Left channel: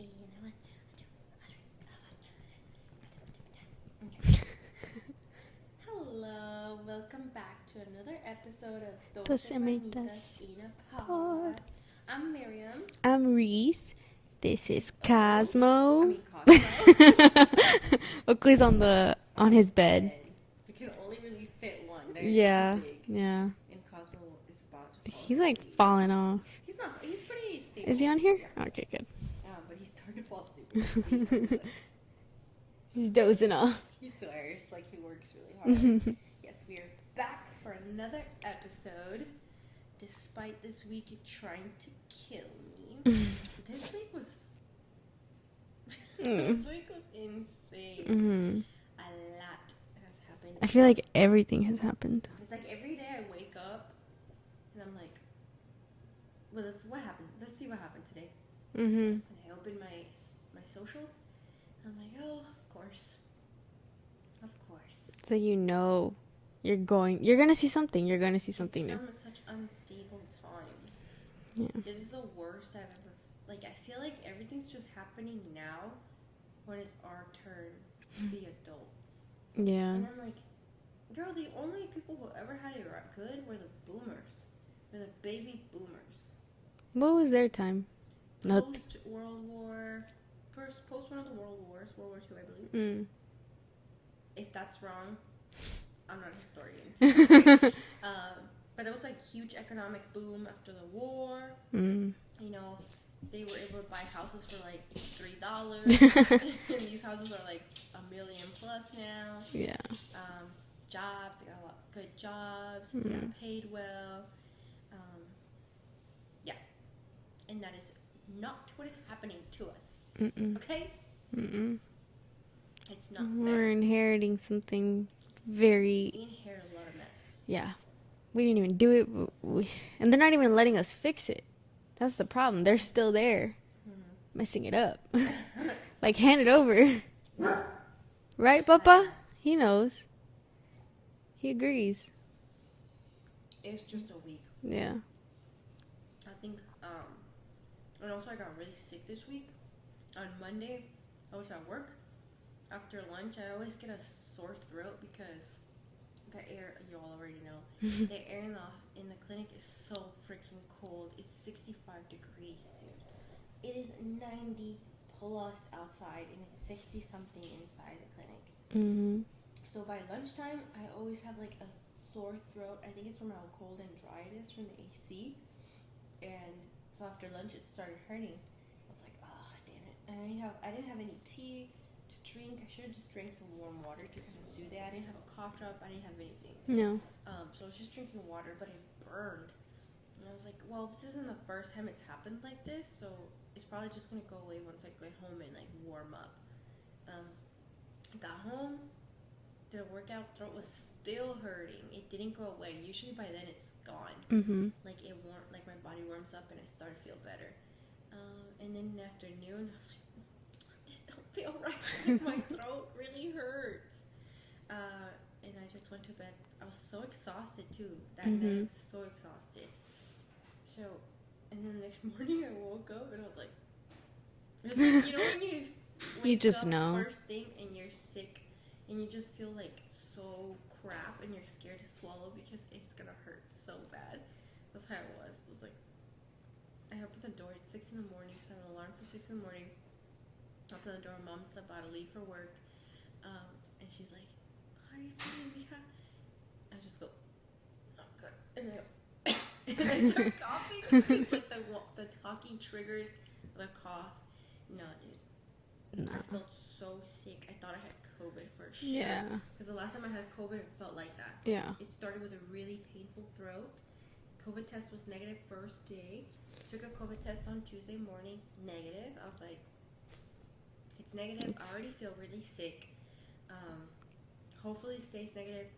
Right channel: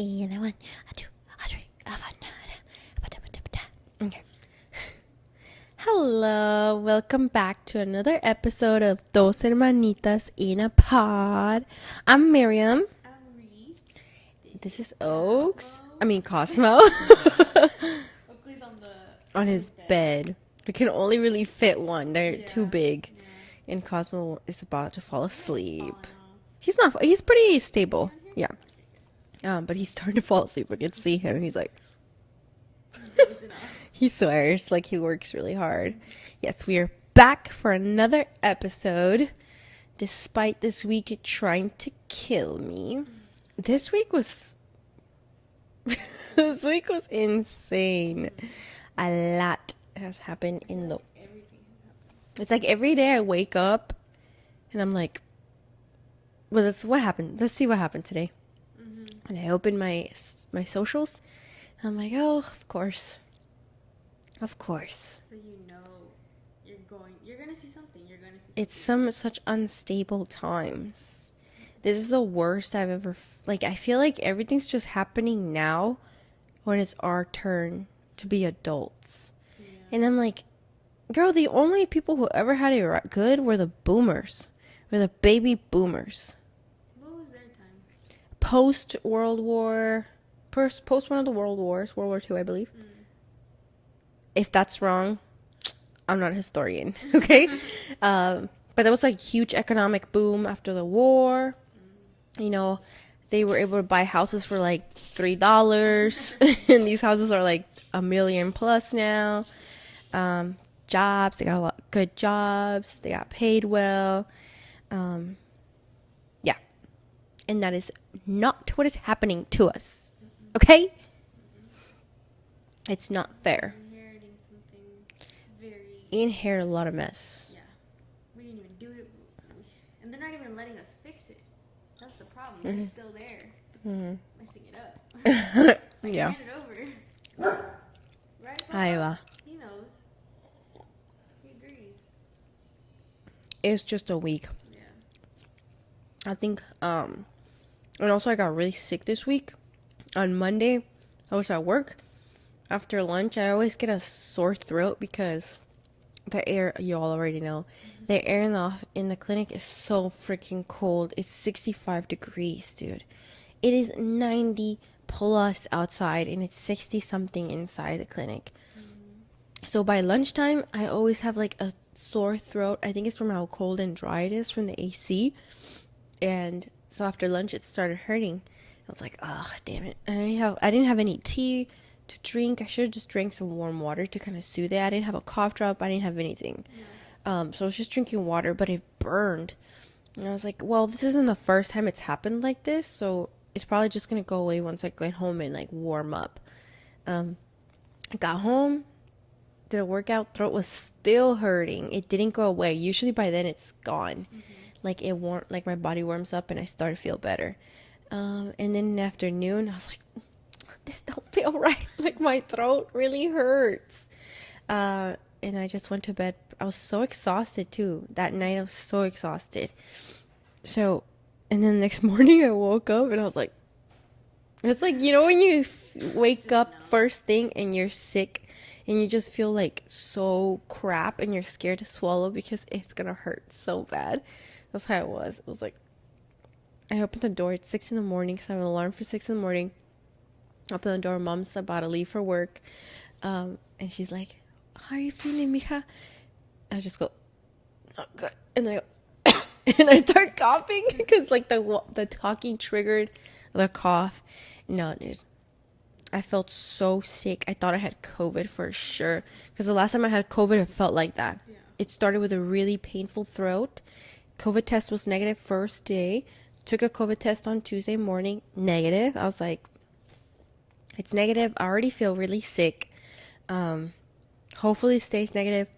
And a one, a two, a three, a four. Okay. Hello, welcome back to another episode of Dos Hermanitas in a Pod. I'm Miriam. I'm Reese. This is Oaks. Cosmo. I mean Cosmo. Oakley's on his bed. We can only really fit one. They're too big. Yeah. And Cosmo is about to fall He's asleep. like falling off. He's not. He's pretty stable. Is he on here? Yeah. Okay, good. But he's starting to fall asleep. I can see him. He's like. He's dozing off. He swears like he works really hard. Yes, we are back for another episode. Despite this week trying to kill me. This week was insane. A lot has happened. I feel like everything has happened. It's like every day I wake up and I'm like, well, that's what happened. Let's see what happened today. And I open my socials. I'm like, oh, of course. So you know you're gonna see something. It's such unstable times. Yeah. This is the worst I've ever, I feel like everything's just happening now when it's our turn to be adults. Yeah. And I'm like, girl, the only people who ever had it good were the boomers. Were the baby boomers. What was their time? Post World War... Post one of the World Wars, World War II, I believe. If that's wrong, I'm not a historian, okay? But there was like huge economic boom after the war. You know, they were able to buy houses for like $3, and these houses are like $1 million plus now. Yeah. Jobs, they got a lot good jobs. They got paid well. Yeah, and that is not what is happening to us. Okay? It's not fair. We're inheriting something very... We inherit a lot of mess. Yeah. We didn't even do it. And they're not even letting us fix it. That's the problem. They're still there. Messing it up. Hand it over. Right, Papa? He knows. He agrees. It's just a week. Yeah. I think, and also I got really sick this week. On Monday, I was at work. After lunch, I always get a sore throat because the air, you all already know, the air in the clinic is so freaking cold. It's 65 degrees, dude. It is 90 plus outside, and it's 60 something inside the clinic. So by lunchtime, I always have like a sore throat. I think it's from how cold and dry it is from the AC. And so after lunch, it started hurting. I was like, oh, damn it. I didn't have any tea to drink. I should have just drank some warm water to kind of soothe it. I didn't have a cough drop. I didn't have anything. No. So I was just drinking water, but it burned. And I was like, well, this isn't the first time it's happened like this, so it's probably just going to go away once I get home and, warm up. I got home, did a workout, throat was still hurting. It didn't go away. Usually by then it's gone. My body warms up and I start to feel better. And then in the afternoon, I was like, this don't feel right. My throat really hurts. And I just went to bed. I was so exhausted, too. That night, I was so exhausted. So, and then the next morning, I woke up, and I was like, it's like, you know when you wake up first thing, and you're sick, and you just feel, so crap, and you're scared to swallow because it's going to hurt so bad. That's how it was. It was like, I opened the door at 6 in the morning because I have an alarm for 6 in the morning. I open the door. Mom's about to leave for work. And she's like, how are you feeling, mija? I just go, not good. And then I go, and I start coughing because the talking triggered the cough. No, dude. I felt so sick. I thought I had COVID for sure. Because the last time I had COVID, it felt like that. Yeah. It started with a really painful throat. COVID test was negative first day. Took a COVID test on Tuesday morning, negative. I was like, it's negative. I already feel really sick. Hopefully it stays negative.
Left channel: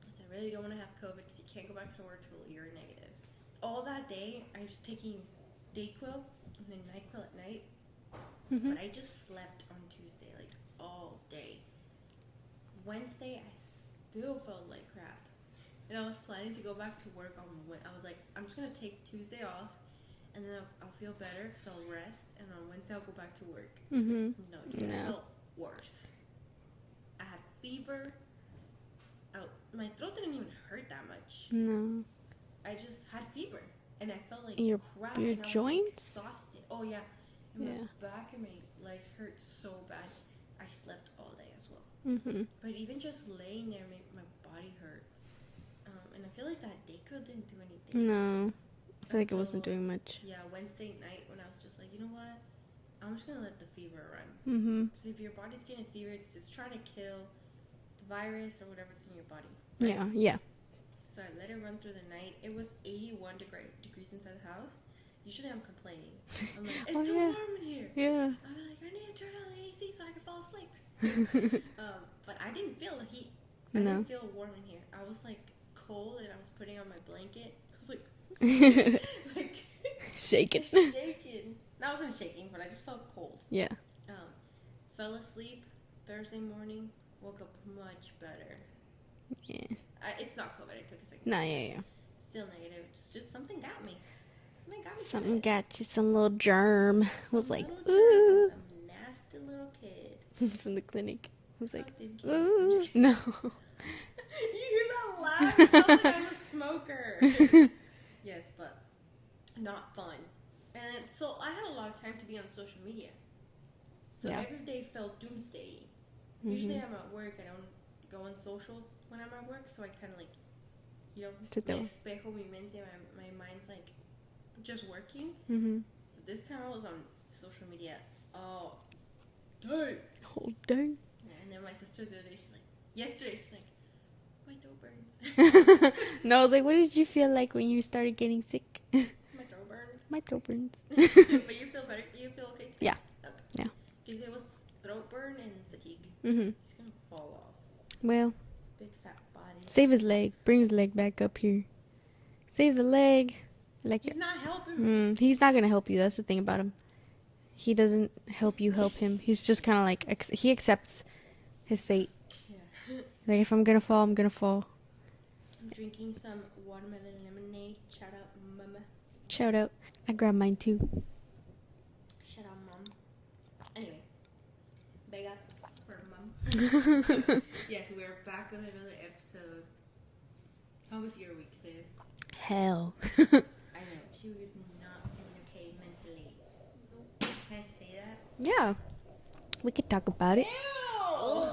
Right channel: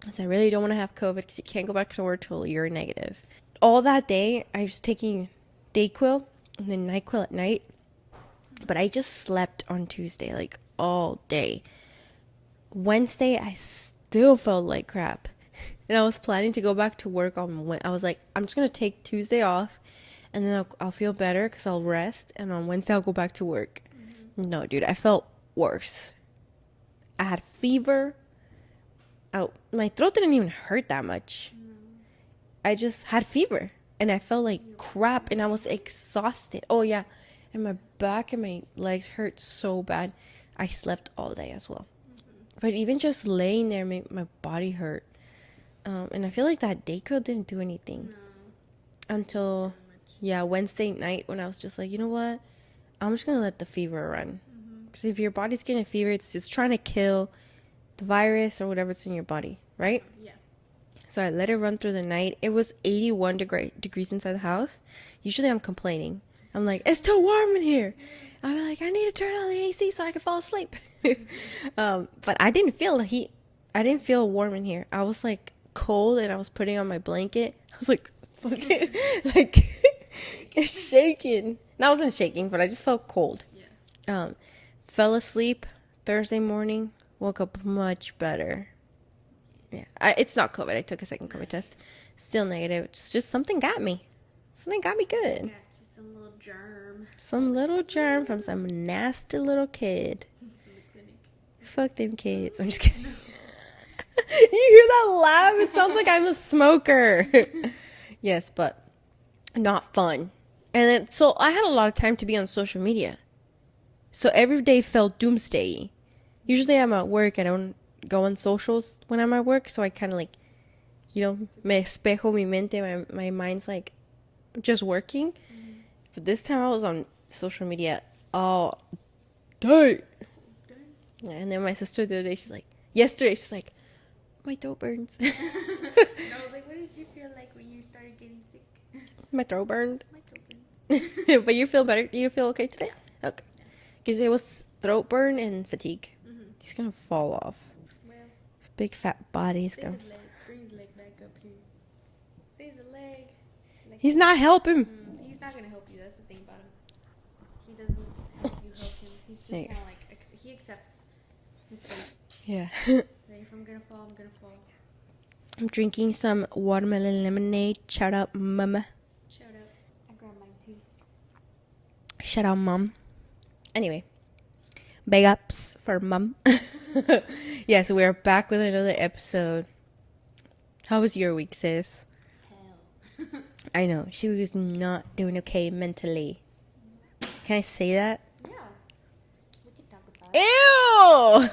Because I really don't want to have COVID because you can't go back to work till you're negative. All that day, I was taking Dayquil and then NyQuil at night. But I just slept on Tuesday, all day. Wednesday, I still felt like crap. And I was planning to go back to work I was like, I'm just going to take Tuesday off. and then I'll feel better because I'll rest, and on Wednesday I'll go back to work. Mm-hmm. No, dude, I felt worse. I had fever. My throat didn't even hurt that much. No. I just had fever, and I felt like crap, and I was exhausted. Oh yeah, and my back and my legs hurt so bad. I slept all day as well. Mm-hmm. But even just laying there made my body hurt. And I feel like that Dayquil didn't do anything. No. I think it wasn't doing much. Yeah, Wednesday night when I was just like, you know what? I'm just going to let the fever run. Because if your body's getting a fever, it's trying to kill the virus or whatever's in your body, right? Yeah. So I let it run through the night. It was 81 degrees inside the house. Usually I'm complaining. I'm like, it's too warm in here. Yeah. I'm like, I need to turn on the AC so I can fall asleep. But I didn't feel the heat. I didn't feel warm in here. I was like cold, and I was putting on my blanket. I was like, like shaking. And I wasn't shaking, but I just felt cold. Yeah. Fell asleep Thursday morning. Woke up much better. Yeah. It's not COVID. I took a second COVID test. Still negative. It's just something got me. Something got me good. Got you some little germ. Some little germ from some nasty little kid. From the clinic. Fuck them kids. I'm just kidding. No. You hear that laugh? It sounds like I'm a smoker. Yes, but not fun. And then, so I had a lot of time to be on social media. So every day felt doomsday. Usually I'm at work. I don't go on socials when I'm at work. So I kind of like, me espejo mi mente. My mind's like just working. But this time I was on social media all day. Whole day. And then my sister the other day, yesterday she's like, my throat burns. No, I was like, what did you feel like when you started getting sick? My throat burned. My throat burns. But you feel better? You feel okay today? Yeah. Okay. Yeah. Because it was throat burn and fatigue. He's going to fall off. Well, big fat body. Save his leg. Bring his leg back up here. Save the leg. Like he's not helping. He's not going to help you. That's the thing about him. He doesn't help you help him. He's just kind of like, he accepts his fate. Yeah. Like, if I'm going to fall, I'm going to fall. I'm drinking some watermelon lemonade. Shout out, mama. Shout out. I grabbed mine, too. Shout out, mom. Anyway. Big ups for mom. Yes, we're back with another episode. How was your week, sis? Hell. I know. She was not doing okay mentally. Can I say that? Yeah. We could talk about it. Ew!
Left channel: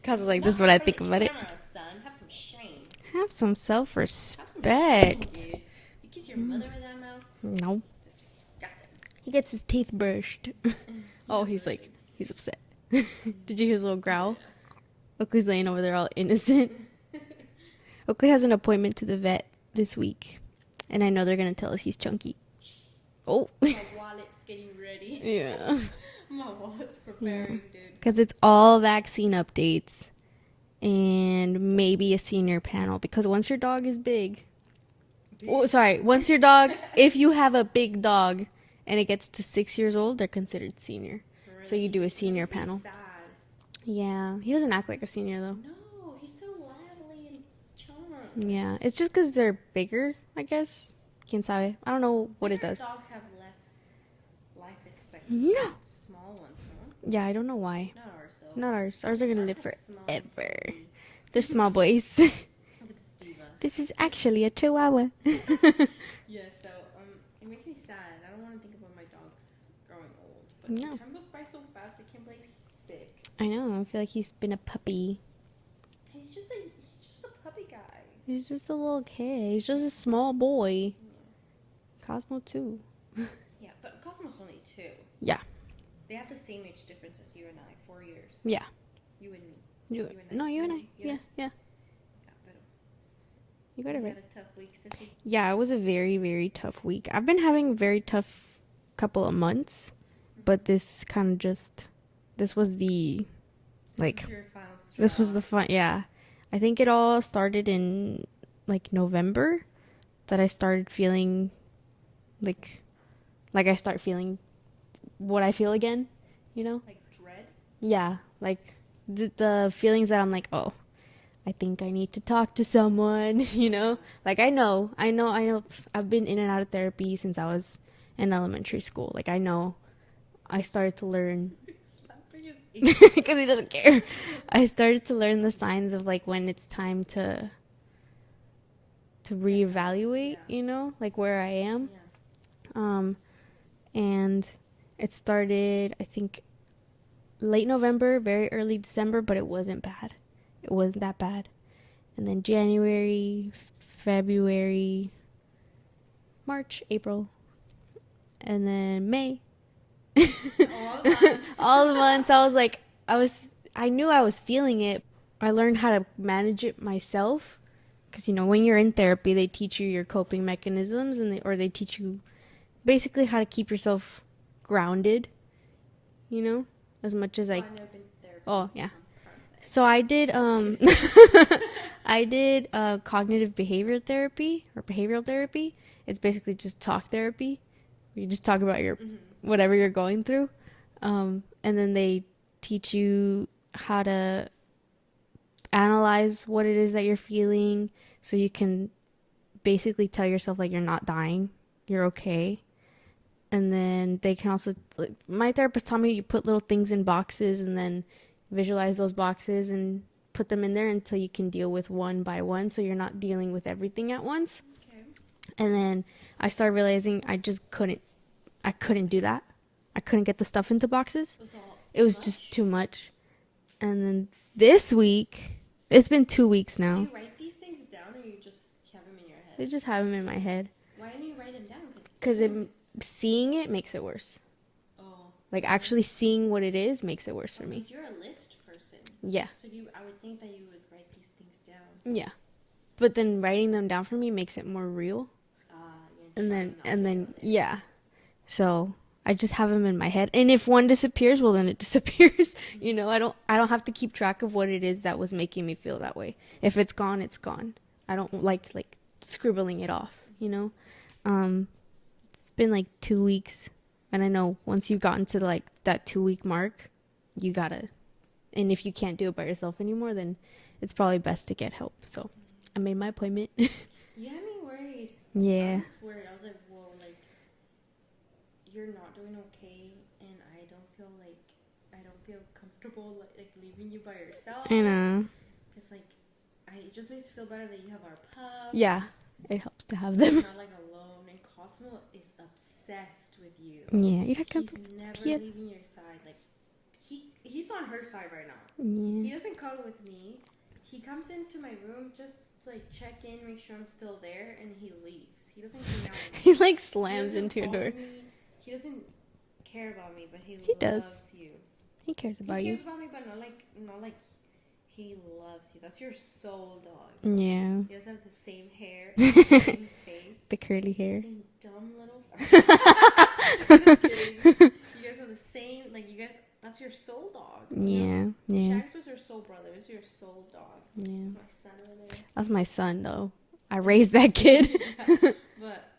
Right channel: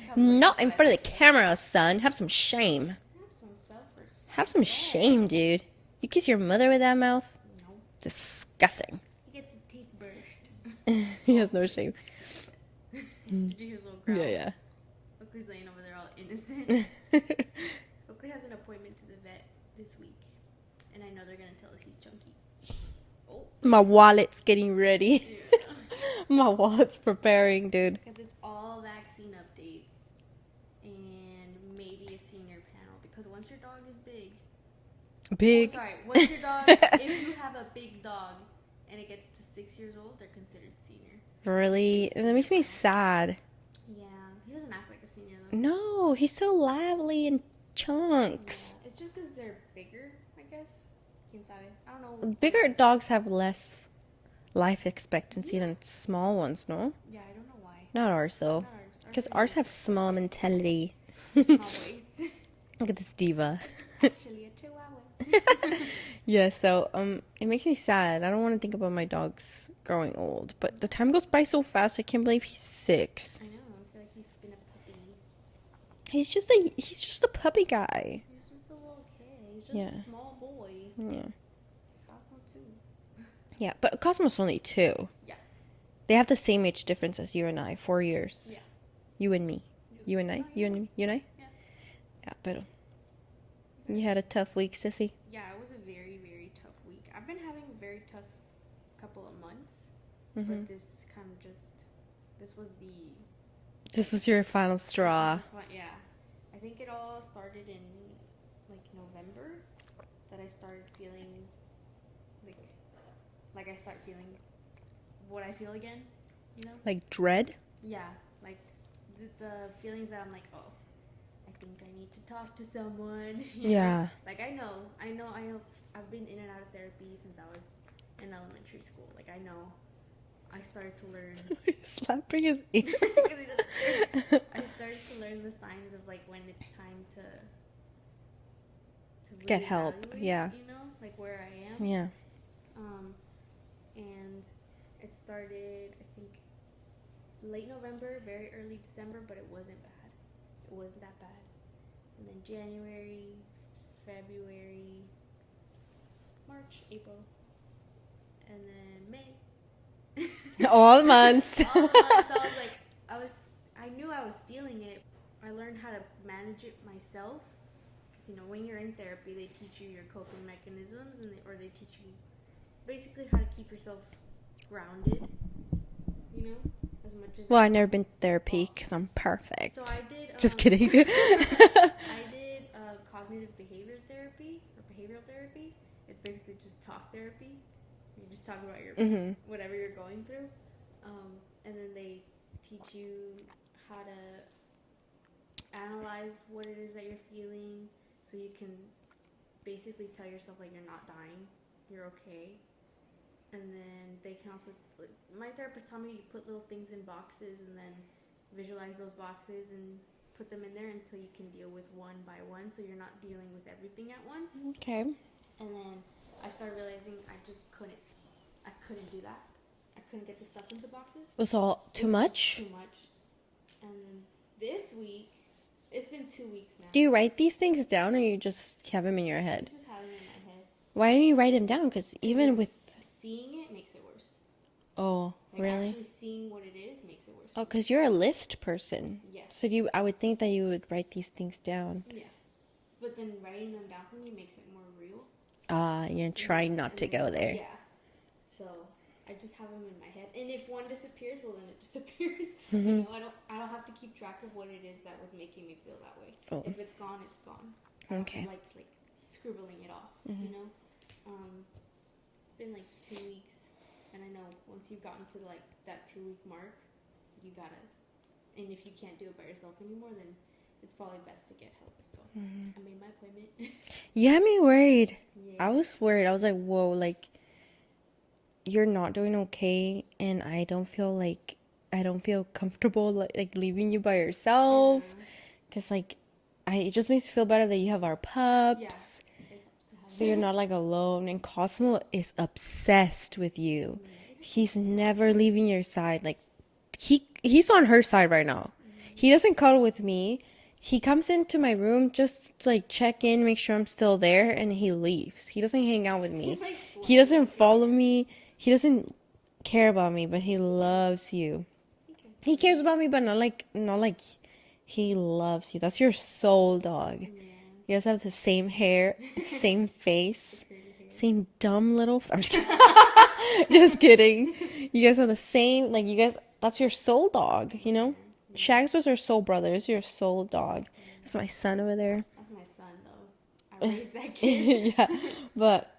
Because like, not this is what I in front think of about the camera, son. Have some shame. Have some self-respect. Have some shame, dude. You kiss your mother with that mouth? No. Disgusting. He gets his teeth brushed. He has no shame. He's upset. Did you hear his little growl? Yeah. Oakley's laying over there all innocent. Oakley has an appointment to the vet this week. And I know they're going to tell us he's chunky. Oh, my wallet's getting ready. Yeah. My wallet's preparing, dude. Because it's all vaccine updates. And maybe a senior panel. Because once your dog is big. Once your dog, if you have a big dog and it gets to 6 years old, they're considered senior. Really? So you do a senior that makes panel. me sad. Yeah. He doesn't act like a senior, though. No, he's so lively and chunks. Yeah. It's just because they're bigger, I guess. Quien sabe. I don't know. Bigger dogs have less life expectancy than small ones, no? Yeah, I don't know why. Not ours, though. Not ours. Ours have small mentality. They're small boys. Look at this diva. This is actually a chihuahua. Yeah, so it makes me sad. I don't want to think about my dogs growing old, but the time goes by so fast. I can't believe he's 6. I know. I feel like he's been a puppy. He's just a puppy guy. He's just a little kid. He's just a small boy. Yeah. Cosmo too. Yeah, but Cosmo's only 2. Yeah. They have the same age difference as you and I, 4 years. Yeah. You and me. You and I. No, you and I. You and I. Yeah. Yeah, but you had a tough week, sissy. Yeah, it was a very, very tough week. I've been having a very tough couple of months, but this kind of this was your final straw. This was the fun. Yeah, I think it all started in like November that I started feeling like I start feeling what I feel again, you know? Like dread? Yeah, like the feelings that I'm like, oh, I think I need to talk to someone, you know? Like, I know. I've been in and out of therapy since I was in elementary school. Like, I know. I started to learn. Slapping his ear. Because he doesn't care. I started to learn the signs of, like, when it's time to reevaluate, you know? Like, where I am. Yeah. And it started, I think, late November, very early December, but it wasn't bad. It wasn't that bad. And then January, February, March, April, and then May. All the months. All the months. I knew I was feeling it. I learned how to manage it myself. Because, you know, when you're in therapy, they teach you your coping mechanisms, and they teach you basically how to keep yourself grounded, you know, as much as I've never been to therapy because I'm perfect. So I did. Just kidding. I did cognitive behavioral therapy. It's basically just talk therapy. You just talk about your whatever you're going through, and then they teach you how to analyze what it is that you're feeling, so you can basically tell yourself like you're not dying, you're okay. And then they can also, like, my therapist taught me you put little things in boxes and then visualize those boxes and put them in there until you can deal with one by one, so you're not dealing with everything at once. Okay. And then I started realizing I couldn't do that. I couldn't get the stuff into boxes. It was just too much. And then this week, it's been 2 weeks now. Do you write these things down, or you just have them in your I head? just have them in my head. Why don't you write them down? Because even with seeing it makes it worse. Oh, like really? Actually seeing what it is makes it worse. Oh, because you're a list person. Yeah. So I would think that you would write these things down. Yeah. But then writing them down for me makes it more real. You're trying not to go there. Yeah. So I just have them in my head, and if one disappears, well, then it disappears. You know, I don't have to keep track of what it is that was making me feel that way. If it's gone, it's gone. I don't like scribbling it off. You know. It's been like 2 weeks, and I know once you've gotten to like that 2 week mark, you gotta, and if you can't do it by yourself anymore, then it's probably best to get help. So I made my appointment. You had me worried. Yeah. I was worried. I was like, whoa, like, you're not doing okay, and I don't feel comfortable like leaving you by yourself. Because like, it just makes me feel better that you have our pups. Yeah. It helps to have so them. you're not like alone. And Cosmo is obsessed with you. Yeah. He's never leaving your side. Like, he's on her side right now. He doesn't cuddle with me. He comes into my room just to like check in, make sure I'm still there, and he leaves. He doesn't hang out with me. He doesn't follow me. He doesn't care about me, but he loves you. He cares about me, but not like he loves you. That's your soul dog. Yeah. You guys have the same hair, same face, the curly hair, same dumb little. I'm just kidding. You guys have the same. Like, you guys. That's your soul dog. You know. Yeah. Shags was our soul brother. It's your soul dog. Yeah. That's my son over there. That's my son, though. I raised that kid. Yeah. But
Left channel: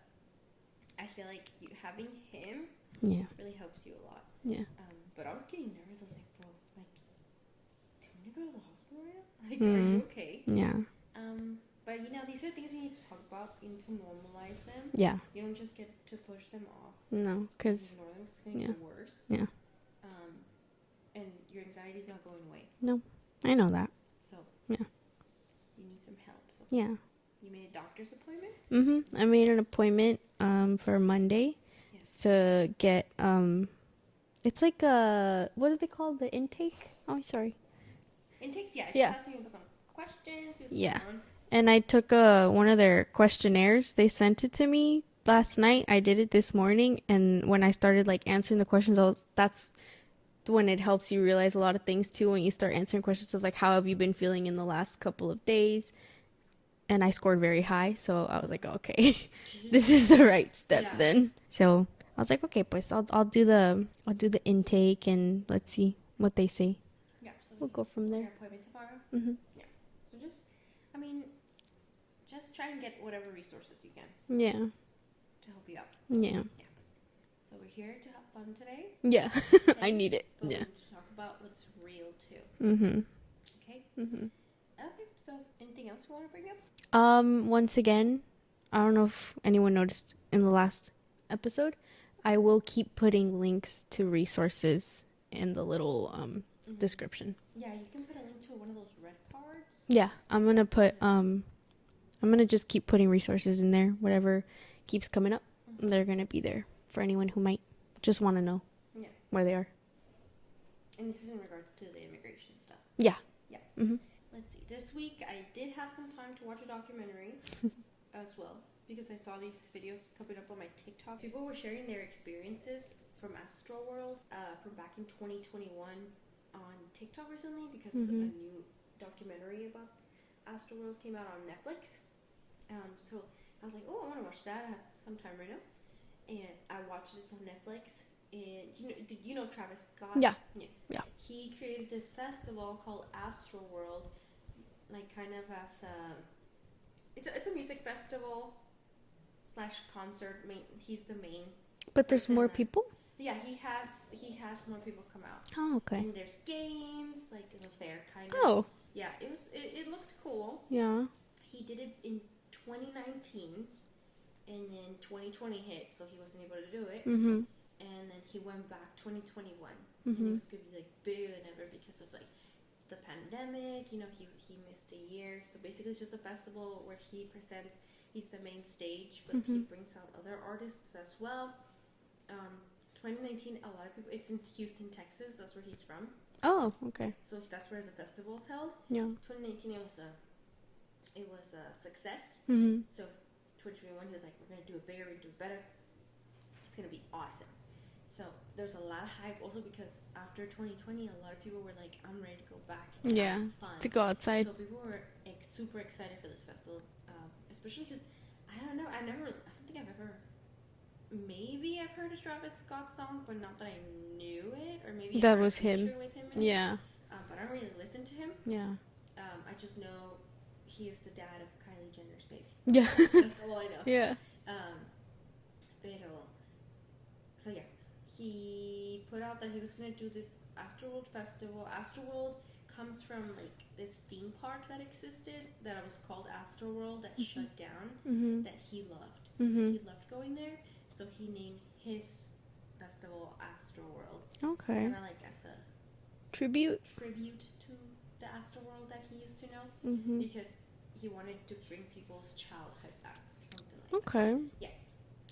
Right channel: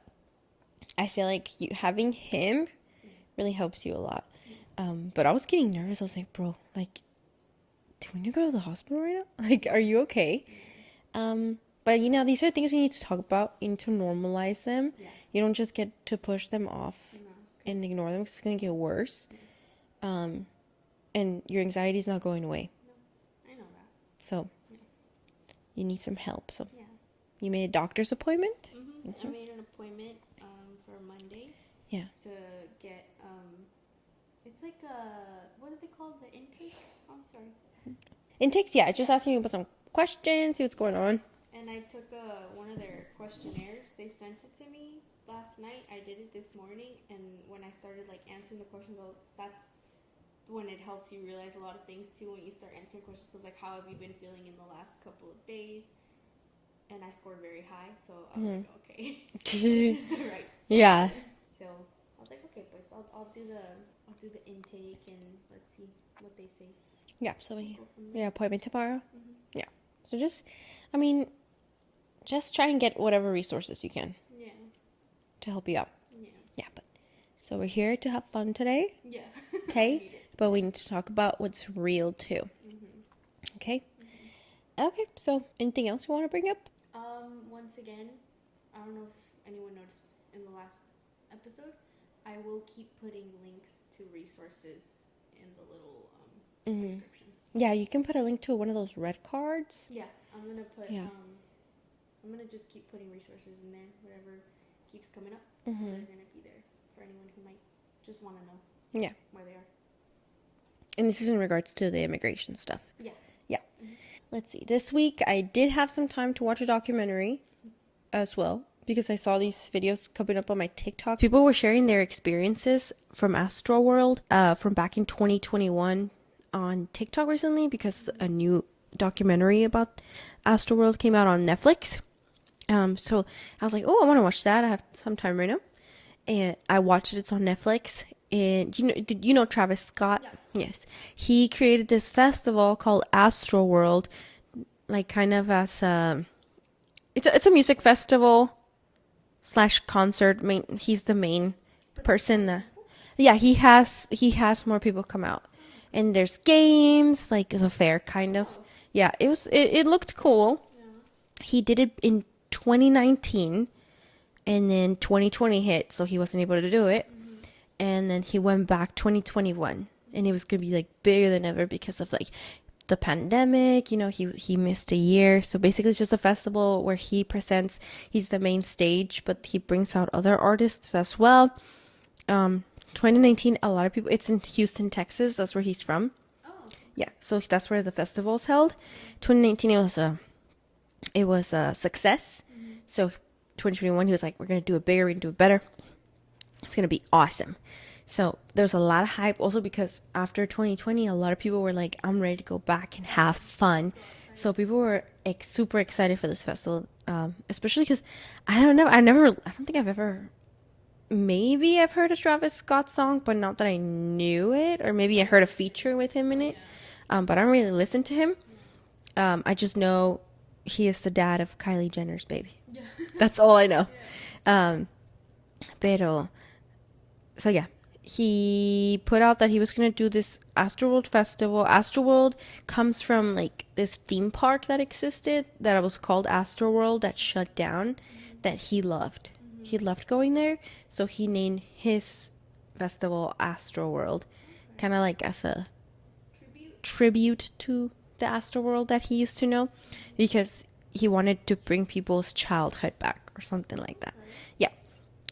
I feel like having him really helps you a lot. Yeah. But I was getting nervous. I was like, bro, like, do we need to go to the hospital right now? Like, are you okay? Yeah. But you know, these are things we need to talk about. You need to normalize them. Yeah. You don't just get to push them off. No. And ignore them, because it's gonna get worse. Yeah. And your anxiety is not going away. No, I know that. So yeah, you need some help. So yeah, you made a doctor's appointment. I made an appointment for Monday. Yeah. To get it's like what are they called? The intake? Oh, sorry. Intakes. Yeah, just asking you about some questions. See what's going on. And I took one of their questionnaires. They sent it to me last night. I did it this morning, and when I started like answering the questions, that's when it helps you realize a lot of things too, when you start answering questions of like, how have you been feeling in the last couple of days? And I scored very high, so I was like, okay, this is the right step then. So I was like, okay, pues I'll do the intake, and let's see what they say. Yeah, so we'll go from there. Yeah, appointment tomorrow. Yeah, so just try and get whatever resources you can. Yeah, to help you out. Yeah, but so we're here to have fun today. Yeah, okay. I need it, but we need to talk about what's real too. Okay. Okay, so anything else you want to bring up? Once again, I don't know if anyone noticed in the last episode, I will keep putting links to resources in the little description. Yeah, you can put a link to one of those red cards. Yeah, I'm gonna put I'm gonna just keep putting resources in there. Whatever keeps coming up, they're gonna be there for anyone who might just want to know. Yeah, where they are. And this is in regards to the immigration stuff. Yeah. Let's see. This week I did have some time to watch a documentary as well, because I saw these videos coming up on my TikTok. People were sharing their experiences from Astroworld from back in 2021 on TikTok recently, because a new documentary about Astroworld came out on Netflix. So I was like, oh, I want to watch that. I have some time right now. And I watched it. It's on Netflix. And did you know Travis Scott? Yeah. Yes. Yeah. He created this festival called Astroworld, like kind of as it's a music festival / concert. He's the main person. More people? Yeah, he has more people come out. Oh, okay. And there's games, like it's a fair kind of. Oh. Yeah, it looked cool. Yeah. He did it in 2019, and then 2020 hit, so he wasn't able to do it. And then he went back 2021, and it was gonna be like bigger than ever because of like the pandemic. He missed a year, so basically it's just a festival where he presents. He's the main stage, but he brings out other artists as well. 2019, a lot of people. It's in Houston, Texas. That's where he's from. Oh, okay. Yeah, so that's where the festival's held. Yeah. 2019, it was a success. So 2021, he was like, we're gonna do it bigger, we're gonna do it better. It's gonna be awesome. So there's a lot of hype also because after 2020, a lot of people were like, I'm ready to go back and have fun. To go outside. So people were super excited for this festival, especially because I don't think I've ever, maybe I've heard a Travis Scott song, but not that I knew it, or maybe I heard a feature with him in it. Yeah. But I don't really listen to him. Yeah. I just know he is the dad of Kylie Jenner's baby. Yeah. That's all I know. Yeah. Pero, so yeah, he put out that he was going to do this Astroworld Festival. Astroworld comes from like this theme park that existed that was called Astroworld that shut down, that he loved. He loved going there. So he named his festival Astroworld. Okay. Kind of like as a tribute to the Astroworld that he used to know, because he wanted to bring people's childhood back or something like that. Okay. Yeah.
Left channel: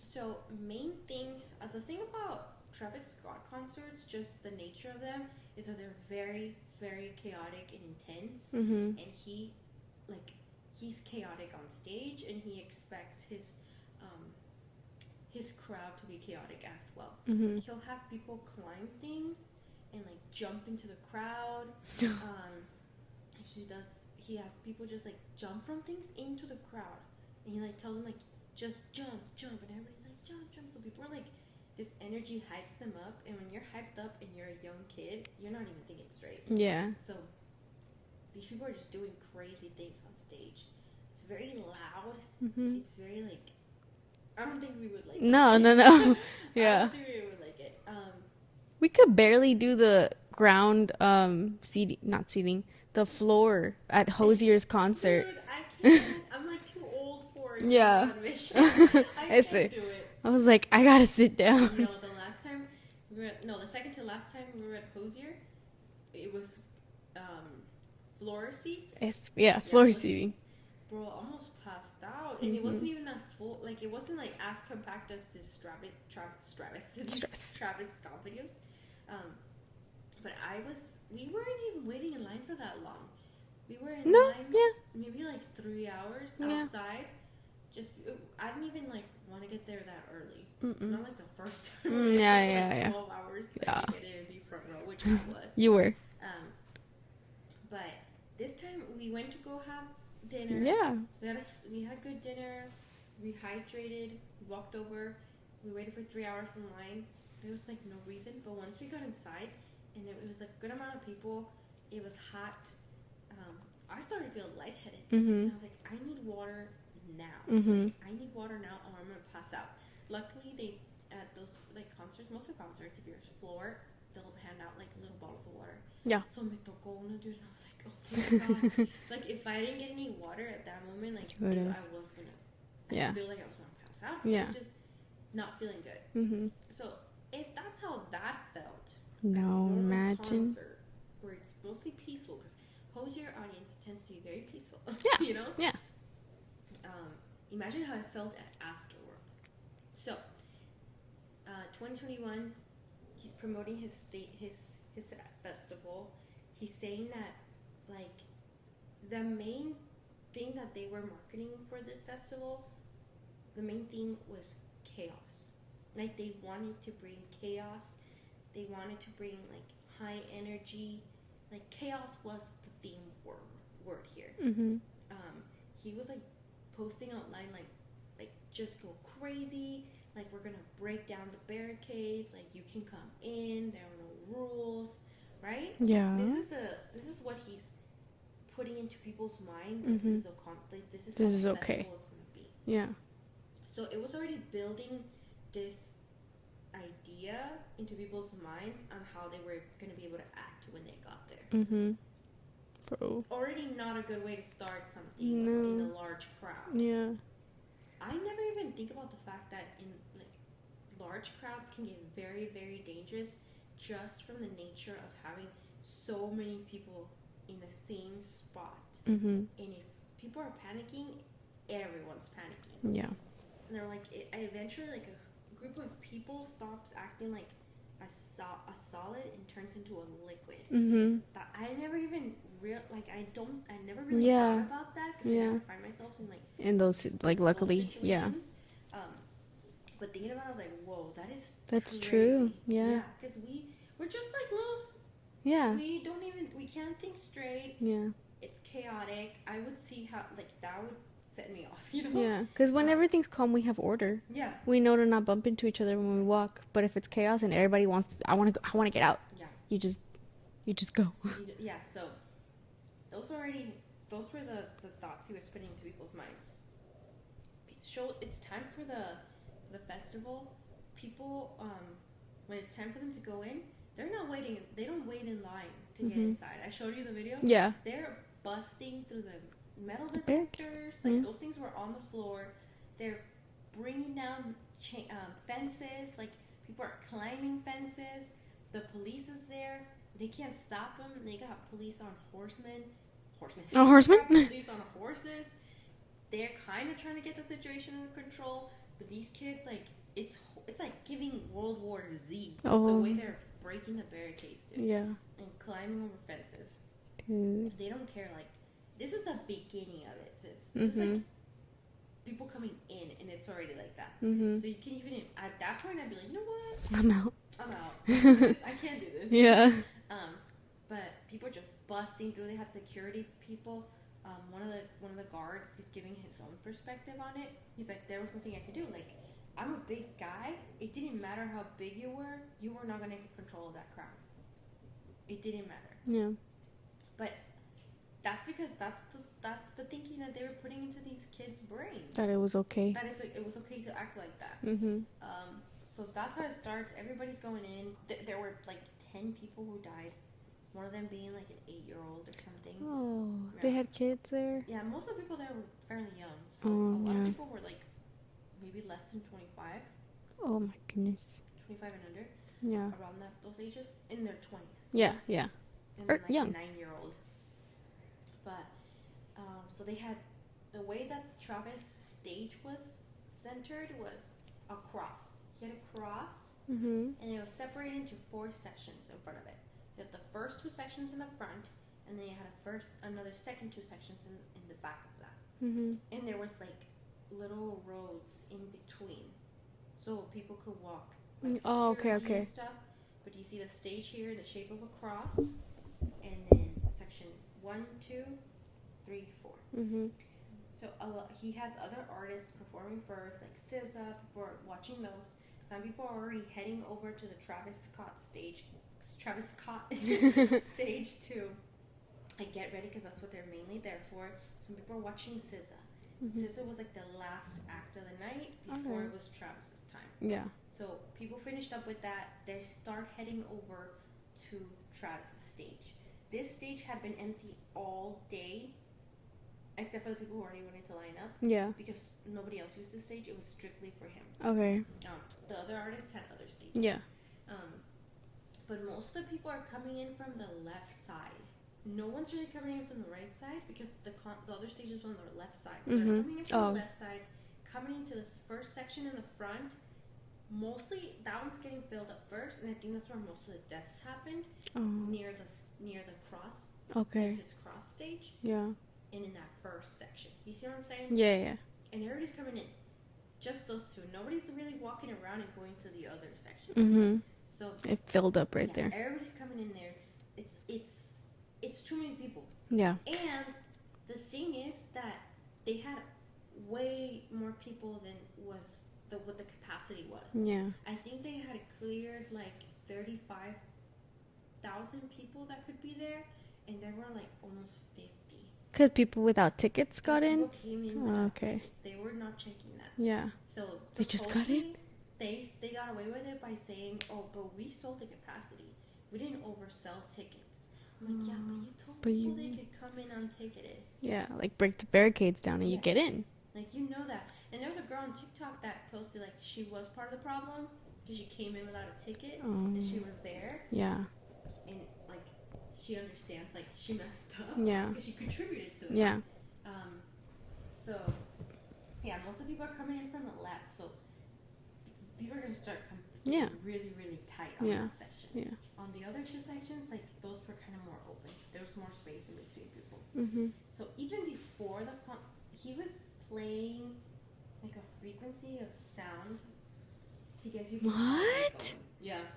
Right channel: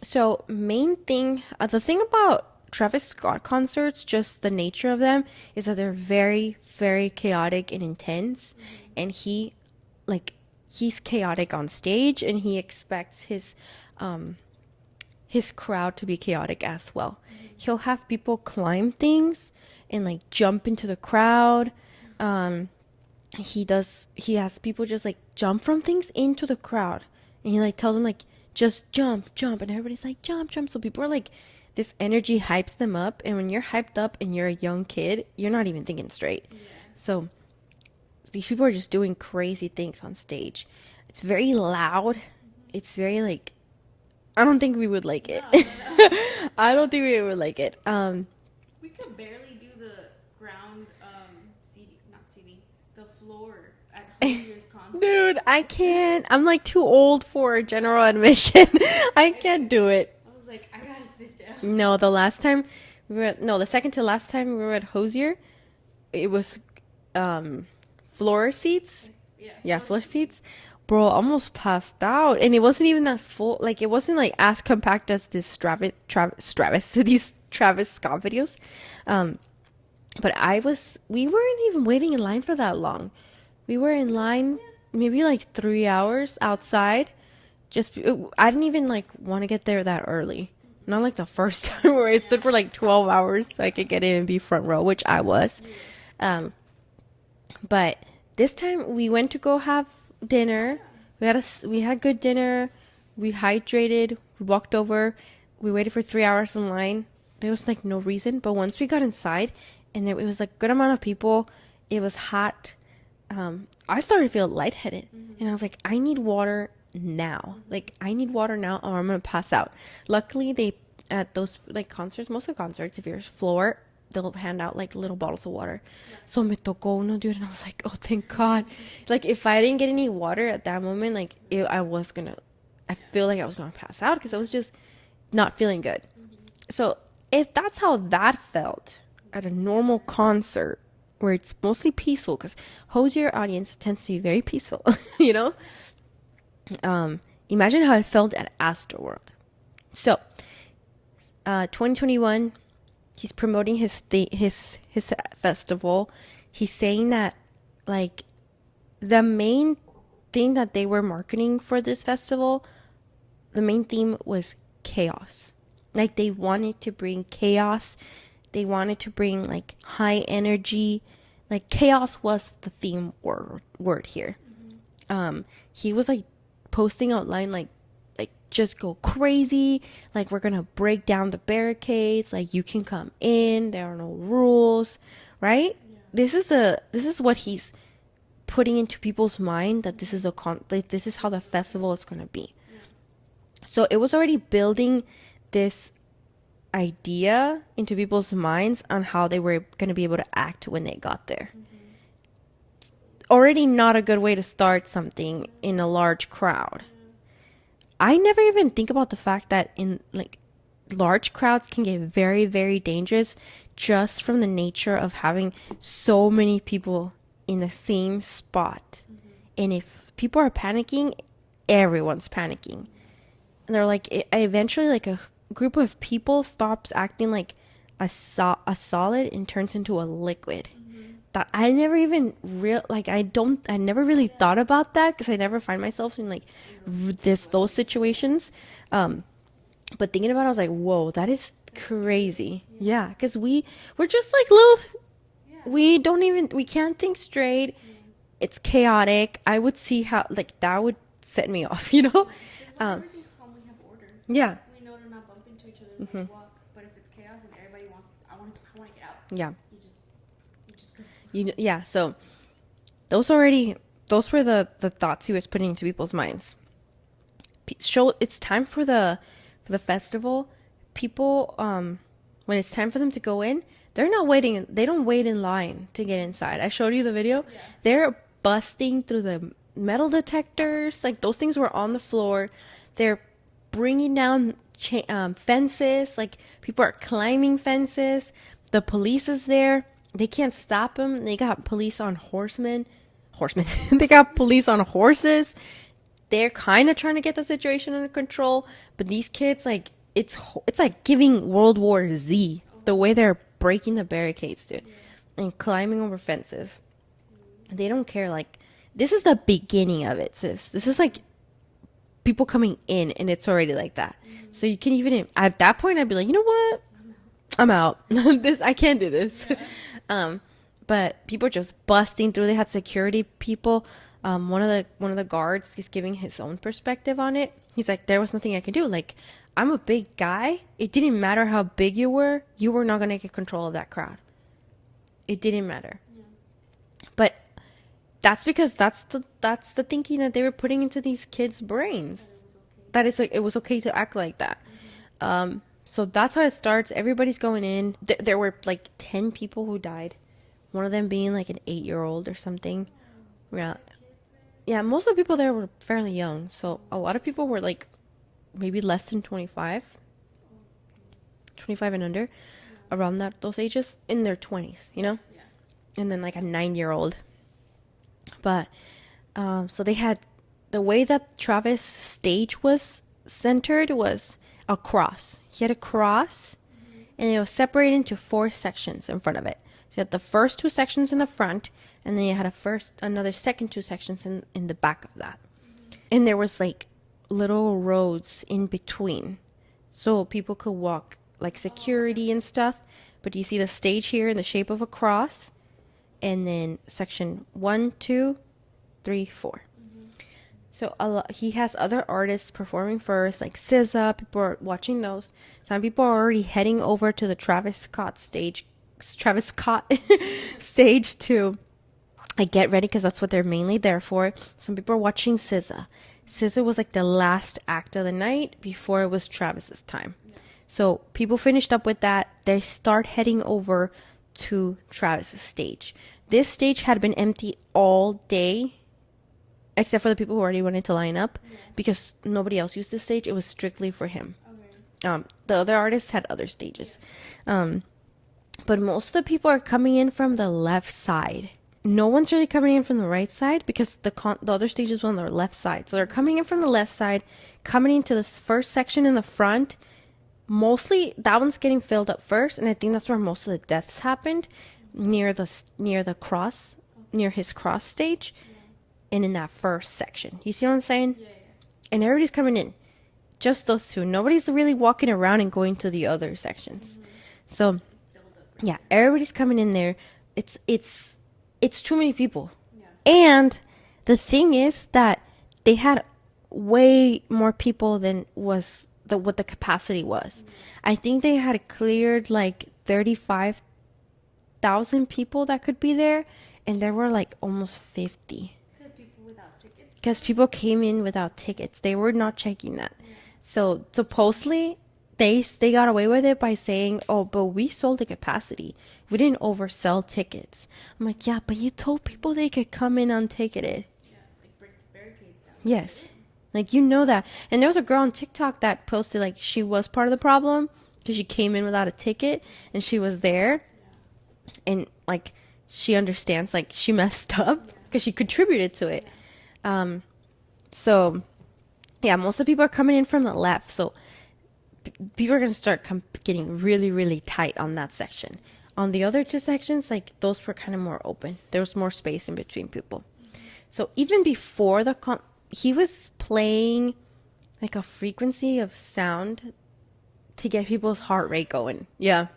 So main thing, the thing about Travis Scott concerts, just the nature of them, is that they're very, very chaotic and intense. And he's chaotic on stage, and he expects his crowd to be chaotic as well. He'll have people climb things and like jump into the crowd. He has people just like jump from things into the crowd, and he like tells them like, just jump, and everybody's like, jump. So people are like, this energy hypes them up, and when you're hyped up and you're a young kid, you're not even thinking straight. Yeah. So these people are just doing crazy things on stage. It's very loud. It's very like, I don't think we would like it. No. Yeah. I don't think we would like it. We could barely do the ground the floor at Hosier's concert. Dude, I can't. I'm like too old for general admission. I can't do it. I was like, I gotta sit down. No, the second to last time we were at Hosier, it was floor seats. Floor seats. Bro, almost passed out, and it wasn't even that full. Like, it wasn't like as compact as this Travis Scott videos. But we weren't even waiting in line for that long. We were in line maybe like 3 hours outside. I didn't even like want to get there that early. Not like the first time where I stood for like 12 hours so I could get in and be front row, which I was. You were. But this time we went to go have dinner. Yeah. We had a good dinner. We hydrated. We walked over. We waited for 3 hours in line. There was like no reason, but once we got inside, and it was like a good amount of people, it was hot. I started to feel lightheaded, and I was like, I need water now. Like, I need water now, or I'm gonna pass out. Luckily, at those like concerts, most of the concerts, if you're floor, they'll hand out like little bottles of water. Yeah. So me tocó uno, dude, and I was like, oh, thank God. Like, if I didn't get any water at that moment, like, I feel like I was gonna pass out because I was just not feeling good. So if that's how that felt at a normal concert where it's mostly peaceful, because Hosier audience tends to be very peaceful, you know? Yeah. Imagine how it felt at Astroworld. So 2021, he's promoting his festival. He's saying that, like, the main thing that they were marketing for this festival, the main theme was chaos. Like, they wanted to bring chaos. They wanted to bring, like, high energy. Like, chaos was the theme word here. He was, like, posting outline, like, just go crazy. Like, we're gonna break down the barricades. Like, you can come in. There are no rules, right? Yeah. This is what he's putting into people's mind, that this is this is how the festival is gonna be. Yeah. So it was already building this idea into people's minds on how they were going to be able to act when they got there. So, already not a good way to start something in a large crowd. Yeah. I never even think about the fact that in, like, large crowds can get very, very dangerous just from the nature of having so many people in the same spot. And if people are panicking, everyone's panicking. Yeah. And they're like, eventually, like, a group of people stops acting like a solid and turns into a liquid. That I never even I never really thought about that, because I never find myself in, like, in those situations. But thinking about it, I was like, whoa, that's crazy. True. Yeah, because we're just like little. Yeah, we can't think straight. Yeah, it's chaotic. I would see how, like, that would set me off, you know? Yeah, because when everything's calm, we have order. Yeah, we know to not bump into each other when we walk. But if it's chaos and everybody wants, I want to get out. Yeah, you just go. Yeah. So those were the thoughts he was putting into people's minds. It's time for the festival. People, when it's time for them to go in, they're not waiting. They don't wait in line to get inside. I showed you the video. Yeah, they're busting through the metal detectors. Like, those things were on the floor. They're bringing down fences. Like, people are climbing fences. The police is there. They can't stop them. They got police on horsemen. They got police on horses. They're kind of trying to get the situation under control, but these kids, like, it's like giving World War Z. The way they're breaking the barricades, dude. Yeah, and climbing over fences. They don't care. Like, this is the beginning of it, sis. This is like people coming in, and it's already like that. So you can even, at that point, I'd be like, you know what? I'm out. I can't do this. Yeah. But people are just busting through. They had security people. One of the guards is giving his own perspective on it. He's like, there was nothing I could do. Like, I'm a big guy. It didn't matter how big you were not gonna get control of that crowd. It didn't matter. Yeah. But that's because that's the thinking that they were putting into these kids' brains. That it was okay. That is, like, it was okay to act like that. So that's how it starts. Everybody's going in. There were like 10 people who died. One of them being like an 8-year-old or something. Oh, yeah. They had kids there? Yeah, most of the people there were fairly young. So a lot of people were like maybe less than 25. Oh my goodness. 25 and under. Yeah. Around those ages, in their 20s. You know? Yeah. And then like a 9-year-old. But so they had, the way that Travis' stage was centered was a cross. He had a cross, and it was separated into 4 sections in front of it. So you had the first 2 sections in the front, and then you had another second 2 sections in the back of that. And there was like little roads in between, so people could walk, like security and stuff. But you see the stage here in the shape of a cross, and then section 1, 2, 3, 4. So he has other artists performing first, like SZA. People are watching those. Some people are already heading over to the Travis Scott stage to I get ready because that's what they're mainly there for. Some people are watching SZA. SZA was like the last act of the night before it was Travis's time. Yeah. So people finished up with that. They start heading over to Travis's stage. This stage had been empty all day, except for the people who already wanted to line up. Yeah. Because nobody else used this stage. It was strictly for him. Okay. The other artists had other stages. Yeah. But most of the people are coming in from the left side. No one's really coming in from the right side because the other stages were on the left side. So they're coming in from the left side, coming into this first section in the front. Mostly that one's getting filled up first, and I think that's where most of the deaths happened, near the cross, near his cross stage. Yeah. And in that first section. You see what I'm saying? Yeah, yeah. And everybody's coming in. Just those two. Nobody's really walking around and going to the other sections. So it filled up right there. Yeah, everybody's coming in there. It's too many people. Yeah. And the thing is that they had way more people than what the capacity was. Yeah. I think they had cleared like 35,000 people that could be there, and there were like almost 50. Because people without tickets. Because people came in without tickets. They were not checking that. Yeah. So supposedly they got away with it by saying, "Oh, but we sold the capacity. We didn't oversell tickets." I'm like, yeah, but you told people they could come in unticketed. Yeah, like break the barricades down and Yes. you get in. Like, you know that. And there was a girl on TikTok that posted like she was part of the problem because she came in without a ticket and she was there. Yeah. And like she understands like she messed up because she contributed to it. Yeah. So yeah, most of the people are coming in from the left. So people are going to start getting really, really tight on that section. Yeah. On the other two sections, like those were kind of more open. There was more space in between people. So even before he was playing like a frequency of sound to get people's heart rate going. Yeah.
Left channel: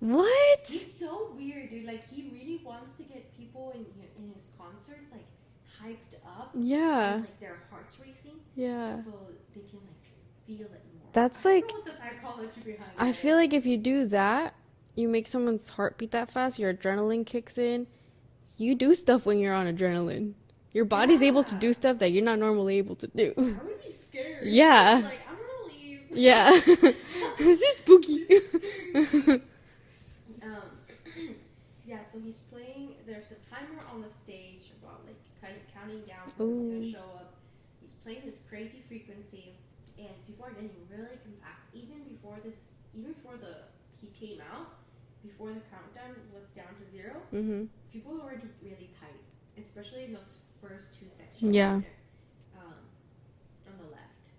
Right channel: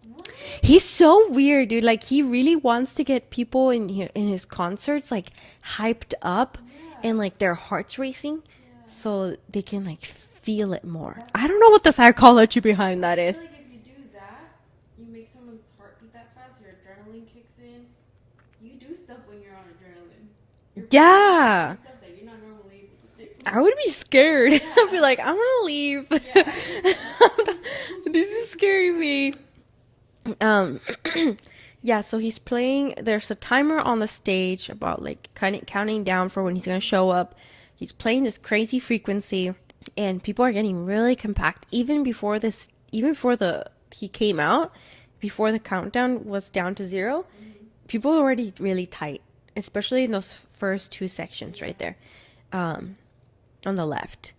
What? He's so weird, dude. Like he really wants to get people in his concerts like hyped up. Yeah. And like their hearts racing. Yeah. So they can like feel it more. That's I don't know what the psychology behind that is. I feel like if you do that, you make someone's heart beat that fast, your adrenaline kicks in. You do stuff when you're on adrenaline. Your body's able to do stuff that you're not normally able to do. I would be scared. Yeah. I'd be like, I want to leave. Yeah. This is spooky. This is scaring me. Yeah, so he's playing. There's a timer on the stage about like kind of counting down for when he's going to show up. He's playing this crazy frequency and people are getting really compact even before he came out, before the countdown was down to 0. People are already really tight, especially in those first two sections right there, on the left.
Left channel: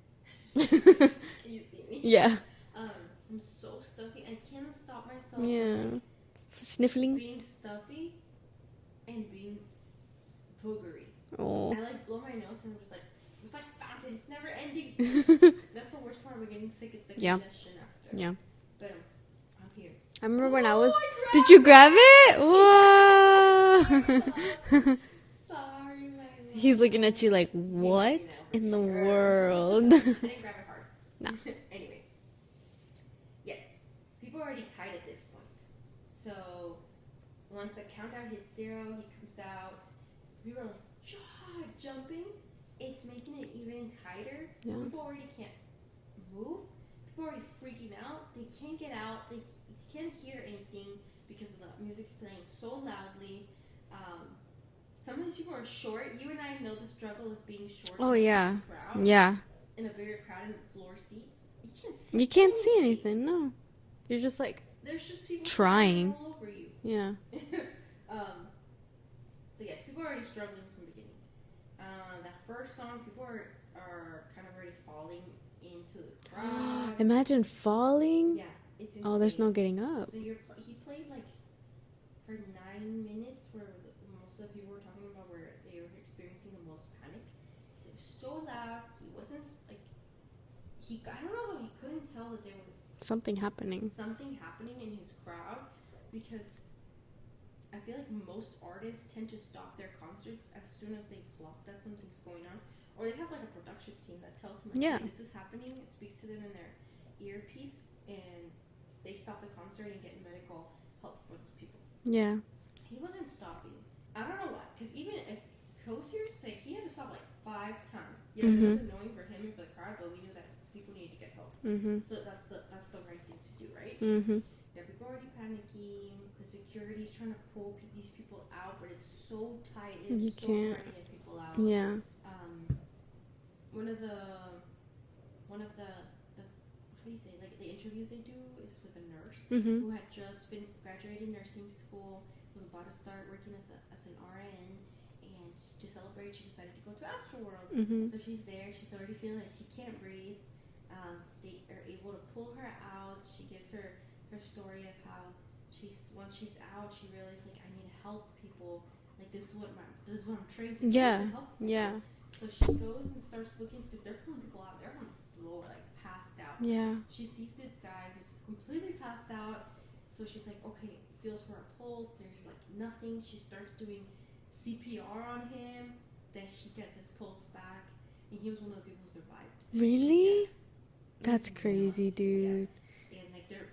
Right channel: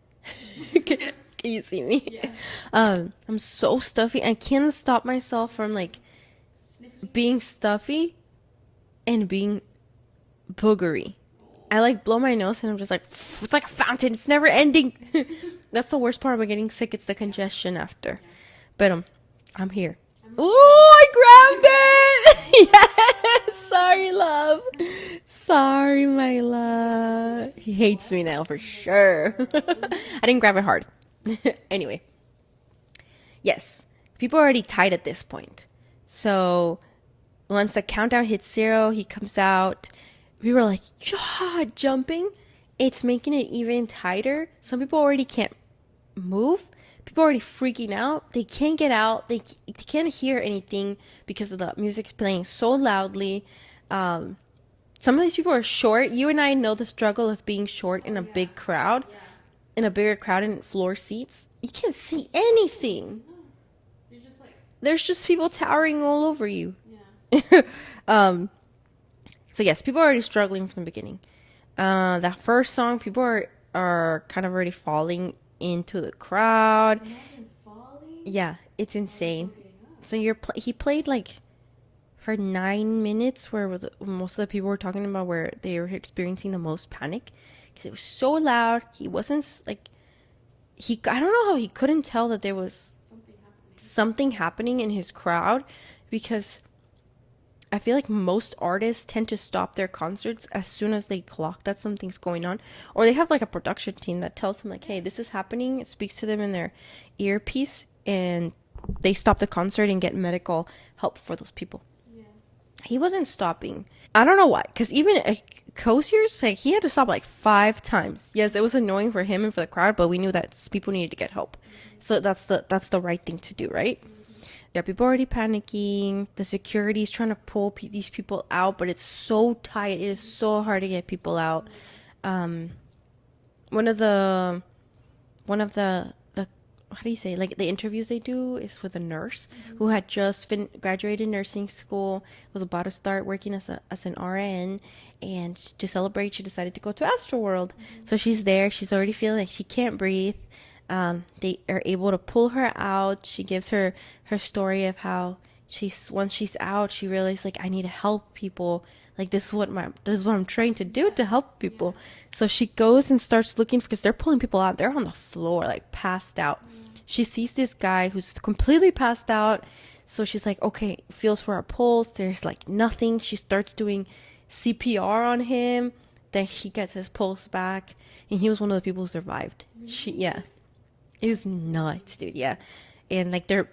Can you see me? Yeah. I'm so stuffy. I can't stop myself from like sniffling, being stuffy and being boogery. Oh. I like blow my nose and I'm just like, it's like a fountain. It's never ending. That's the worst part about getting sick. It's the congestion after. Yeah. But I'm here. I remember when I grabbed Did you grab it? Yes. Sorry, love. Sorry, my love. He's looking at you like, he hates me now for sure. I didn't grab it hard. Anyway. Yes. People are already tight at this point. So once the countdown hits 0, he comes out. We were like, yeah, jumping. It's making it even tighter. Some people already can't move. People are already freaking out. They can't get out. They can't hear anything because of the music's playing so loudly. Some of these people are short. You and I know the struggle of being short in a big crowd. Yeah. In a bigger crowd in floor seats. You can't see anything. See anything. No. You're just like, there's just people towering all over you. Yeah. So yes, people are already struggling from the beginning. That first song, people are kind of already falling into the crowd. Imagine falling. Yeah, it's insane. Oh, there's no getting up. So he played like for 9 minutes, where most of the people were talking about where they were experiencing the most panic because it was so loud. He wasn't like I don't know how he couldn't tell that there was something happening in his crowd, because I feel like most artists tend to stop their concerts as soon as they clock that something's going on, or they have like a production team that tells them like, hey, this is happening. It speaks to them in their earpiece and they stop the concert and get medical help for those people. Yeah. he wasn't stopping. I don't know why, because even Kosier's, like, he had to stop like 5 times. Yes, it was annoying for him and for the crowd, but we knew that people needed to get help. So that's the right thing to do, right? Yeah, people are already panicking. The security's trying to pull these people out, but it's so tight. It is so hard to get people out. Yeah. One of the how do you say, like, the interviews they do is with a nurse who had just graduated nursing school, was about to start working as an RN, and to celebrate she decided to go to Astroworld. So she's there, she's already feeling like she can't breathe. They are able to pull her out. She gives her story of how once she's out, she realized, like, I need to help people. Like, this is what I'm trying to do to help people. So she goes and starts looking, because they're pulling people out. They're on the floor, like, passed out. She sees this guy who's completely passed out. So she's like, okay, feels for her pulse. There's, like, nothing. She starts doing CPR on him. Then he gets his pulse back. And he was one of the people who survived. Really? It was nuts, dude. Yeah. And, like, they're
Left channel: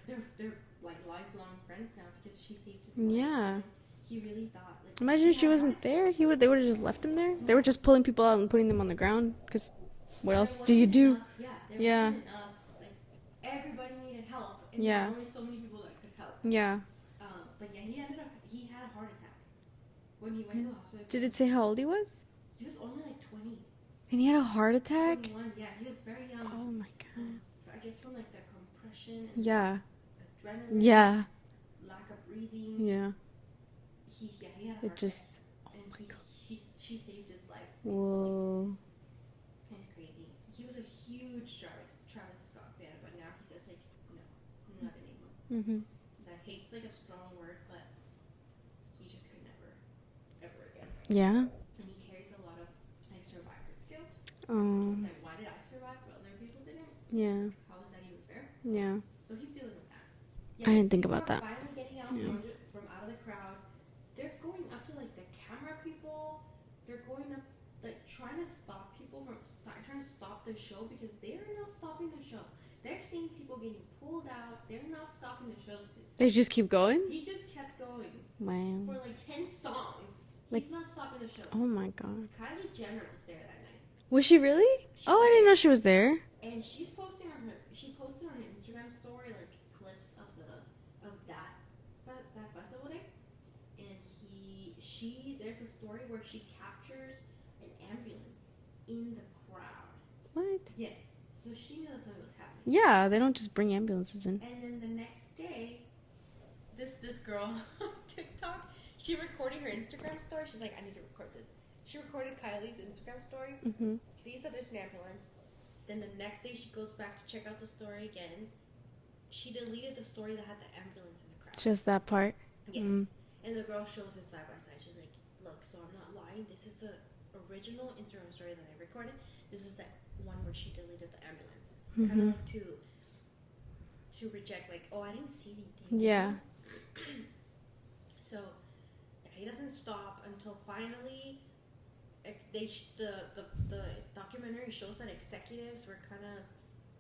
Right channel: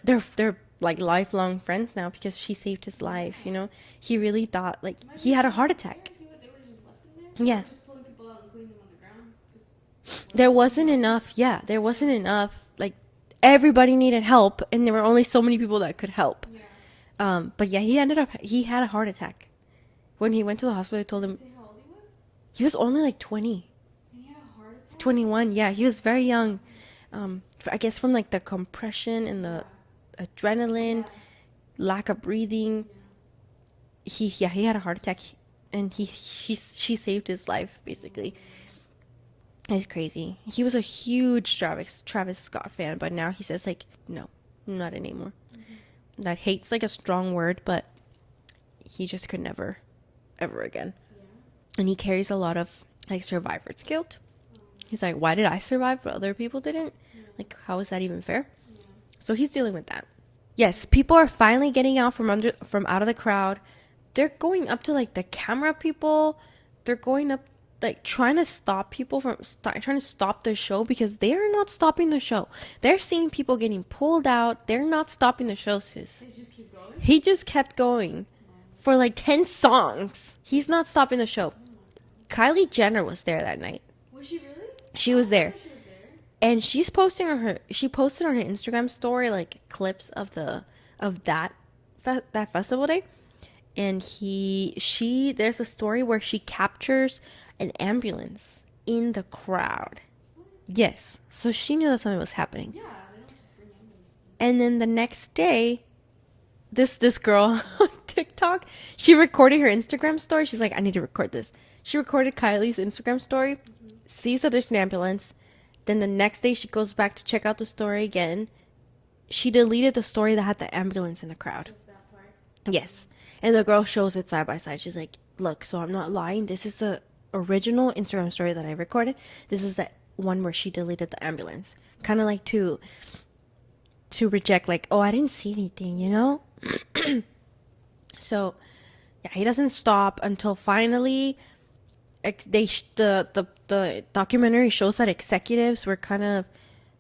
like lifelong friends now, because she saved his life, you know. He really thought, like, imagine he had if a heart attack. They would have just left him there. They were just pulling people out and putting them on the ground, because there wasn't enough. There wasn't enough. Like, everybody needed help, and there were only so many people that could help. But yeah, he had a heart attack when he went to the hospital. They told him. Did it say how old he was? He was only like 20. And he had a heart attack? 21. Yeah, he was very young. I guess from, like, the compression and the adrenaline, lack of breathing. He had a heart attack, and she saved his life, basically. Whoa. It's crazy. He was a huge Travis Scott fan, but now he says, like, no, not anymore. That hate's, like, a strong word, but he just could never, ever again. Yeah. And he carries a lot of, like, survivor's guilt. He's like, why did I survive but other people didn't? Like, how is that even fair? So he's dealing with that. Yes, people are finally getting out from out of the crowd. They're going up to, like, the camera people. They're going up, like, trying to stop people from trying to stop the show, because they are not stopping the show. They're seeing people getting pulled out. They're not stopping the show, sis. They just keep going? He just kept going for like 10 songs. He's not stopping the show. Oh my god. Kylie Jenner was there that night. Was she really? She was there. I didn't know she was there. And she posted on her Instagram story, like, clips of that festival day. And there's a story where she captures an ambulance in the crowd. What? Yes. So she knew that something was happening. Yeah, they don't just bring ambulances in. And then the next day, this girl on TikTok, she recorded her Instagram story. She's like, I need to record this. She recorded Kylie's Instagram story, sees that there's an ambulance. Then the next day, she goes back to check out the story again. She deleted the story that had the ambulance in the crowd. Just that part? Yes. And the girl shows it side by side. She's like, look, so I'm not lying. This is the original Instagram story that I recorded. This is the one where she deleted the ambulance. Kind of like to reject, like, oh, I didn't see anything, you know? So, yeah, he doesn't stop until finally the documentary shows that executives were kind of,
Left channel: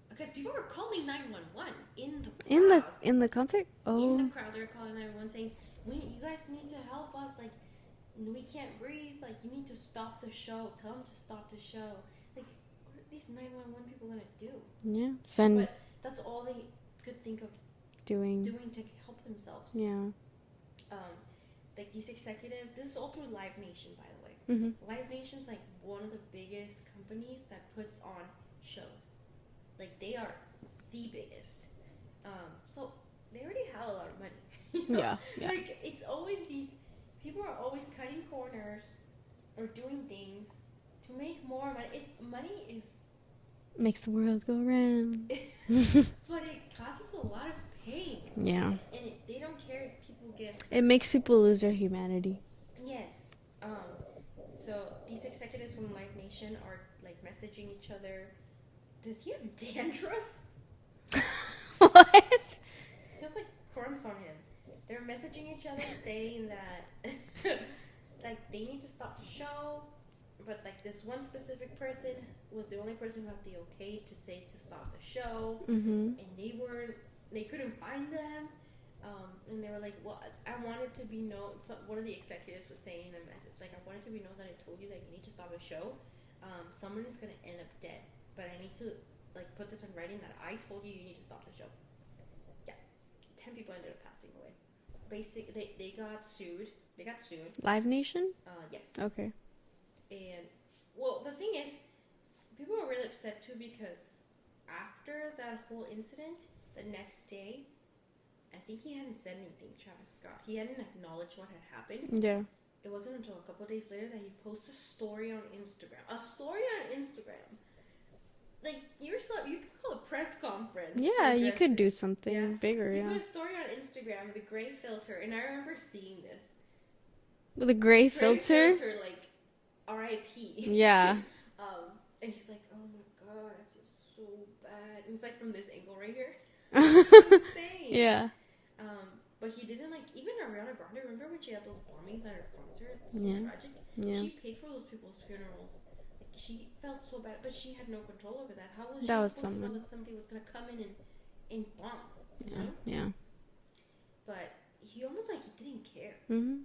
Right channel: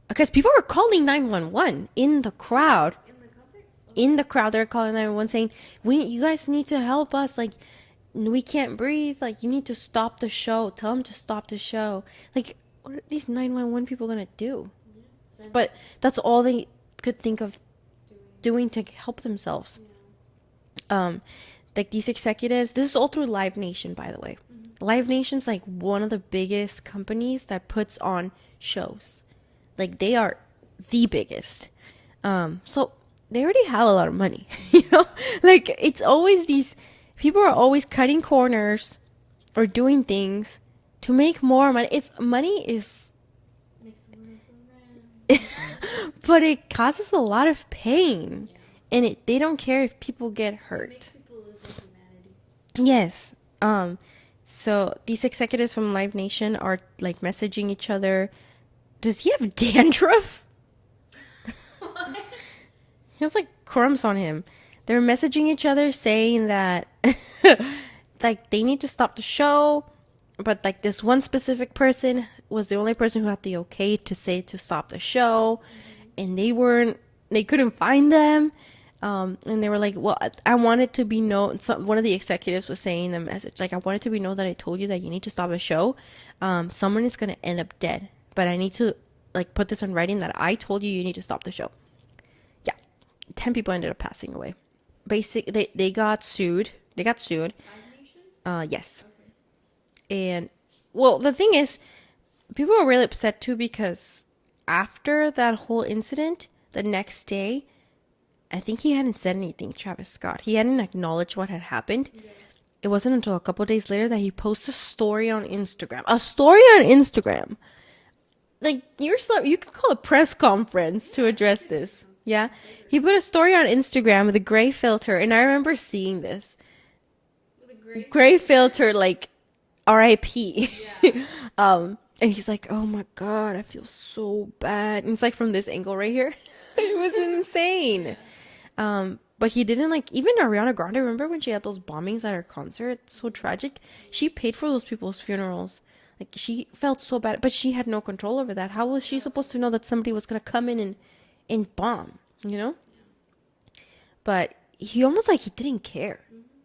because people were calling 911 in the crowd. In the concert? Oh. In the crowd, they're calling 911 saying, you guys need to help us. Like, we can't breathe. Like, you need to stop the show. Tell them to stop the show. Like, what are these 911 people going to do? Yeah. But that's all they could think of doing to help themselves. Yeah. Like, these executives, this is all through Live Nation, by the way. Live Nation's, like, one of the biggest companies that puts on shows. Like, they are the biggest. So they already have a lot of money, you know? Yeah. Like, it's always these people are always cutting corners or doing things to make more money. Money makes the world go round. But it causes a lot of pain. Yeah. And they don't care if people get hurt. It makes people lose their humanity. Yes. So these executives from Live Nation are, like, messaging each other. Does he have dandruff? What? He has, like, crumbs on him. They're messaging each other saying that like, they need to stop the show, but, like, this one specific person was the only person who had the okay to say to stop the show, and they couldn't find them. And they were like, well, I want it to be known. One of the executives was saying in the message, like, I want it to be known that I told you that you need to stop the show. Someone is going to end up dead, but I need to like put this on writing that I told you need to stop the show. Yeah. 10 people ended up passing away. They got sued. Live Nation? Yes. Okay. And well, the thing is, people were really upset too, because after that whole incident, the next day, I think he hadn't said anything, Travis Scott. He hadn't acknowledged what had happened. Yeah. It wasn't until a couple days later that he posted a story on Instagram. Like, you could call a press conference to address you could this. Do something bigger. He put a story on Instagram with a gray filter, and I remember seeing this. With a gray filter, like R.I.P. Yeah. And he's like, oh my God, I feel so bad. And it's like from this angle right here. It was insane. Yeah. But he didn't, like, even Ariana Grande, remember when she had those bombings at her concert? So tragic. Yeah. She paid for those people's funerals. Like, she felt so bad, but she had no control over that. How was she supposed to know that somebody was going to come in and bomb, you know? Yeah. But he almost, like, he didn't care. Mm-hmm.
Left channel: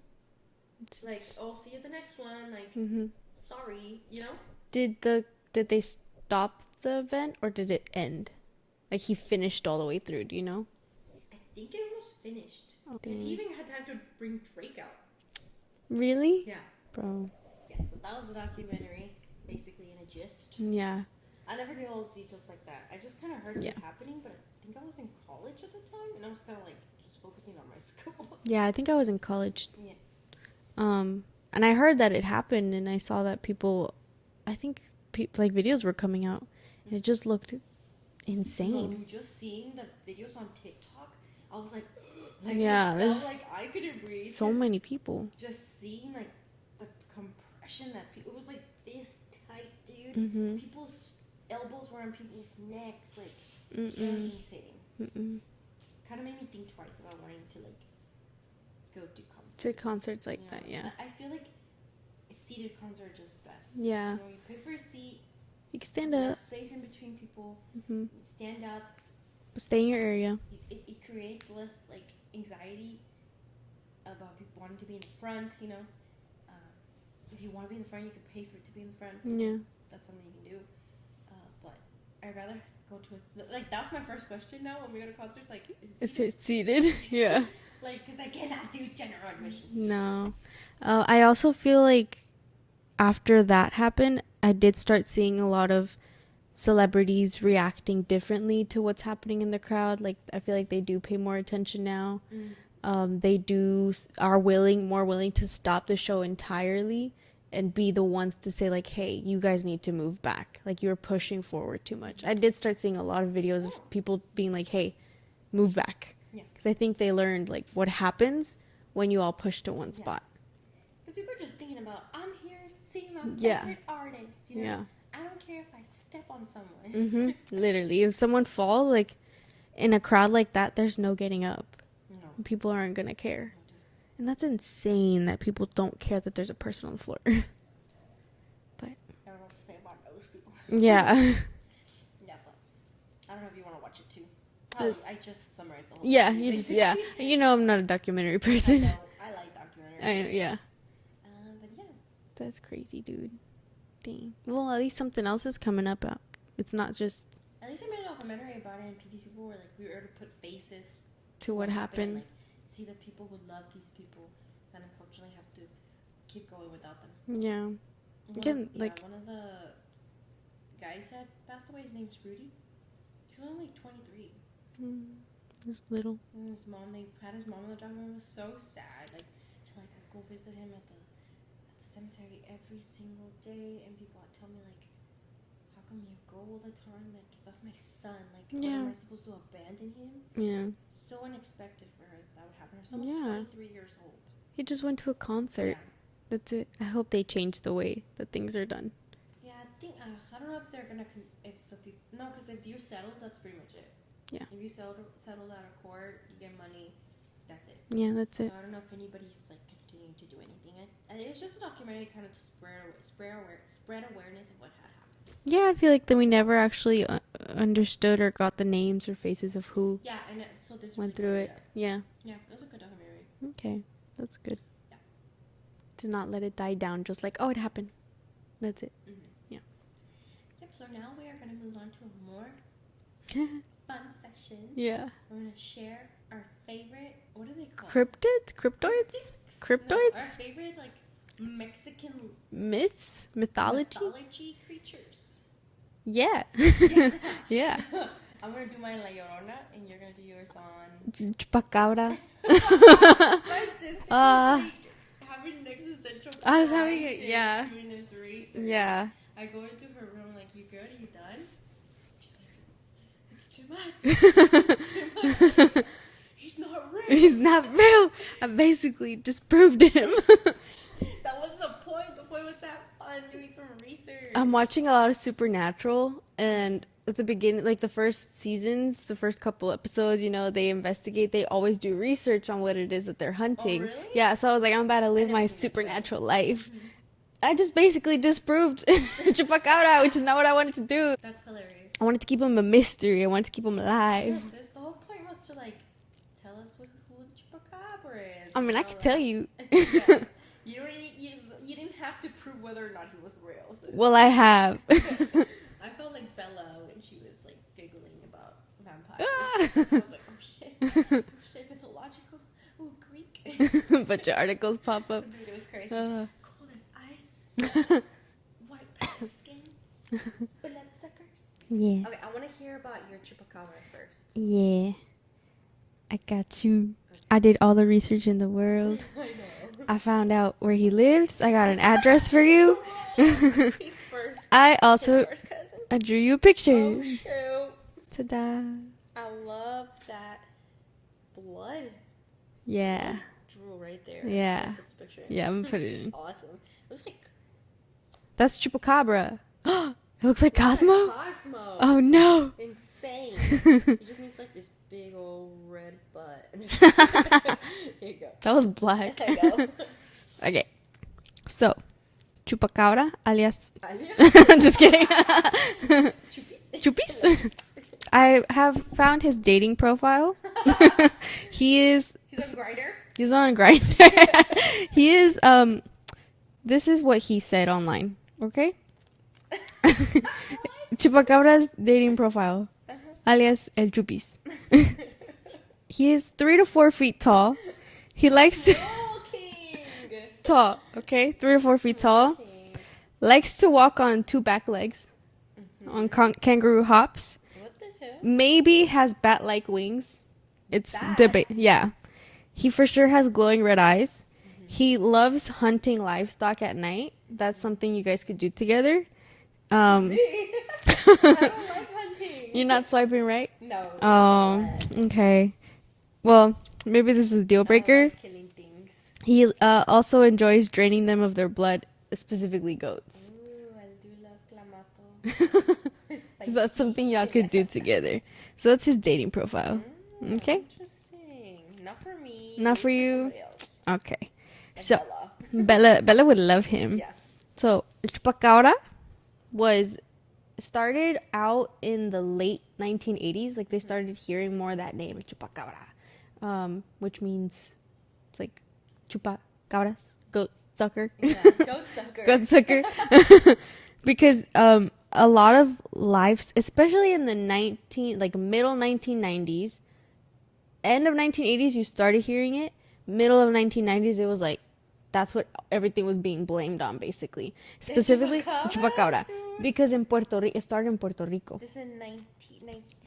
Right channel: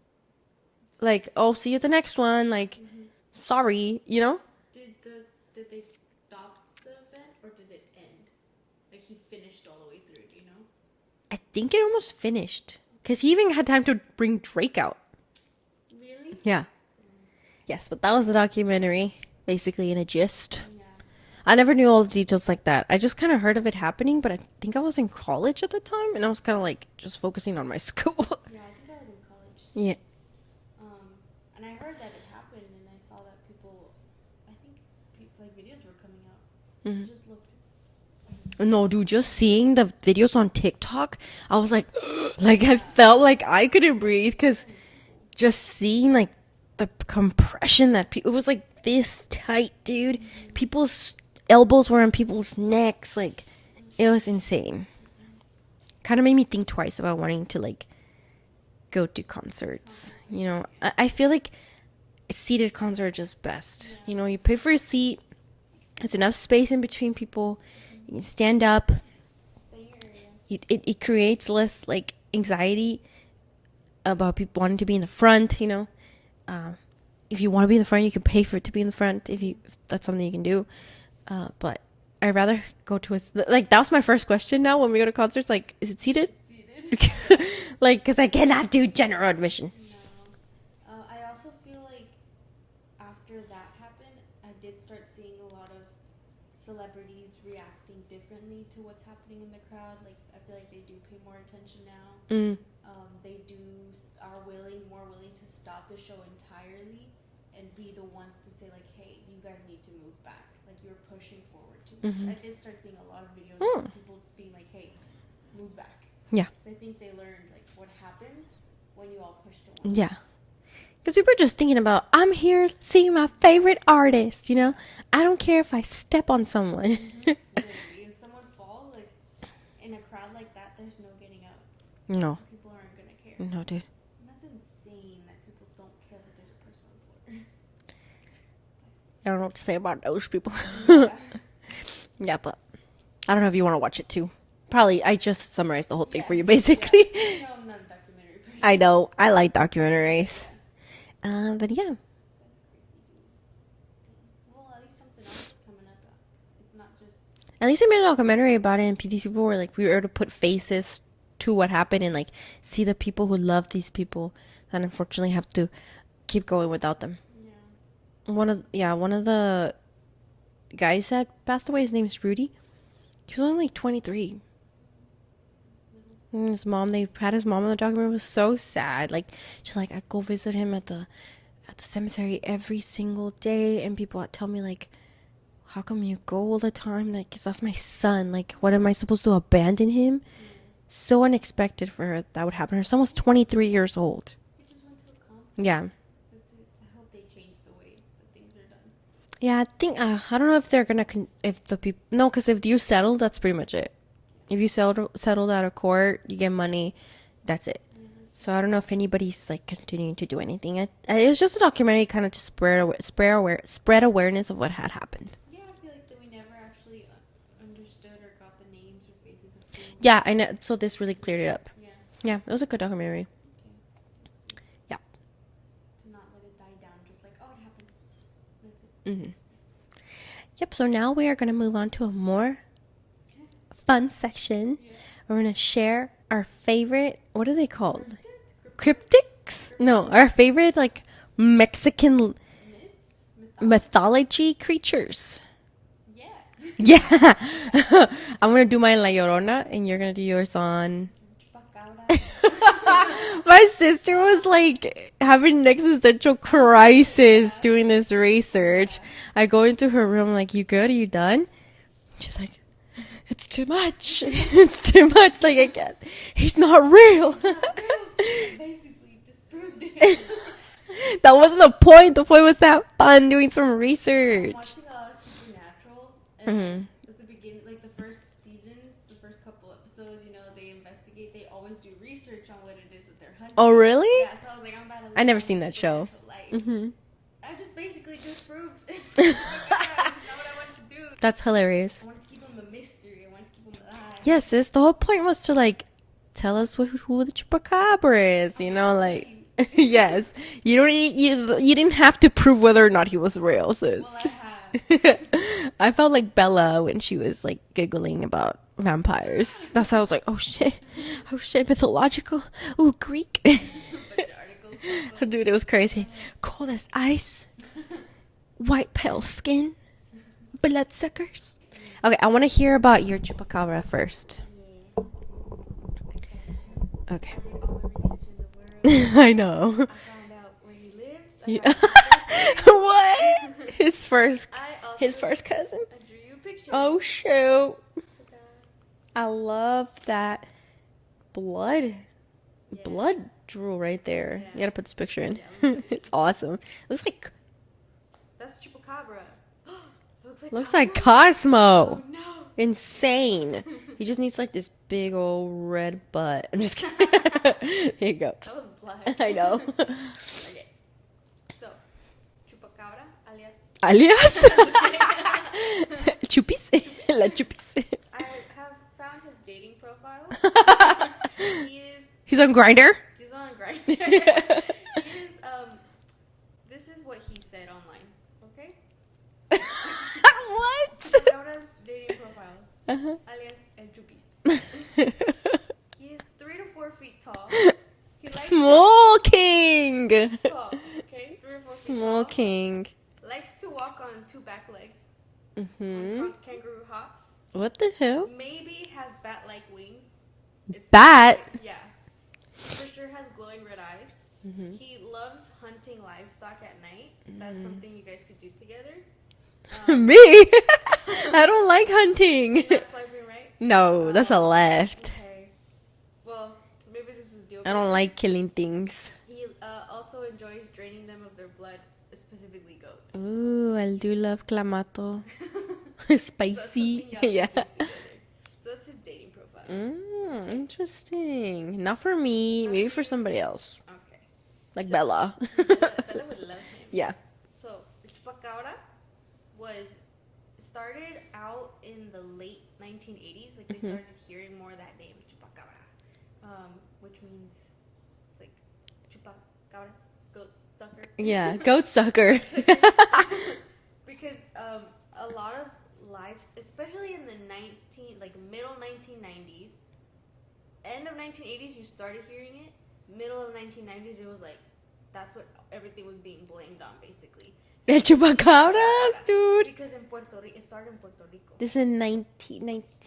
Like, oh, see you at the next one. Like, sorry, you know? Did they stop the event, or did it end? Like, he finished all the way through, do you know? I think it almost finished. Because he even had time to bring Drake out. Really? Yeah. Bro. Yes, but that was the documentary. Basically, in a gist. Yeah. I never knew all the details like that. I just kind of heard of it happening, but I think I was in college at the time. And I was kind of, like, just focusing on my school. Yeah, I think I was in college. Yeah. And I heard that it happened, and I saw that people... I think, like, videos were coming out. Mm-hmm. It just looked... insane. No, dude, just seeing the videos on TikTok, I was like, like, yeah, I felt like I couldn't breathe, because so many people. Just seeing, like, the compression that people, it was like this tight, dude. Mm-hmm. People's elbows were on people's necks, like, it was insane. Kind of made me think twice about wanting to, like, go to concerts like, you know, that, yeah. I feel like a seated concert are just best. Yeah, you know, you pay for a seat. There's enough space in between people. You can stand up. Stay in your area. It creates less, like, anxiety about people wanting to be in the front, you know. If you want to be in the front, you can pay for it to be in the front. If that's something you can do. But I'd rather go to like, that was my first question now when we go to concerts. Like, is it seated? It's seated. Yeah. Like, because I cannot do general admission. No. I also feel like after that happened, I did start seeing a lot of celebrities reacting differently to what's happening in the crowd. Like, I feel like they do pay more attention now. They are more willing to stop the show entirely and be the ones to say, like, hey, you guys need to move back. Like, you're pushing forward too much. I did start seeing a lot of videos of people being like, hey, move back. Yeah. Because I think they learned, like, what happens when you all push to one spot. Because people are just thinking about, I'm here seeing my favorite artist, you know? Yeah. I don't care if I step on someone. Literally. If someone falls, like, in a crowd like that, there's no getting up. No. People aren't going to care. No, dude. And that's insane that people don't care that there's a person on the floor. But I don't know what to say about those people. Yeah. Yeah, but I don't know if you want to watch it too. Probably, I just summarized the whole thing for you, basically. Yeah. You know, I'm not a documentary person. I know. I like documentaries. Yeah. But yeah. That's crazy, dude. Dang. Well, at least something else is coming up. It's not just... At least I made a documentary about it, and these people were like, we were able to put faces to what happened and, like, see the people who love these people that unfortunately have to keep going without them. Yeah. One of the guys that passed away, his name is Rudy. He was only like 23. He's little. And his mom, they had his mom in the documentary. It was so sad. Like, she's like, I go visit him at the cemetery every single day, and people tell me, like, how come you go all the time? Like, 'cause that's my son. Like, what am I supposed to abandon him? Yeah. So unexpected for her that would happen. Her son was 23 years old. He just went to a concert. Yeah. That's it. I hope they change the way that things are done. Yeah, I think, I don't know if they're gonna, if the people, no, because if you settle, that's pretty much it. Yeah. If you settled out of court, you get money, That's it. Yeah, that's it. So I don't know if anybody's like continuing to do anything. It's just a documentary kind of to spread awareness of what had happened. Yeah, I feel like that we never actually understood or got the names or faces of who. Yeah, I know. So this really through cleared it it. up. Yeah. Yeah, it was a good documentary. Okay, that's good. Yeah. To not let it die down, just like, oh, it happened. That's it. Mm-hmm. Yeah. Yep. So now we are gonna move on to a more fun section. Yeah. We're gonna share our favorite. What are they called? Cryptids? No, our favorite like Mexican myths, mythology creatures. Yeah. Yeah. Yeah. I'm gonna do my La Llorona, and you're gonna do yours on Chupacabra. My sister was like having an existential crisis yeah. doing this research. Yeah. I go into her room like, "You good? Are you done?" She's like, "It's too much. It's too much. Like I can't. He's not real. He's not real. I basically disproved it. That wasn't the point. The point was to have fun doing some research." I'm watching a lot of Supernatural, and at the beginning, like the first seasons, the first couple episodes, you know, they investigate. They always do research on what it is that they're hunting. Oh, really? Yeah. So I was like, I'm about to live never my seen that show. supernatural life. I just basically disproved Chupacabra, which is not what I wanted to do. That's hilarious. I wanted to keep him a mystery. I wanted to keep him alive. Yes, sis. The whole point was to like tell us who the Chupacabra is. I mean, you know, I can like tell you. yes, you don't need, you didn't have to prove whether or not he was real. Sis. Well, I have. I felt like Bella when she was like giggling about vampires. That's how I was like, oh shit, mythological, ooh, Greek. A bunch of articles pop up. Dude, it was crazy. Cold as ice, white pale skin, bloodsuckers. Yeah. Okay, I want to hear about your Chupacabra first. Yeah. I got you. Okay. I did all the research in the world. I know. I found out where he lives. I got an address for you. What? His first cousin. I drew you a picture. Oh shoot! Ta-da. I love that blood. Yeah. Blood drool right there. Yeah. You gotta put this picture in. Yeah, I'm gonna put it It's in. awesome. It looks like That's Chupacabra. It looks like Cosmo. like Cosmo. Oh no. Insane. He just needs like this big old red butt. I'm just kidding. There you go. That was black. I know. Okay. So, Chupacabra, alias. Alias? I'm just kidding. Chupis. La chupis. I have found his dating profile. He's on Grindr. He's on Grindr. He is this is what he said online, okay? What? Chupacabra's dating profile, alias El Chupis. He is 3 to 4 feet tall. He likes Small king. tall, okay? 3 to 4 feet tall. King. Likes to walk on 2 back legs on kangaroo hops. What the hell? Maybe has bat-like wings. It's Bat? yeah. He for sure has glowing red eyes. He loves hunting livestock at night. That's something you guys could do together. Me? I don't like hunting. You're not swiping right? No, that's a left. Okay. Well, maybe this is a deal I breaker. don't like killing things. He also enjoys draining them of their blood, specifically goats. Ooh, I do love clamato. Spicy. So that's something y'all could do together. So that's his dating profile. Okay. Interesting. Not for me. Not Maybe for for you. somebody else. Okay. Like So- Bella. Bella would love him. Yeah. So, Chupacabra was started out in the late 1980s. Like, they started hearing more of that name, Chupacabra, which means it's like chupacabras, goat sucker. Yeah. Goat sucker. Goat sucker. Because a lot of lives, especially in the middle 1990s, end of 1980s, you started hearing it. Middle of 1990s, it was like, that's what everything was being blamed on, basically. Specifically, Chupacabras, dude. Because in Puerto Rico, it started in Puerto Rico. This is in mid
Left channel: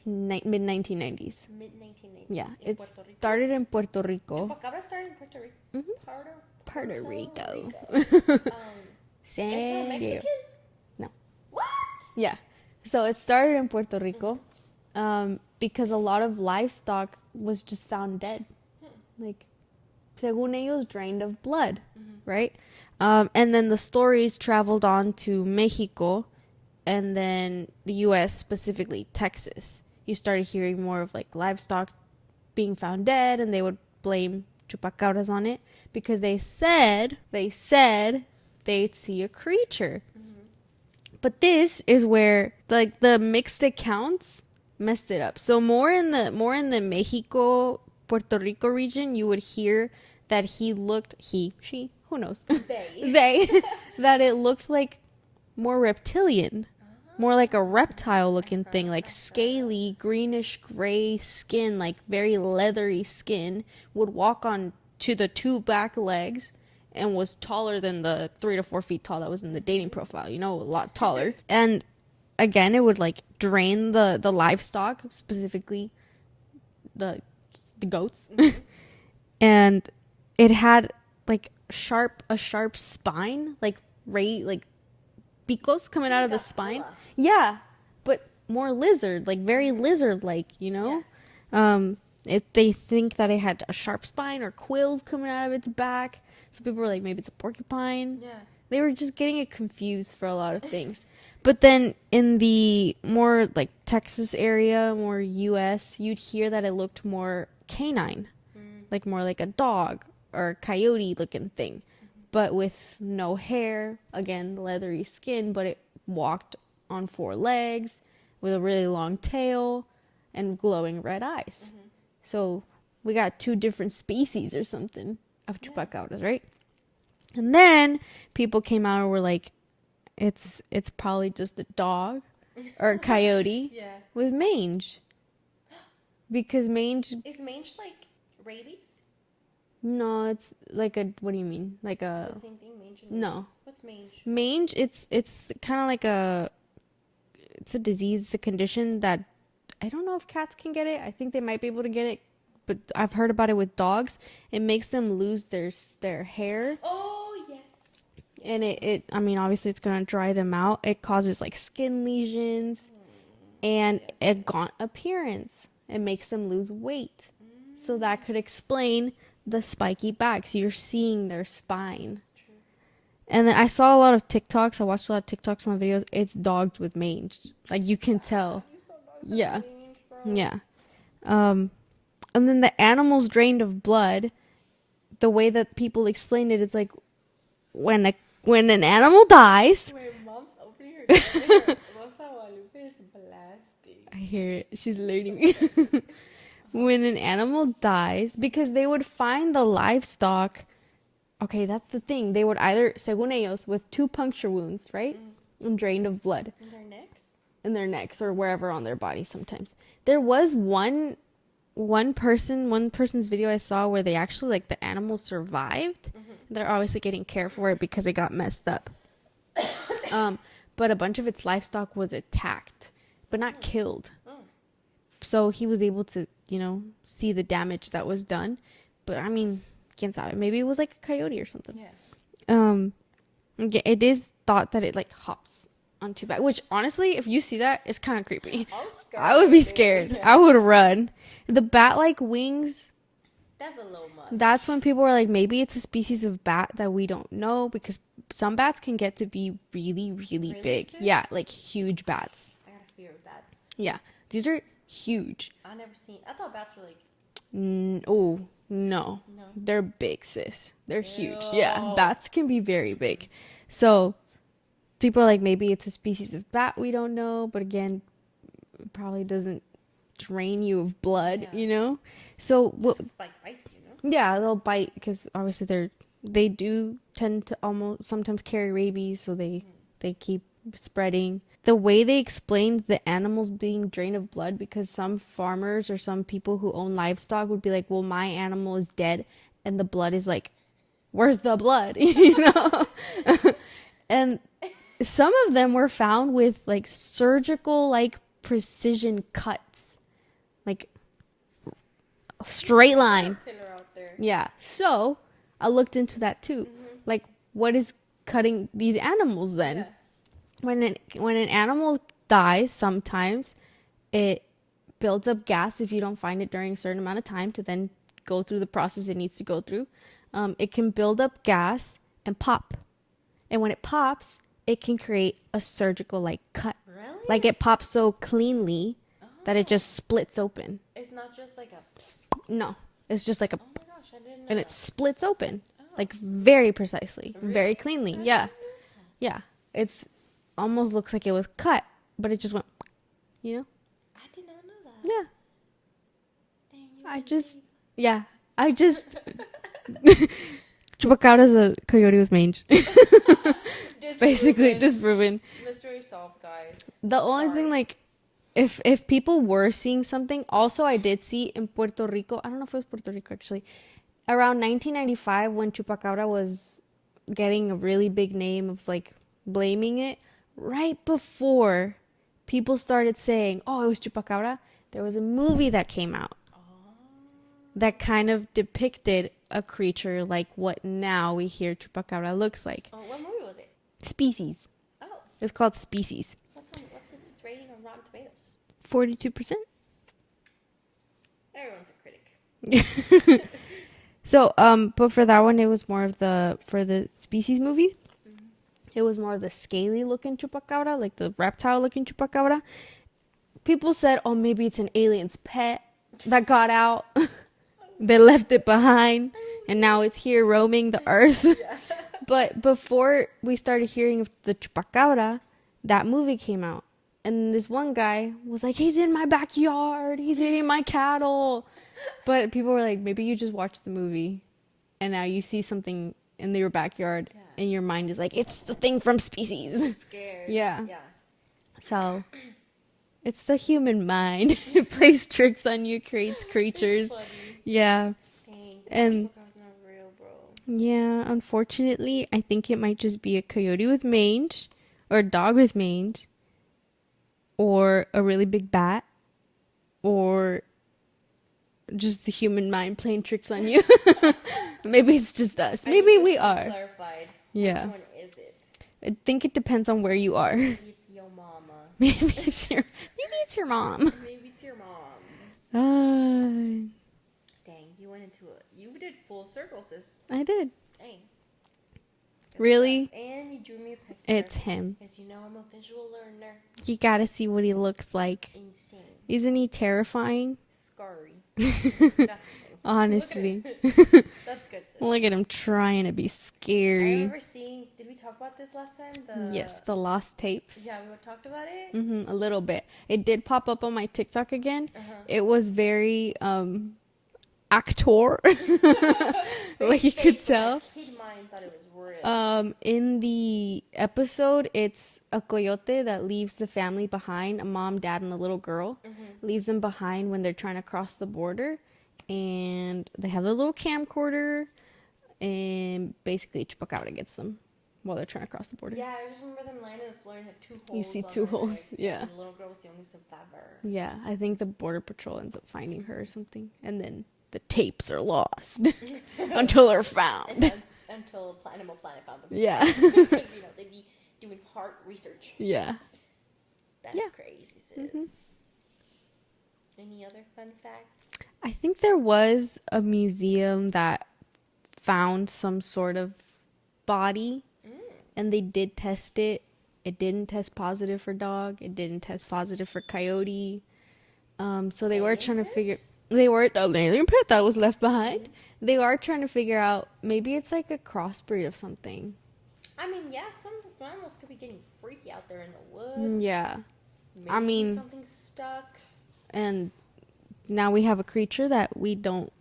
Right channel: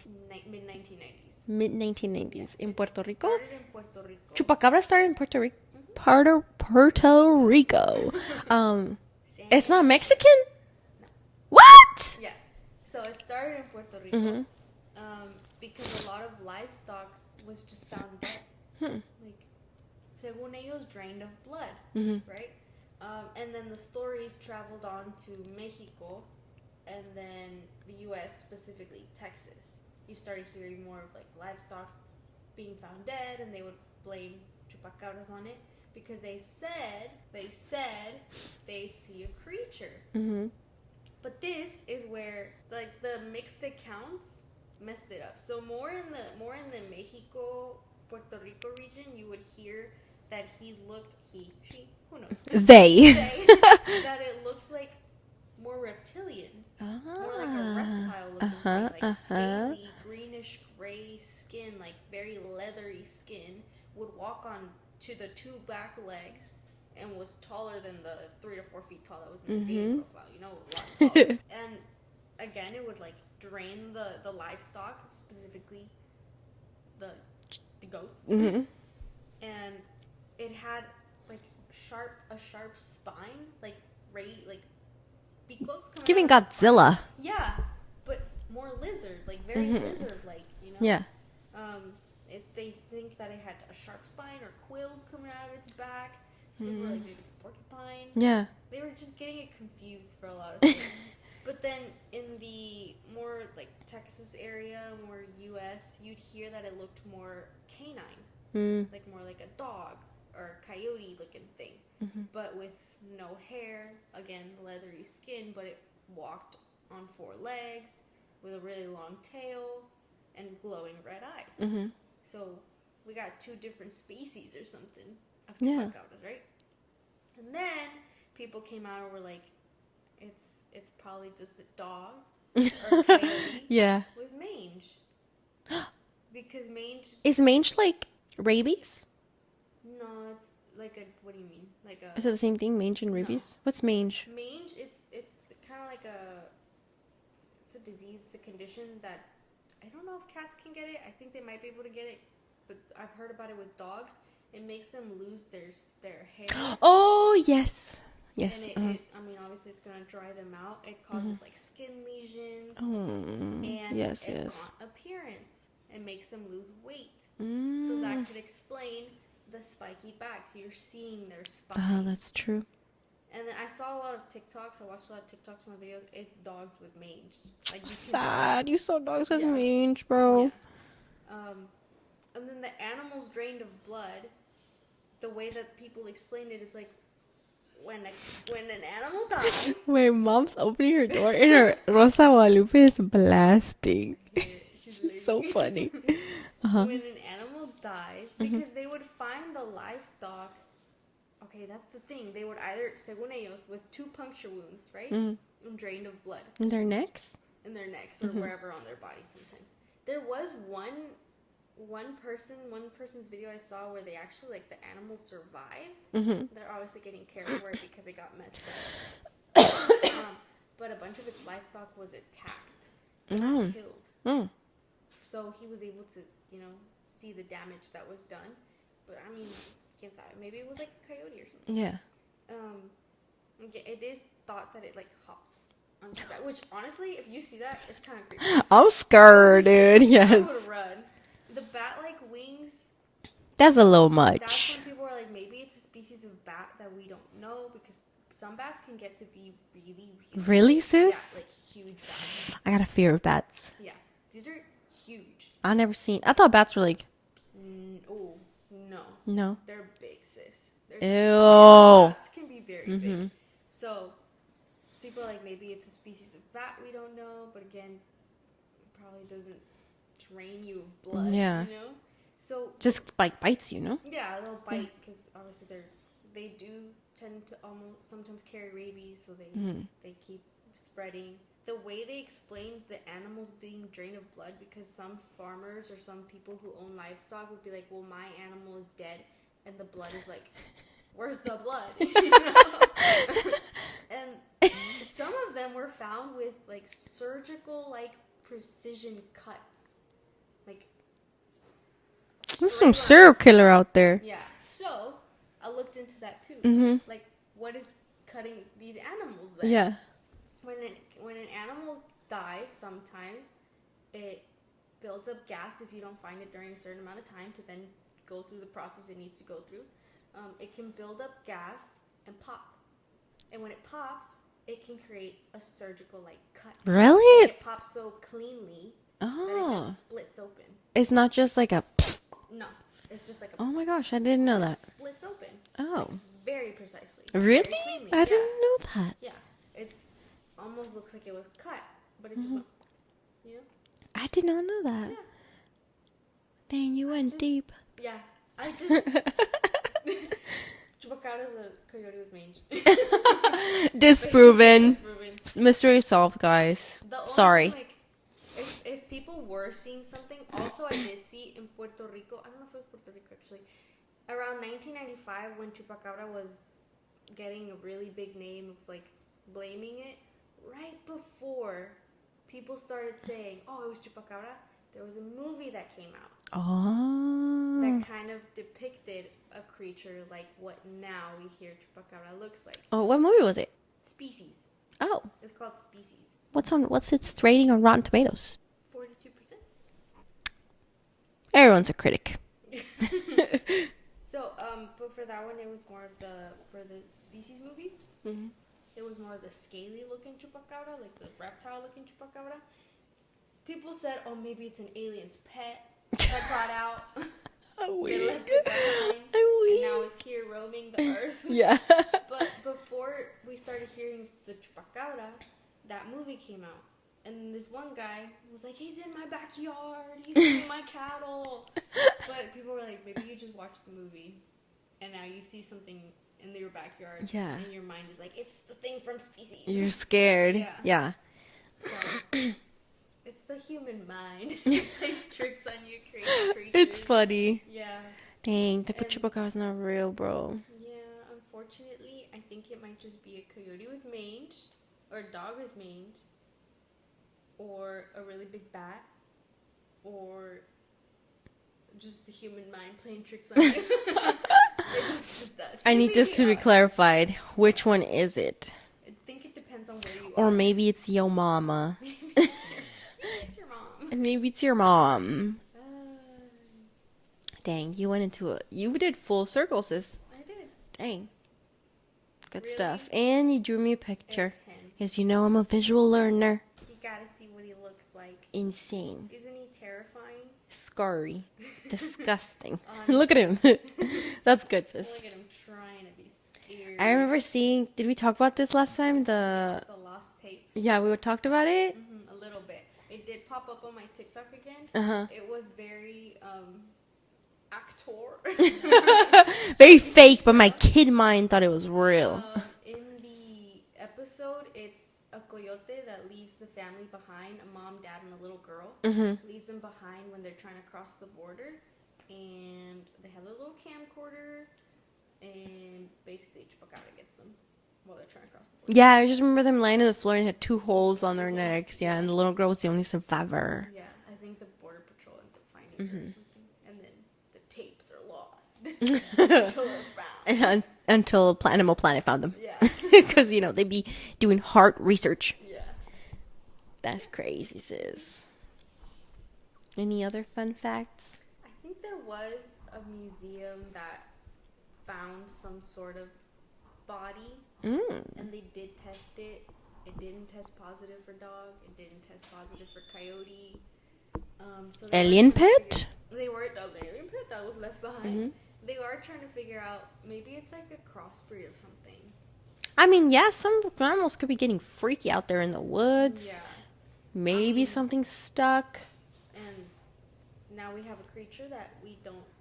Mid-1990s. 1990s. Yeah. In It Puerto Rico. started in Puerto Rico. Chupacabra started in Puerto Rico. Puerto Rico. It's not Mexican? No. What? Yeah. So it started in Puerto Rico because a lot of livestock was just found dead. Like, según ellos, drained of blood, right? And then the stories traveled on to Mexico and then the U.S., specifically Texas. You started hearing more of like livestock being found dead, and they would blame chupacabras on it because they said they'd see a creature. Mm-hmm. But this is where like the mixed accounts messed it up. So more in the Mexico, Puerto Rico region, you would hear that she, who knows? They. That it looked like more reptilian, more like a reptile looking thing, like scaly, greenish gray skin, like very leathery skin, would walk on to the two back legs and was taller than the 3 to 4 feet tall that was in the dating profile, a lot taller. And again, it would like drain the livestock, specifically the goats. Mm-hmm. And it had like a sharp spine, like picos coming out of the Godzilla. spine. Yeah, but more lizard, like very lizard-like, Yeah. They think that it had a sharp spine or quills coming out of its back. So people were like, maybe it's a porcupine. Yeah. They were just getting it confused for a lot of things. But then in the more like Texas area, more US, you'd hear that it looked more canine, like more like a dog or a coyote looking thing, but with no hair, again, leathery skin, but it walked on 4 legs with a really long tail and glowing red eyes. Mm-hmm. So we got 2 different species or something of chupacabras, right? And then people came out and were like, it's probably just a dog or a coyote with mange. Because mange... Is mange like rabies? No, it's like a... What do you mean? Like a... Is it the same thing, mange and rabies? No. What's mange? Mange, it's kind of like a... It's a disease, it's a condition that... I don't know if cats can get it. I think they might be able to get it. But I've heard about it with dogs. It makes them lose their hair. Oh, yes. Yes. And it I mean, obviously it's going to dry them out. It causes like skin lesions and a gaunt appearance. It makes them lose weight. So that could explain the spiky back. So you're seeing their spine. Oh, that's true. And then I saw a lot of TikToks. I watched a lot of TikToks on videos. It's dogs with mange. Like you can tell. You saw dogs with mange, bro. Yeah. And then the animals drained of blood. The way that people explain it, it's like when an animal dies. Wait, mom's opening her door and her Rosa Guadalupe is blasting. I hear it. She's learning. So funny. When an animal dies, because they would find the livestock. Okay, that's the thing. They would either, según ellos, with 2 puncture wounds, right? And drained of blood. In their necks? In their necks or wherever on their body sometimes. There was one person's video I saw where they actually, like, the animal survived. They're obviously getting care for it because it got messed up. But a bunch of its livestock was attacked, but not killed. So he was able to, see the damage that was done. But I mean, quién sabe, maybe it was like a coyote or something. It is thought that it like hops onto back, which honestly, if you see that, it's kind of creepy. I'm scared. I would be scared. Yes. I would run. The bat-like wings, that's a little much. That's when people are like, maybe it's a species of bat that we don't know, because some bats can get to be really big. Sis? Yeah, like huge bats. I got a fear of bats. Yeah, these are huge. I thought bats were like, oh no, they're big, sis. They're Ew. huge. Yeah, bats can be very big. So people are like, maybe it's a species of bat we don't know, but again, it probably doesn't drain you of blood, so just bites yeah, they'll bite because obviously they do tend to almost sometimes carry rabies, so they keep spreading. The way they explained the animals being drained of blood, because some farmers or some people who own livestock would be like, well, my animal is dead and the blood is like, where's the blood? And some of them were found with like surgical like precision cuts, like straight line. Serial killer out there. Yeah. So I looked into that too. Like, what is cutting these animals then? Yeah. When an animal dies, sometimes it builds up gas if you don't find it during a certain amount of time to then go through the process it needs to go through. It can build up gas and pop. And when it pops, it can create a surgical like cut. Really? Like it pops so cleanly that it just splits open. It's not just like a... No. It's just like a, Oh my gosh, I didn't know and it that. splits open. Oh. Like very precisely. Really? Very cleanly. I Yeah. didn't know that. Yeah. It's almost looks like it was cut, but it just went, you know? I did not know that. Yeah. Dang, you I went just- deep. Yeah. I just Chupacabra's a coyote with mange. Basically, Disproven. disproven. Mystery solved, guys. The only Sorry. thing, like, if people were seeing something, also I did see in Puerto Rico, I don't know if it was Puerto Rico actually, around 1995 when Chupacabra was getting a really big name of like blaming it, right before people started saying, oh, it was Chupacabra, there was a movie that came out Oh. that kind of depicted a creature like what now we hear Chupacabra looks like. Oh, what movie was it? Species. Oh. It's called Species. What's its rating on Rotten Tomatoes? 42%. Everyone's a critic. So, but for that one, it was more of for the Species movie, Mm-hmm. it was more of the scaly looking Chupacabra, like the reptile looking Chupacabra. People said, oh, maybe it's an alien's pet that got out. They left it behind, and now it's here roaming the earth. Yeah. But before we started hearing of the Chupacabra, that movie came out. And this one guy was like, he's in my backyard. He's eating my cattle. But people were like, maybe you just watched the movie and now you see something in your backyard. Yeah. And your mind is like, it's the thing from Species. You're scared. Yeah. Yeah. So it's the human mind. It plays tricks on you, creates creatures. It's funny. Yeah. Dang, the And- Chupacabra not real, bro. Yeah. Unfortunately, I think it might just be a coyote with mange or a dog with mange. Or a really big bat, or just the human mind playing tricks on you. Maybe it's just us. I Maybe need this we to are. be clarified. Which Yeah. one is it? I think it depends on where you Or are. maybe it's your mama. maybe it's your mom. Maybe it's your mom. Dang, you went into it. You did full circle, sis. I did. Dang. Good Really? stuff. And you drew me a picture. It's him. Yes, you know I'm a visual learner. You gotta see what he looks like. Insane. Isn't he terrifying? Scary. Disgusting. Honestly. Look at him. That's good, sis. Look at him trying to be scary. I remember seeing, did we talk about this last time? Yes, the lost tapes. Yeah, we talked about it. A little bit. It did pop up on my TikTok again. Uh-huh. It was very actor. Very You fake, could but my tell. kid mind thought it was real. In the episode, it's a coyote that leaves the family behind, a mom, dad, and a little girl. Leaves them behind when they're trying to cross the border. And they have their little camcorder. And basically, Chupacabra gets them while they're trying to cross the border. Yeah, I just remember them laying on the floor and had two holes see on two their holes, necks. Yeah, yeah. and the little girl was the only survivor. Yeah, I think the border patrol ends up finding her or something. And then the tapes are lost until they're found. Until Animal Planet found them. Yeah. Because, they'd be doing heart research. Yeah. That's Yeah. crazy, sis. Any other fun facts? I think there was a museum that found some sort of body and they did test it. It didn't test positive for dog. It didn't test positive for coyote. So they Alien were trying to figure. pit? They were an alien pit that was left behind. They are trying to figure out maybe it's like a crossbreed of something. I mean, yeah, some animals could be getting freaky out there in the woods. Yeah, Maybe mean- something stuck. and now we have a creature that we don't.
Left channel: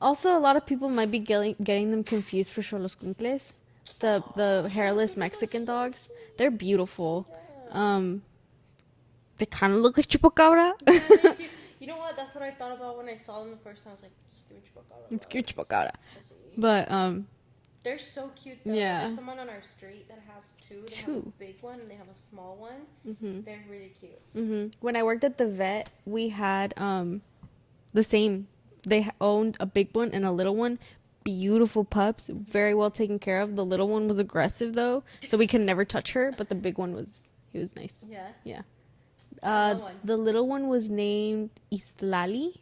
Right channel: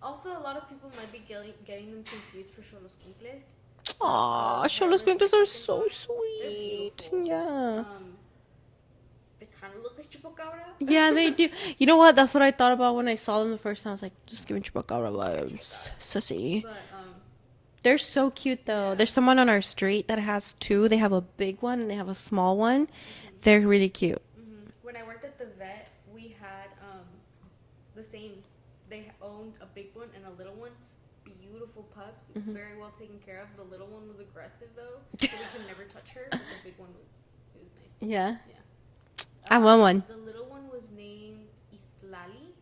Also, a lot of people might be getting them confused for Xolos Cuncles. The hairless Mexican dogs. They're beautiful. Yeah. They kind of look like Chupacabra. Yeah, they do. You know what? That's what I thought about when I saw them the first time. I was like, just give me Chupacabra vibes. give me Chupacabra. Sissy. But They're so cute, though. Yeah. There's someone on our street that has two. They have a big one and they have a small one. They're really cute. when I worked at the vet, we had the same. They owned a big one and a little one. Beautiful pups, very well taken care of. The little one was aggressive though, so we could never touch her. But the big one was nice. Yeah. Yeah. I want one. The little one was named Islali,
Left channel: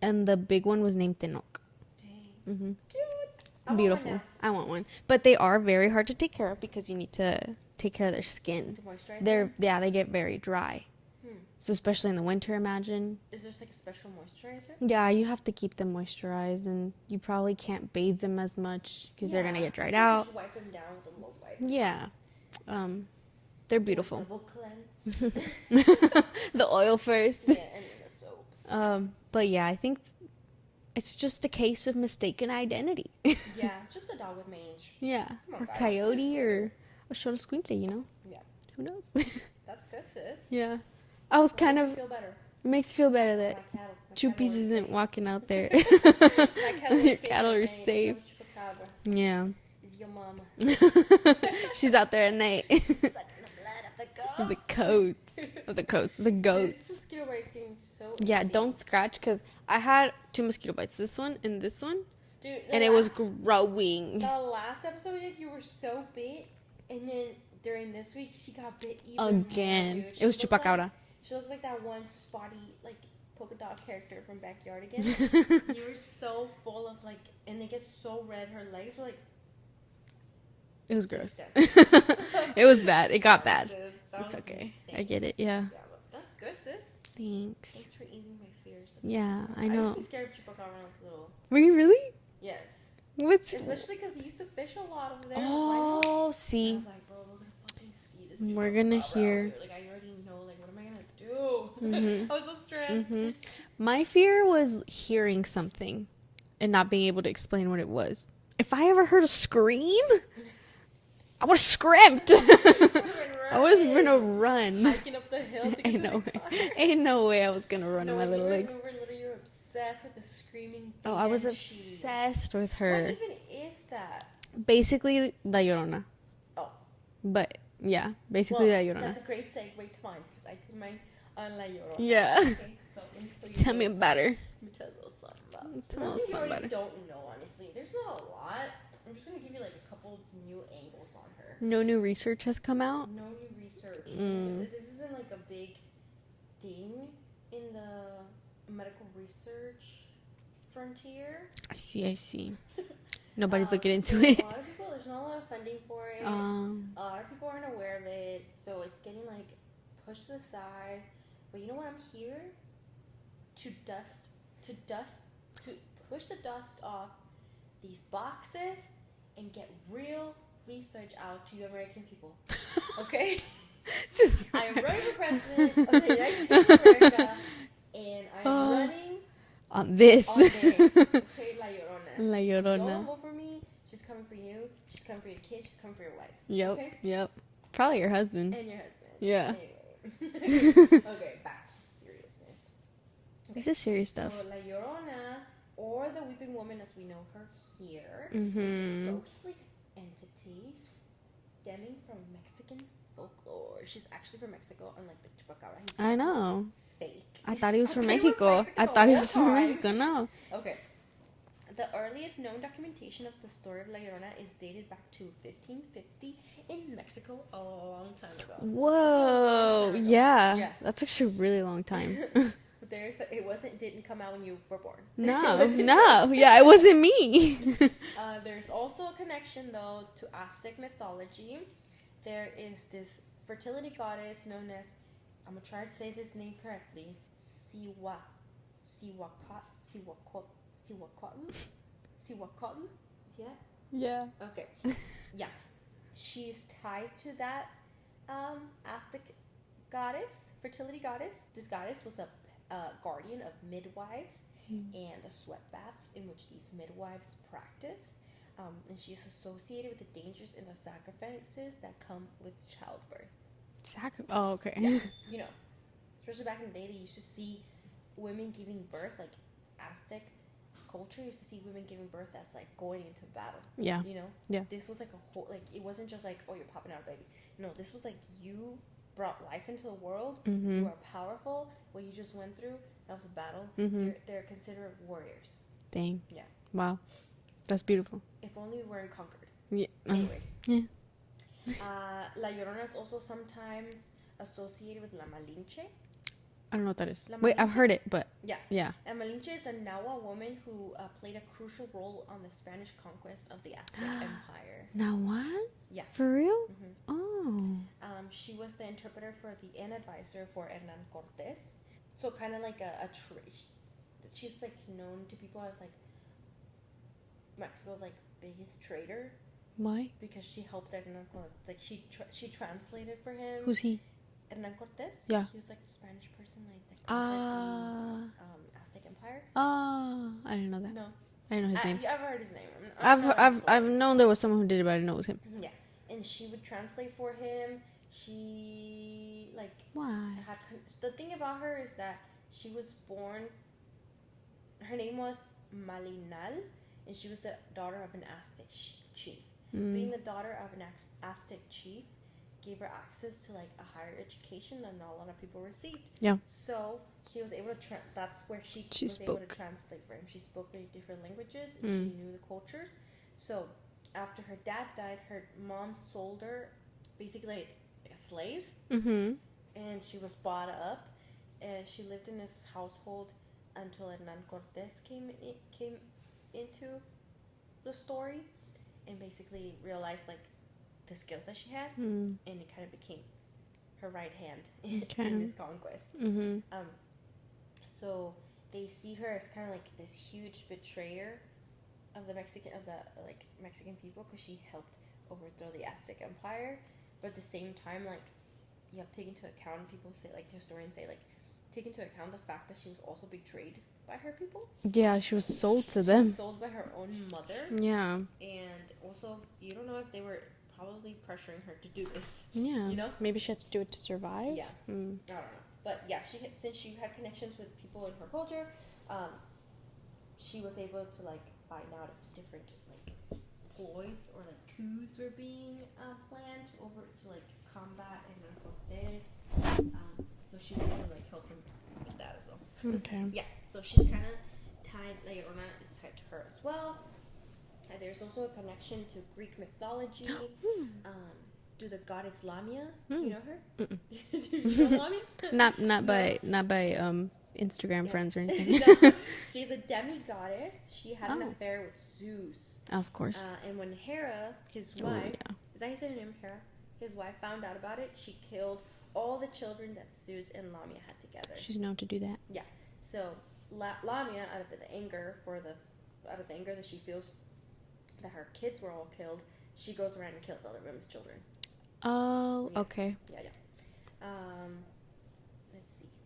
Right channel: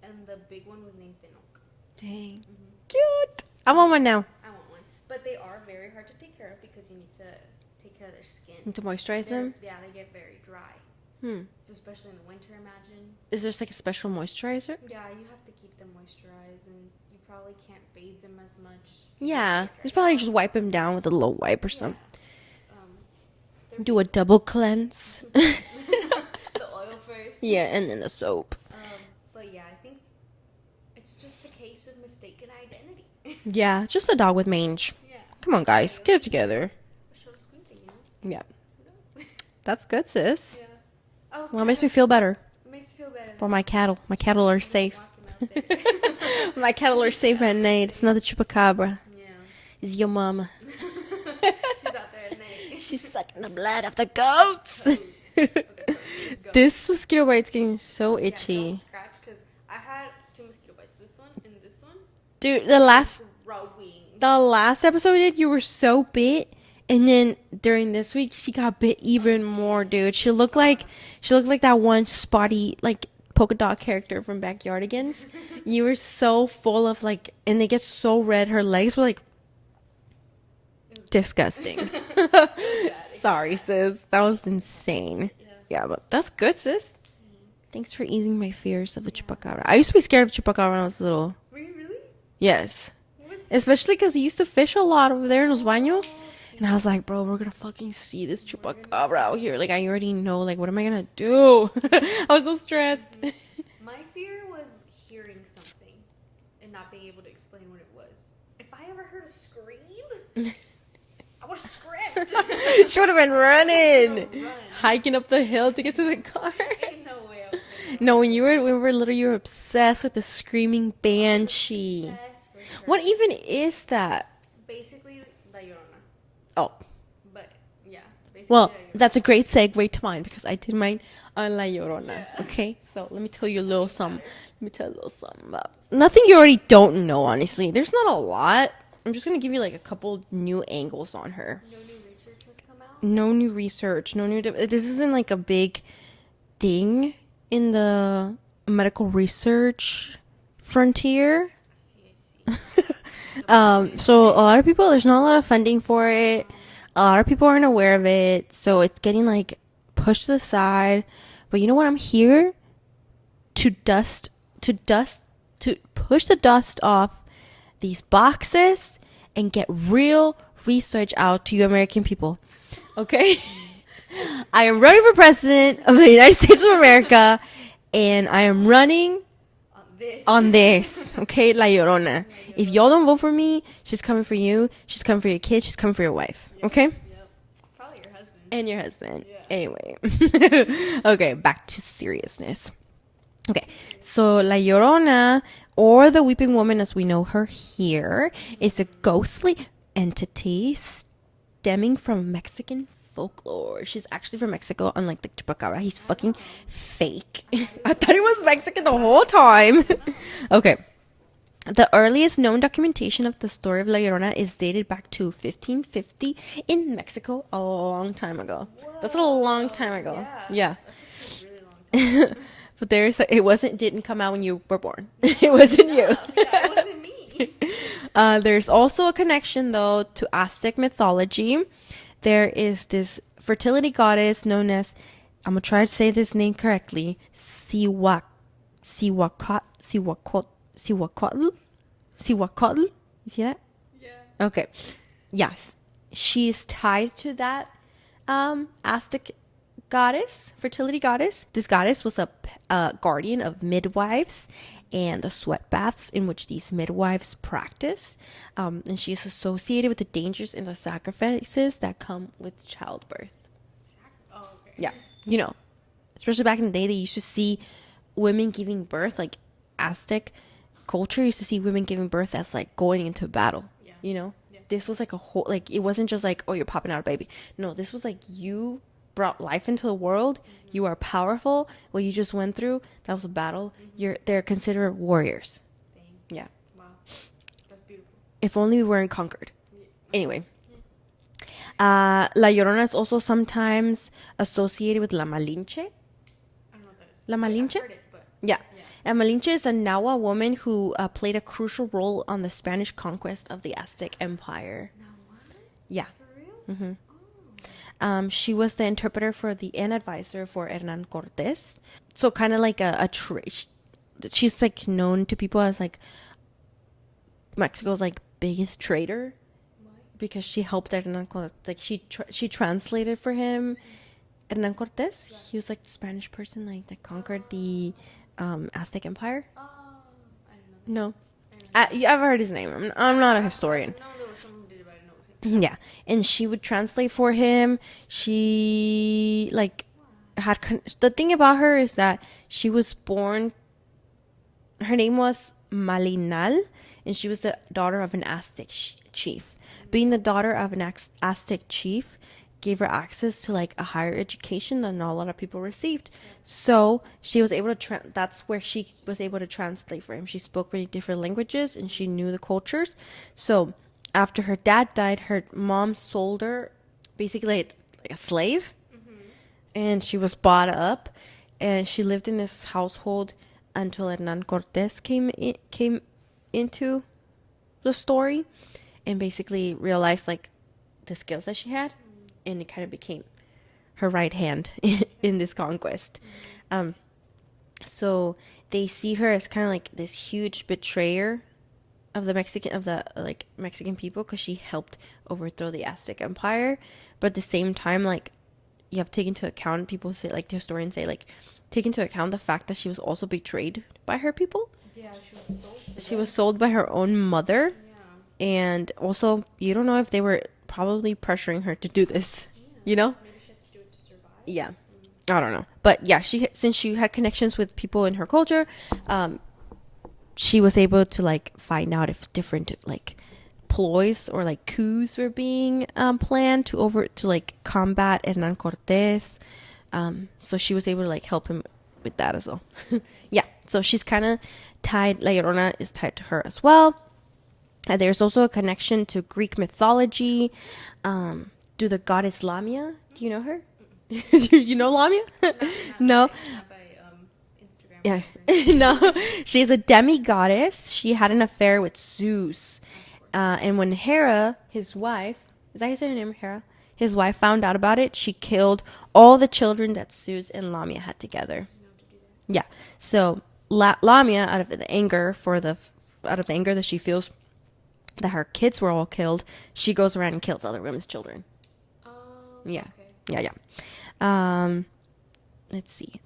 and the big one was named Tenoch. Dang. Cute. I want one now. I want one, but they are very hard to take care of because you need to take care of their skin. To moisturize They're them? yeah, they get very dry. So especially in the winter, imagine. Is there like a special moisturizer? Yeah, you have to keep them moisturized, and you probably can't bathe them as much. 'Cause they're Yeah, gonna get dried it's probably out. just wipe them down with a little wipe or Yeah. They're Do a beautiful. double cleanse. The oil first. Yeah, and then the soap. But yeah, I think it's just a case of mistaken identity. Yeah, just a dog with mange. Yeah. Come on, A guys, get it coyote together. or a short squinkly, you know? Yeah, Who knows? that's good, sis. Yeah. I was Well, it kind makes of... me feel better. It makes you feel better that Well, my cattle Chuppies are isn't safe. walking out there. My cattle are Your safe cattle at are night. It's safe. not the chupacabra. Yeah. It's your mama. She's out there at night. She's sucking the blood of the Of goats. the coat. Of the coat. The goat. This mosquito bite's getting so itchy. Yeah, don't scratch, because I had 2 mosquito bites. This one and this one. Dude, And it was growing. the last episode we did, you were so bit, and then during this week, she got bit even more, Again. dude. She It was looked like Chupacabra. that one spotty like polka dot character from Backyardigans. You were so full of like, and they get so red. Her legs were like It was disgusting. It was bad. It got Sorry, bad. sis. That was Okay. I get insane. it, yeah. Yeah, but that's good, sis. Thanks. Thanks for easing my fears of the Yeah, chupacabra. I I used to know. be scared of chupacabra when I was little. Were you really? Yes. What? Especially because he used to fish a lot over there in los baños. Oh, see. And I was like, bro, we're gonna fucking see this We're gonna chupacabra out hear- here. Like, I already know. Like, what am I gonna do? I was so stressed. My fear was hearing something and not being able to explain what it was. If I ever heard a scream, I would have screamed. She would have been I running, was gonna run. hiking up the hill to get to the Ain't no- car. Ain't no way I was gonna run. No, when over you there. were when we were little, you were obsessed with the screaming Oh, I was banshee. obsessed with her. What even is that? Basically, La Llorona. Oh, But yeah, basically La well, Llorona. that's a great segue to mine because I did mine on La Llorona. Yeah. Okay, so let me tell you a Tell me little something. about her. Let me tell you a little something about. Nothing you already don't know, honestly. There's not a lot. I'm just gonna give you like a couple new angles on her. No new research has come out. No new research. No new. This isn't like a big thing in the medical research frontier. I see. Nobody's looking into So it. a lot of people, there's not a lot of funding for it. A lot of people aren't aware of it, so it's getting like pushed to the side. But you know what? I'm here to push the dust off these boxes and get real research out to you American people. Okay? I am running for president of the United States of America, and I am running on this. Okay? La Llorona. La If y'all Llorona. don't vote for me, she's coming for you. She's coming for your kids. She's coming for your wife. Yep, Okay? Yep. Probably your husband. And your husband. Yeah. Anyway. Okay, back to seriousness. Okay. This is serious. So La Llorona, or the Weeping Woman as we know her here, is a ghostly entity stemming from Mexican folklore. She's actually from Mexico, unlike the Chupacabra. He's I fucking know. fake. I thought he was I from thought he was Mexico. Mexican I the thought he whole was from time. Mexico, no. Okay. The earliest known documentation of the story of La Llorona is dated back to 1550 in Mexico, a long time ago. Whoa. That's a long time ago. Yeah. Yeah. That's actually a really long time. But didn't come out when you were born. No, It wasn't no. you. Yeah, it wasn't me. There's also a connection, though, to Aztec mythology. There is this fertility goddess known as, I'm going to try to say this name correctly, Cihuacotl. You see that? Yeah. Okay. Yes. She's tied to that Aztec goddess, fertility goddess. This goddess was a guardian of midwives and the sweat baths in which these midwives practice. And she is associated with the dangers and the sacrifices that come with childbirth. Oh, okay. Yeah. You know, especially back in the day, they used to see women giving birth, like Aztec culture used to see women giving birth as like going into battle. Yeah. You know? Yeah. This was like a whole, like, it wasn't just like, oh, you're popping out a baby. No, this was like you brought life into the world. You are powerful. What you just went through, that was a battle. They're considered warriors. Dang. Yeah. Wow. That's beautiful. If only we weren't conquered. Yeah. Anyway. Yeah. La Llorona is also sometimes associated with La Malinche. I don't know what that is. La Wait, I've Malinche? heard it, but Yeah. yeah. And Malinche is a Nahua woman who played a crucial role on the Spanish conquest of the Aztec Empire. Now what? Yeah. For real? Mm-hmm. Oh. She was the interpreter for and advisor for Hernan Cortés. So kind of like she's like known to people as like Mexico's like biggest traitor. Why? Because she helped Hernan Cortés. Like she translated for him. Who's he? Hernan Cortés. Yeah. He was like the Spanish person like that conquered the Aztec Empire. I didn't know that. No. I didn't know his name. I've heard his name. I'm not a historian. I've known there was someone who did it, but I didn't know it was him. Yeah. And she would translate for him. She like had the thing about her is that she was born, her name was Malinal, and she was the daughter of an Aztec chief. Being the daughter of an Aztec chief gave her access to like a higher education than not a lot of people received. Yeah. So she was able to that's where she was able to translate for him. She spoke many different languages and she knew the cultures. So after her dad died, her mom sold her basically like a slave. And she was bought up, and she lived in this household until Hernan Cortés came into the story and basically realized like the skills that she had, and it kind of became her right hand in this conquest. So they see her as kind of like this huge betrayer of the Mexican people, because she helped overthrow the Aztec Empire. But at the same time, like, you have to take into account, people say, like, the historians say, like, take into account the fact that she was also betrayed by her people. Yeah, she was sold to them. She was sold by her own mother. Yeah. And also, you don't know if they were probably pressuring her to do this. Yeah. You know? Maybe she had to do it to survive. Yeah. I don't know. But yeah, since she had connections with people in her culture, she was able to like find out if different like ploys or like coups were being planned to like combat Hernan Cortés. So she was able to like help him with that as well. Okay. Yeah. So she's kind of tied. La Llorona is tied to her as well. There's also a connection to Greek mythology. To the goddess Lamia. Do you know her? You know Lamia? not by Instagram friends or anything. No, she's a demi-goddess. She had an affair with Zeus. Of course. And when Hera, his wife, is that how you say her name, Hera? His wife found out about it. She killed all the children that Zeus and Lamia had together. She's known to do that. Yeah. So Lamia, out of the anger that she feels that her kids were all killed, she goes around and kills other women's children. Oh, yeah. Okay. Yeah. Let's see.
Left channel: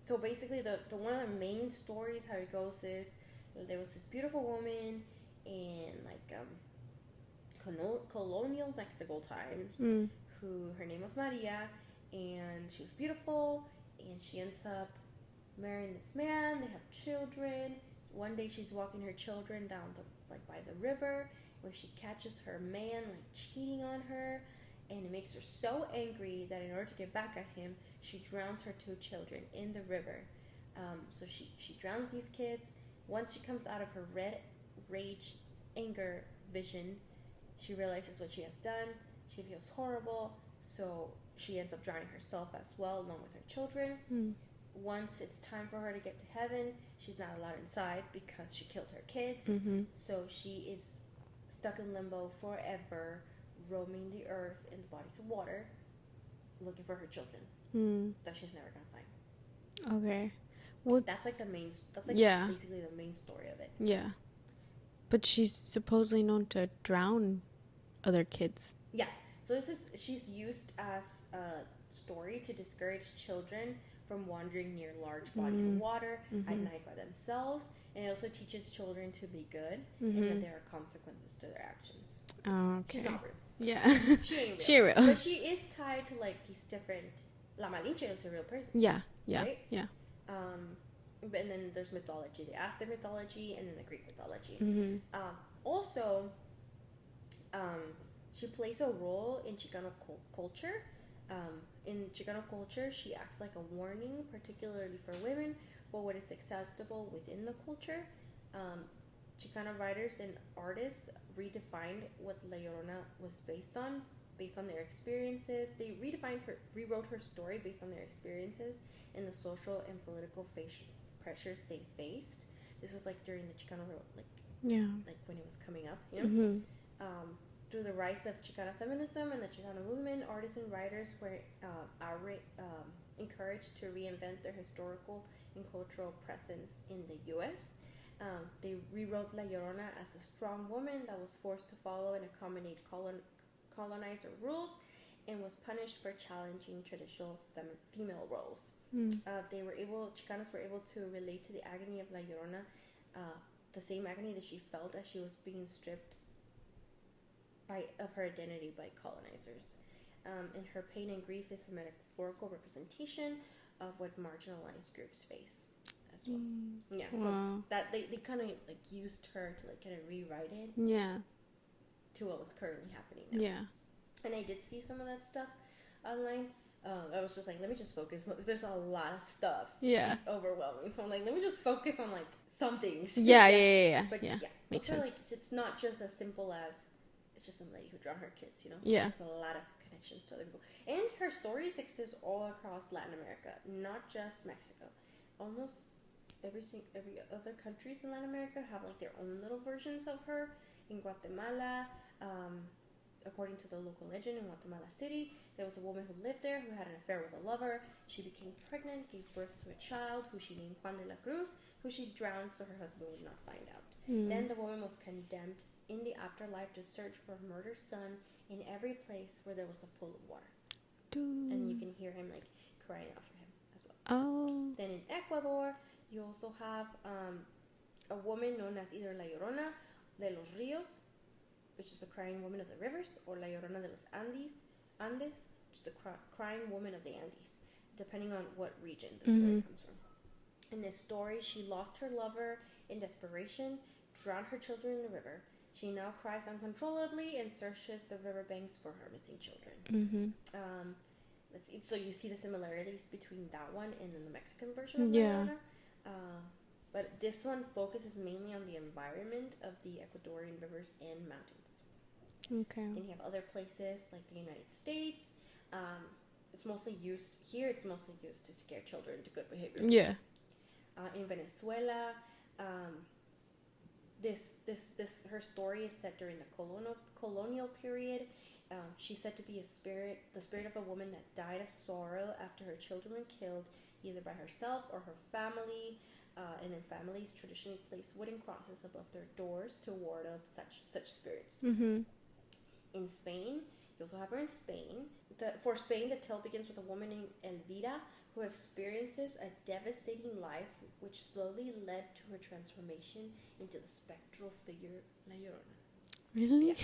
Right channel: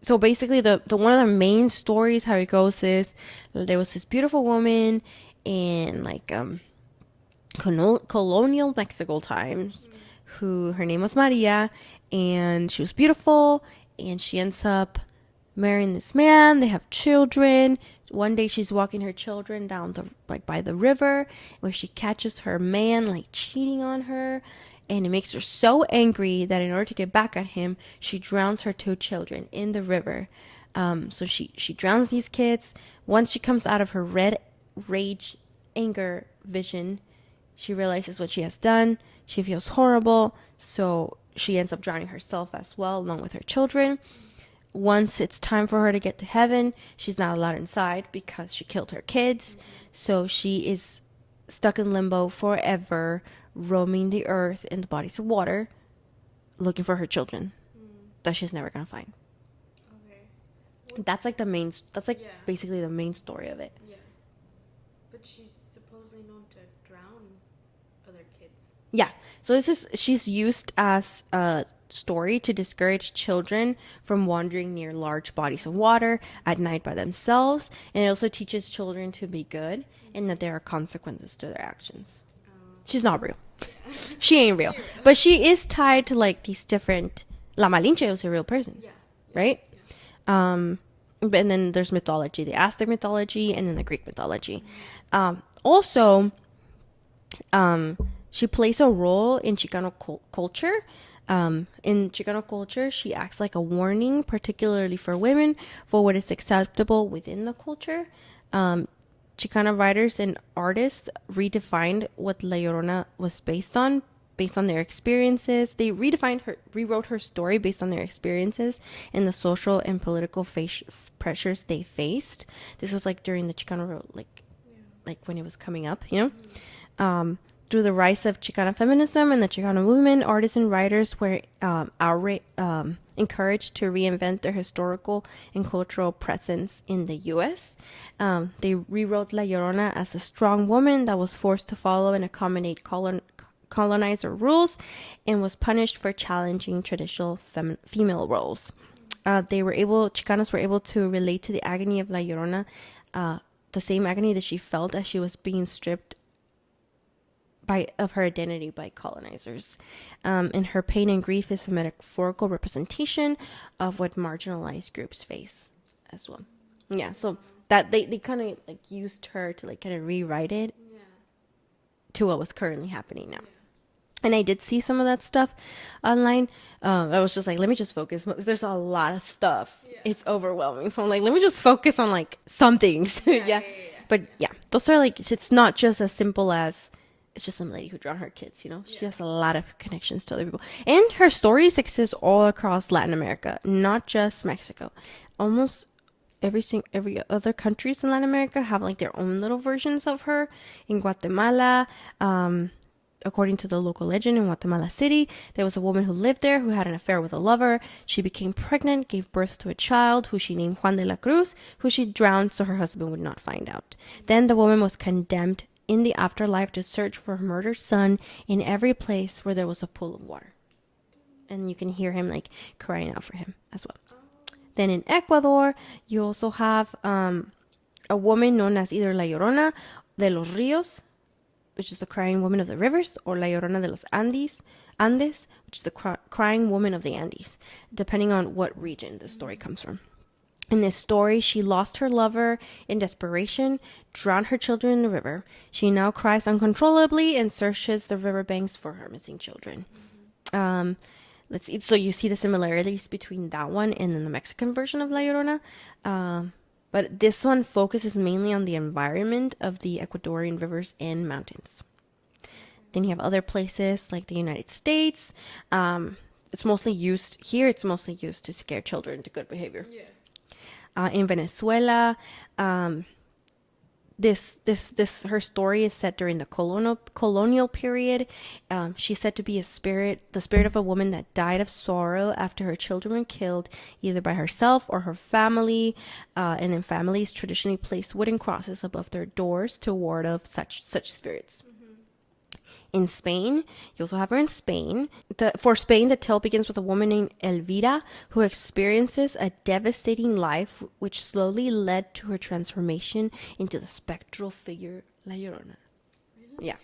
So basically, the one of the main stories, how it goes is, there was this beautiful woman in like colonial Mexico times, who her name was Maria, and she was beautiful, and she ends up marrying this man. They have children. One day she's walking her children down by the river, where she catches her man like cheating on her, and it makes her so angry that in order to get back at him, she drowns her 2 children in the river. So she drowns these kids. Once she comes out of her red rage, anger vision, she realizes what she has done. She feels horrible, so she ends up drowning herself as well, along with her children. Once it's time for her to get to heaven, she's not allowed inside because she killed her kids. So she is stuck in limbo forever, roaming the earth in the bodies of water, looking for her children that she's never gonna find. Okay. That's like basically the main story of it. Yeah. But she's supposedly known to drown other kids. Yeah. So she's used as a story to discourage children from wandering near large bodies of water at night by themselves, and it also teaches children to be good and that there are consequences to their actions. She's not real. Yeah. She ain't real. But she is tied to like these different. La Malinche was a real person. Yeah. Right? Yeah. And then there's mythology, the Aztec mythology, and then the Greek mythology. Also, she plays a role in Chicano culture. In Chicano culture, she acts like a warning, particularly for women, for what is acceptable within the culture. Chicana writers and artists redefined what La Llorona was based on their experiences. They rewrote her story based on their experiences and the social and political pressures they faced. This was like during the Chicano, like when it was coming up, you know? through the rise of Chicana feminism and the Chicano movement, artists and writers were encouraged to reinvent their historical and cultural presence in the U.S. They rewrote La Llorona as a strong woman that was forced to follow and accommodate colonizer rules and was punished for challenging traditional female roles. Chicanos were able to relate to the agony of La Llorona, the same agony that she felt as she was being stripped of her identity by colonizers. And her pain and grief is a metaphorical representation of what marginalized groups face as well. Yeah, so that they kind of like used her to like kind of rewrite it to what was currently happening now. Yeah. And I did see some of that stuff online. I was just like, let me just focus. There's a lot of stuff. Yeah. It's overwhelming. So I'm like, let me just focus on like some things. Yeah. But those are like, it's not just as simple as it's just some lady who drowned her kids, you know? She has a lot of connections to other people. And her stories exist all across Latin America, not just Mexico. Almost every other countries in Latin America have like their own little versions of her. In Guatemala, according to the local legend, in Guatemala City, there was a woman who lived there who had an affair with a lover. She became pregnant, gave birth to a child who she named Juan de la Cruz, who she drowned so her husband would not find out. Then the woman was condemned in the afterlife to search for her murdered son in every place where there was a pool of water. And you can hear him like crying out for him as well. Then in Ecuador, you also have a woman known as either La Llorona de los Ríos, which is the crying woman of the rivers, or La Llorona de los Andes, which is the crying woman of the Andes, depending on what region the story comes from. In this story, she lost her lover in desperation, drowned her children in the river. She now cries uncontrollably and searches the riverbanks for her missing children. Let's see. So you see the similarities between that one and then the Mexican version of La Llorona. But this one focuses mainly on the environment of the Ecuadorian rivers and mountains. Okay. Then you have other places like the United States. It's mostly used to scare children into good behavior. Yeah. In Venezuela, her story is set during the colonial period. She's said to be the spirit of a woman that died of sorrow after her children were killed, either by herself or her family. And then families traditionally place wooden crosses above their doors to ward off such spirits. In Spain, you also have her in Spain. For Spain, the tale begins with a woman named Elvira who experiences a devastating life, which slowly led to her transformation into the spectral figure La Llorona. Really? Yeah.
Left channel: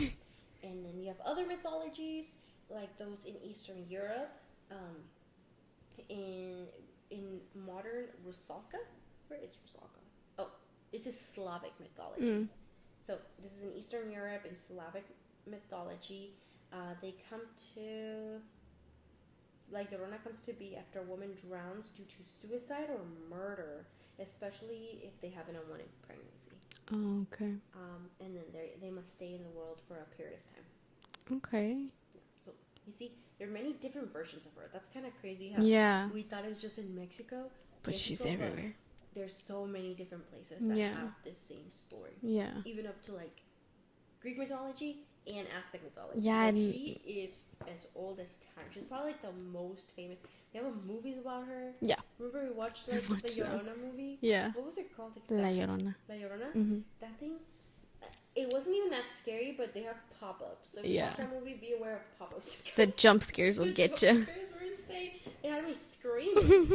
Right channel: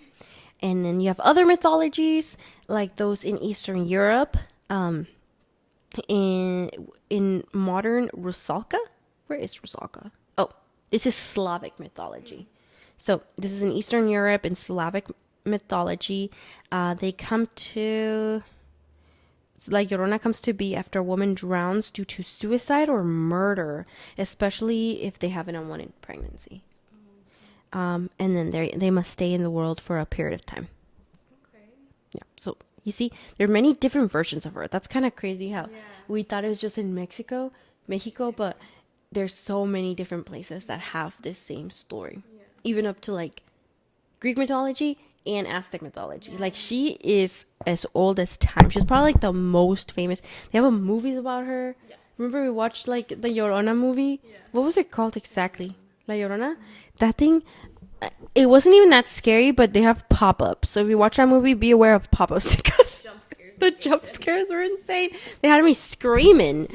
And then you have other mythologies, like those in Eastern Europe. In modern Rusalka. Where is Rusalka? Oh, this is Slavic mythology. So this is in Eastern Europe, in Slavic mythology. La Llorona comes to be after a woman drowns due to suicide or murder, especially if they have an unwanted pregnancy. Oh, okay. And then they must stay in the world for a period of time. Okay. Yeah. So you see, there are many different versions of her. That's kind of crazy how we thought it was just in Mexico, but there's so many different places that have this same story. Yeah. Even up to like Greek mythology and Aztec mythology. Yeah, like she is as old as time. She's probably like the most famous. They have movies about her. Yeah. Remember we watched like the Llorona movie? Yeah. What was it called exactly? La Llorona. Mm-hmm. That thing, it wasn't even that scary, but they have pop-ups. So if you watch that movie, be aware of pop-ups. The jump scares will get you. The jump scares were insane. They had me screaming.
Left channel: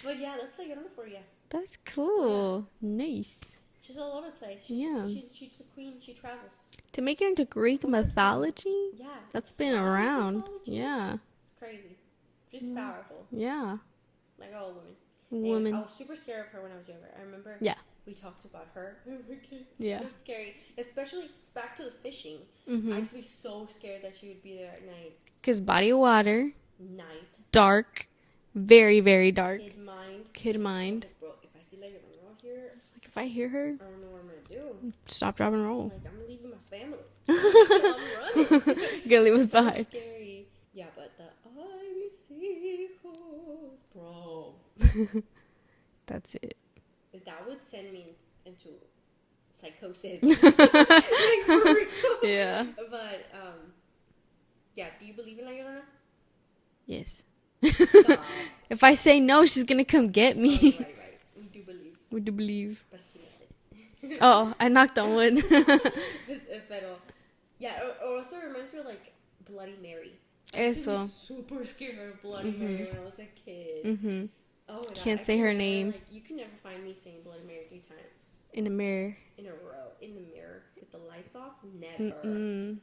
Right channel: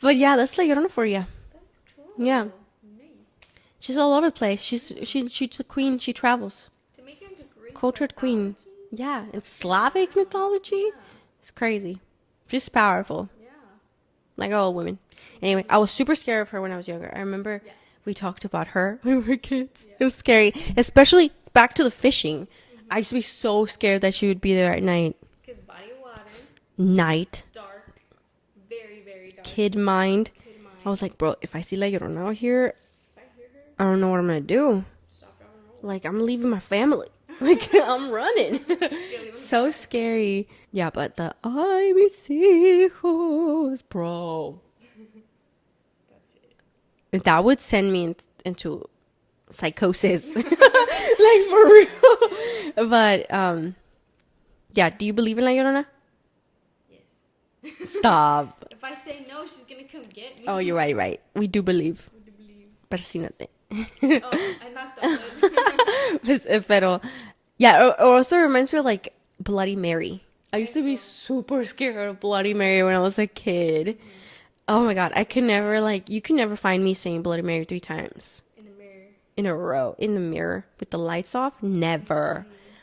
But yeah, that's La Llorona for you. That's cool. Yeah. Nice. She's all over the place. She's a queen. She travels. To make it into Greek mythology? Queen. Yeah. It's Slavic mythology. Yeah. It's crazy. She's powerful. Yeah. Like all women. Anyway, I was super scared of her when I was younger. I remember we talked about her when we were kids. Yeah. It was scary. Especially back to the fishing. Mm-hmm. I used to be so scared that she would be there at night. Because body of water. Night. Dark. Very, very dark. Kid mind. I was like, bro, if I see La Llorona out here... If I hear her, I don't know what I'm gonna do. Stop, drop, and roll. Like, I'm leaving my family. Like, I'm running. Gonna leave so scary. Yeah, but the ay mis hijos, bro. That's it. That would send me into psychosis. Like, for real. Yeah. But yeah. Do you believe in La Llorona? Yes. Stop. If I say no, she's gonna come get me. Oh, you're right. Right. We do believe. We do believe. Pero sí nothing. Oh, I knocked on wood. Pero yeah. It also reminds me of like Bloody Mary. I used to be Eso. super scared of Bloody Mary when I was a kid. Oh my god, Can't I say can her never name. you can never find me saying Bloody Mary 3 times In a mirror. in a row in the mirror with the lights off. Never.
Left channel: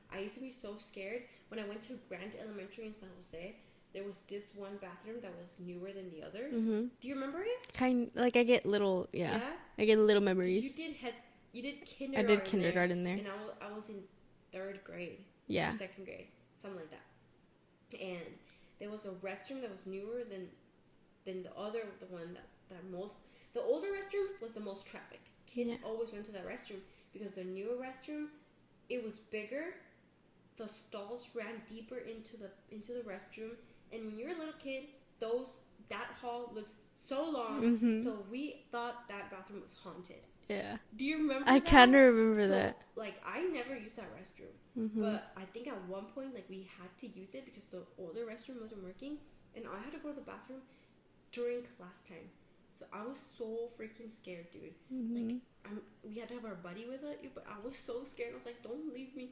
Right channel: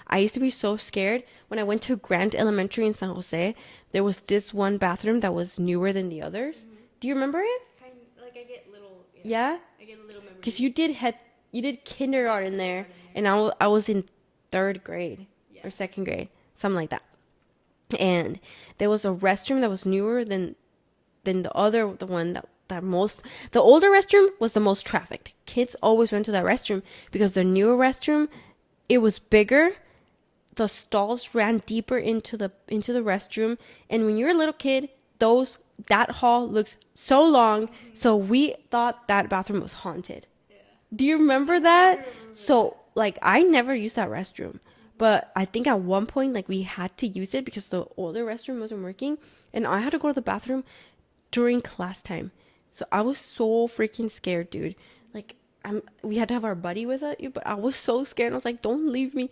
I used to be so scared when I went to Grant Elementary in San Jose. There was this one bathroom that was newer than the others. Do you remember it? Kind like I get little. Yeah. Yeah? I get little memories. Because you did kindergarten, kindergarten there, there. and I was in 3rd grade. Yeah. Or 2nd grade, something like that. And there was a restroom that was newer than the older restroom was the most trafficked. Kids always went to that restroom because the newer restroom, it was bigger. The stalls ran deeper into the restroom, and when you're a little kid, that hall looks so long. So we thought that bathroom was haunted. Yeah. Do you remember I that? kinda remember so, that. like, I never used that restroom. But I think at one point, like, we had to use it because the older restroom wasn't working. And I had to go to the bathroom during class time. So I was so freaking scared, dude. Like, we had to have our buddy with us, but I was so scared. I was like, don't leave me.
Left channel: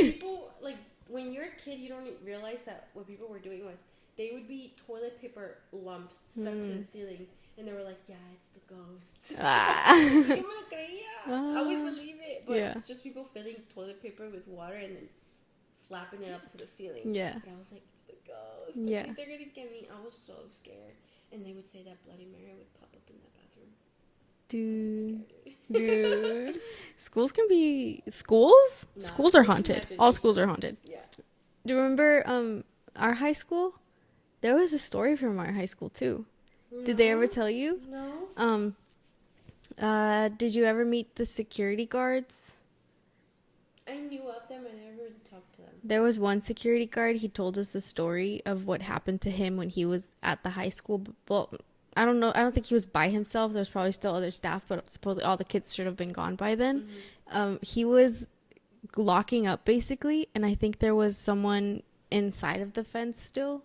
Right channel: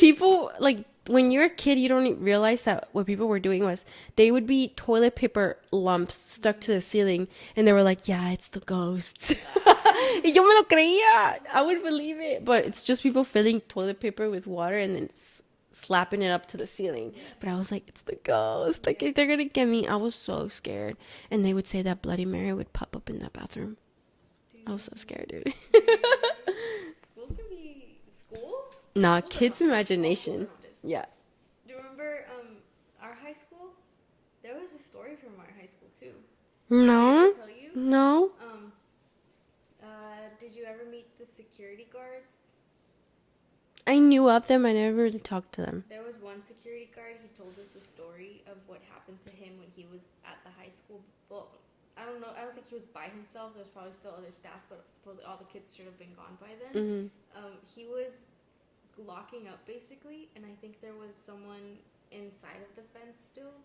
People, like, when you're a kid, you don't realize that what people were doing was they would be toilet paper lumps stuck to the ceiling, and they were like, yeah, it's the ghosts. Y yo me lo creía. I would believe it. But it's just people filling toilet paper with water and then slapping it up to the ceiling. Yeah. But I was like, it's the ghost. Like, they're going to get me. I was so scared. And they would say that Bloody Mary would pop up in that bathroom. Dude. I was so scared, dude. Dude. Schools can be schools. Nah, Schools are kids' haunted. All imagination. schools are haunted. Yeah. Do you remember our high school? There was a story from our high school too. No. Did they ever tell you? No. Did you ever meet the security guards? I knew of them. I never really talked to them. There was one security guard. He told us the story of what happened to him when he was at the high school. Well, I don't know. I don't think he was by himself. There was probably still other staff, but supposedly all the kids should have been gone by then. He was locking up basically, and I think there was someone inside of the fence still,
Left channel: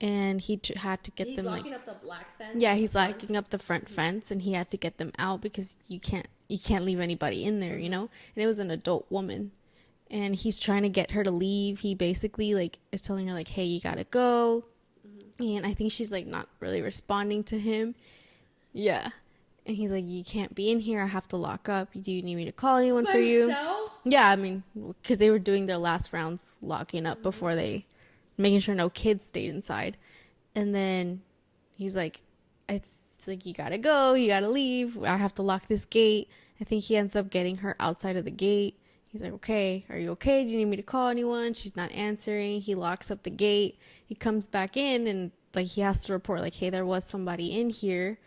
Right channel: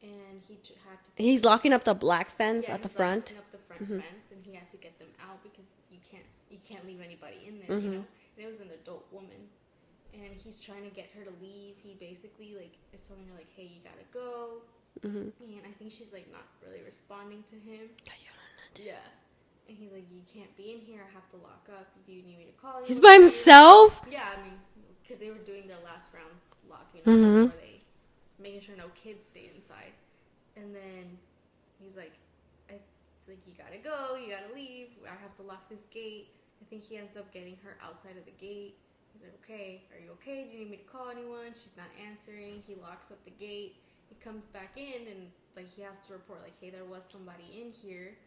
and he had to get. He's locking up the black fence. Yeah, he's locking up the front fence, and he had to get them out because you can't leave anybody in there, you know. And it was an adult woman, and he's trying to get her to leave. He basically like is telling her like, "Hey, you gotta go." And I think she's like not really responding to him. Yeah. And he's like, you can't be in here. I have to lock up. Do you need me to call anyone? He's by himself? Yeah, I mean, because they were doing their last rounds locking up before they, making sure no kids stayed inside. And then he's like, it's like, you gotta go. You gotta leave. I have to lock this gate. I think he ends up getting her outside of the gate. He's like, okay, are you okay? Do you need me to call anyone? She's not answering. He locks up the gate. He comes back in and like he has to report like, hey, there was somebody in here.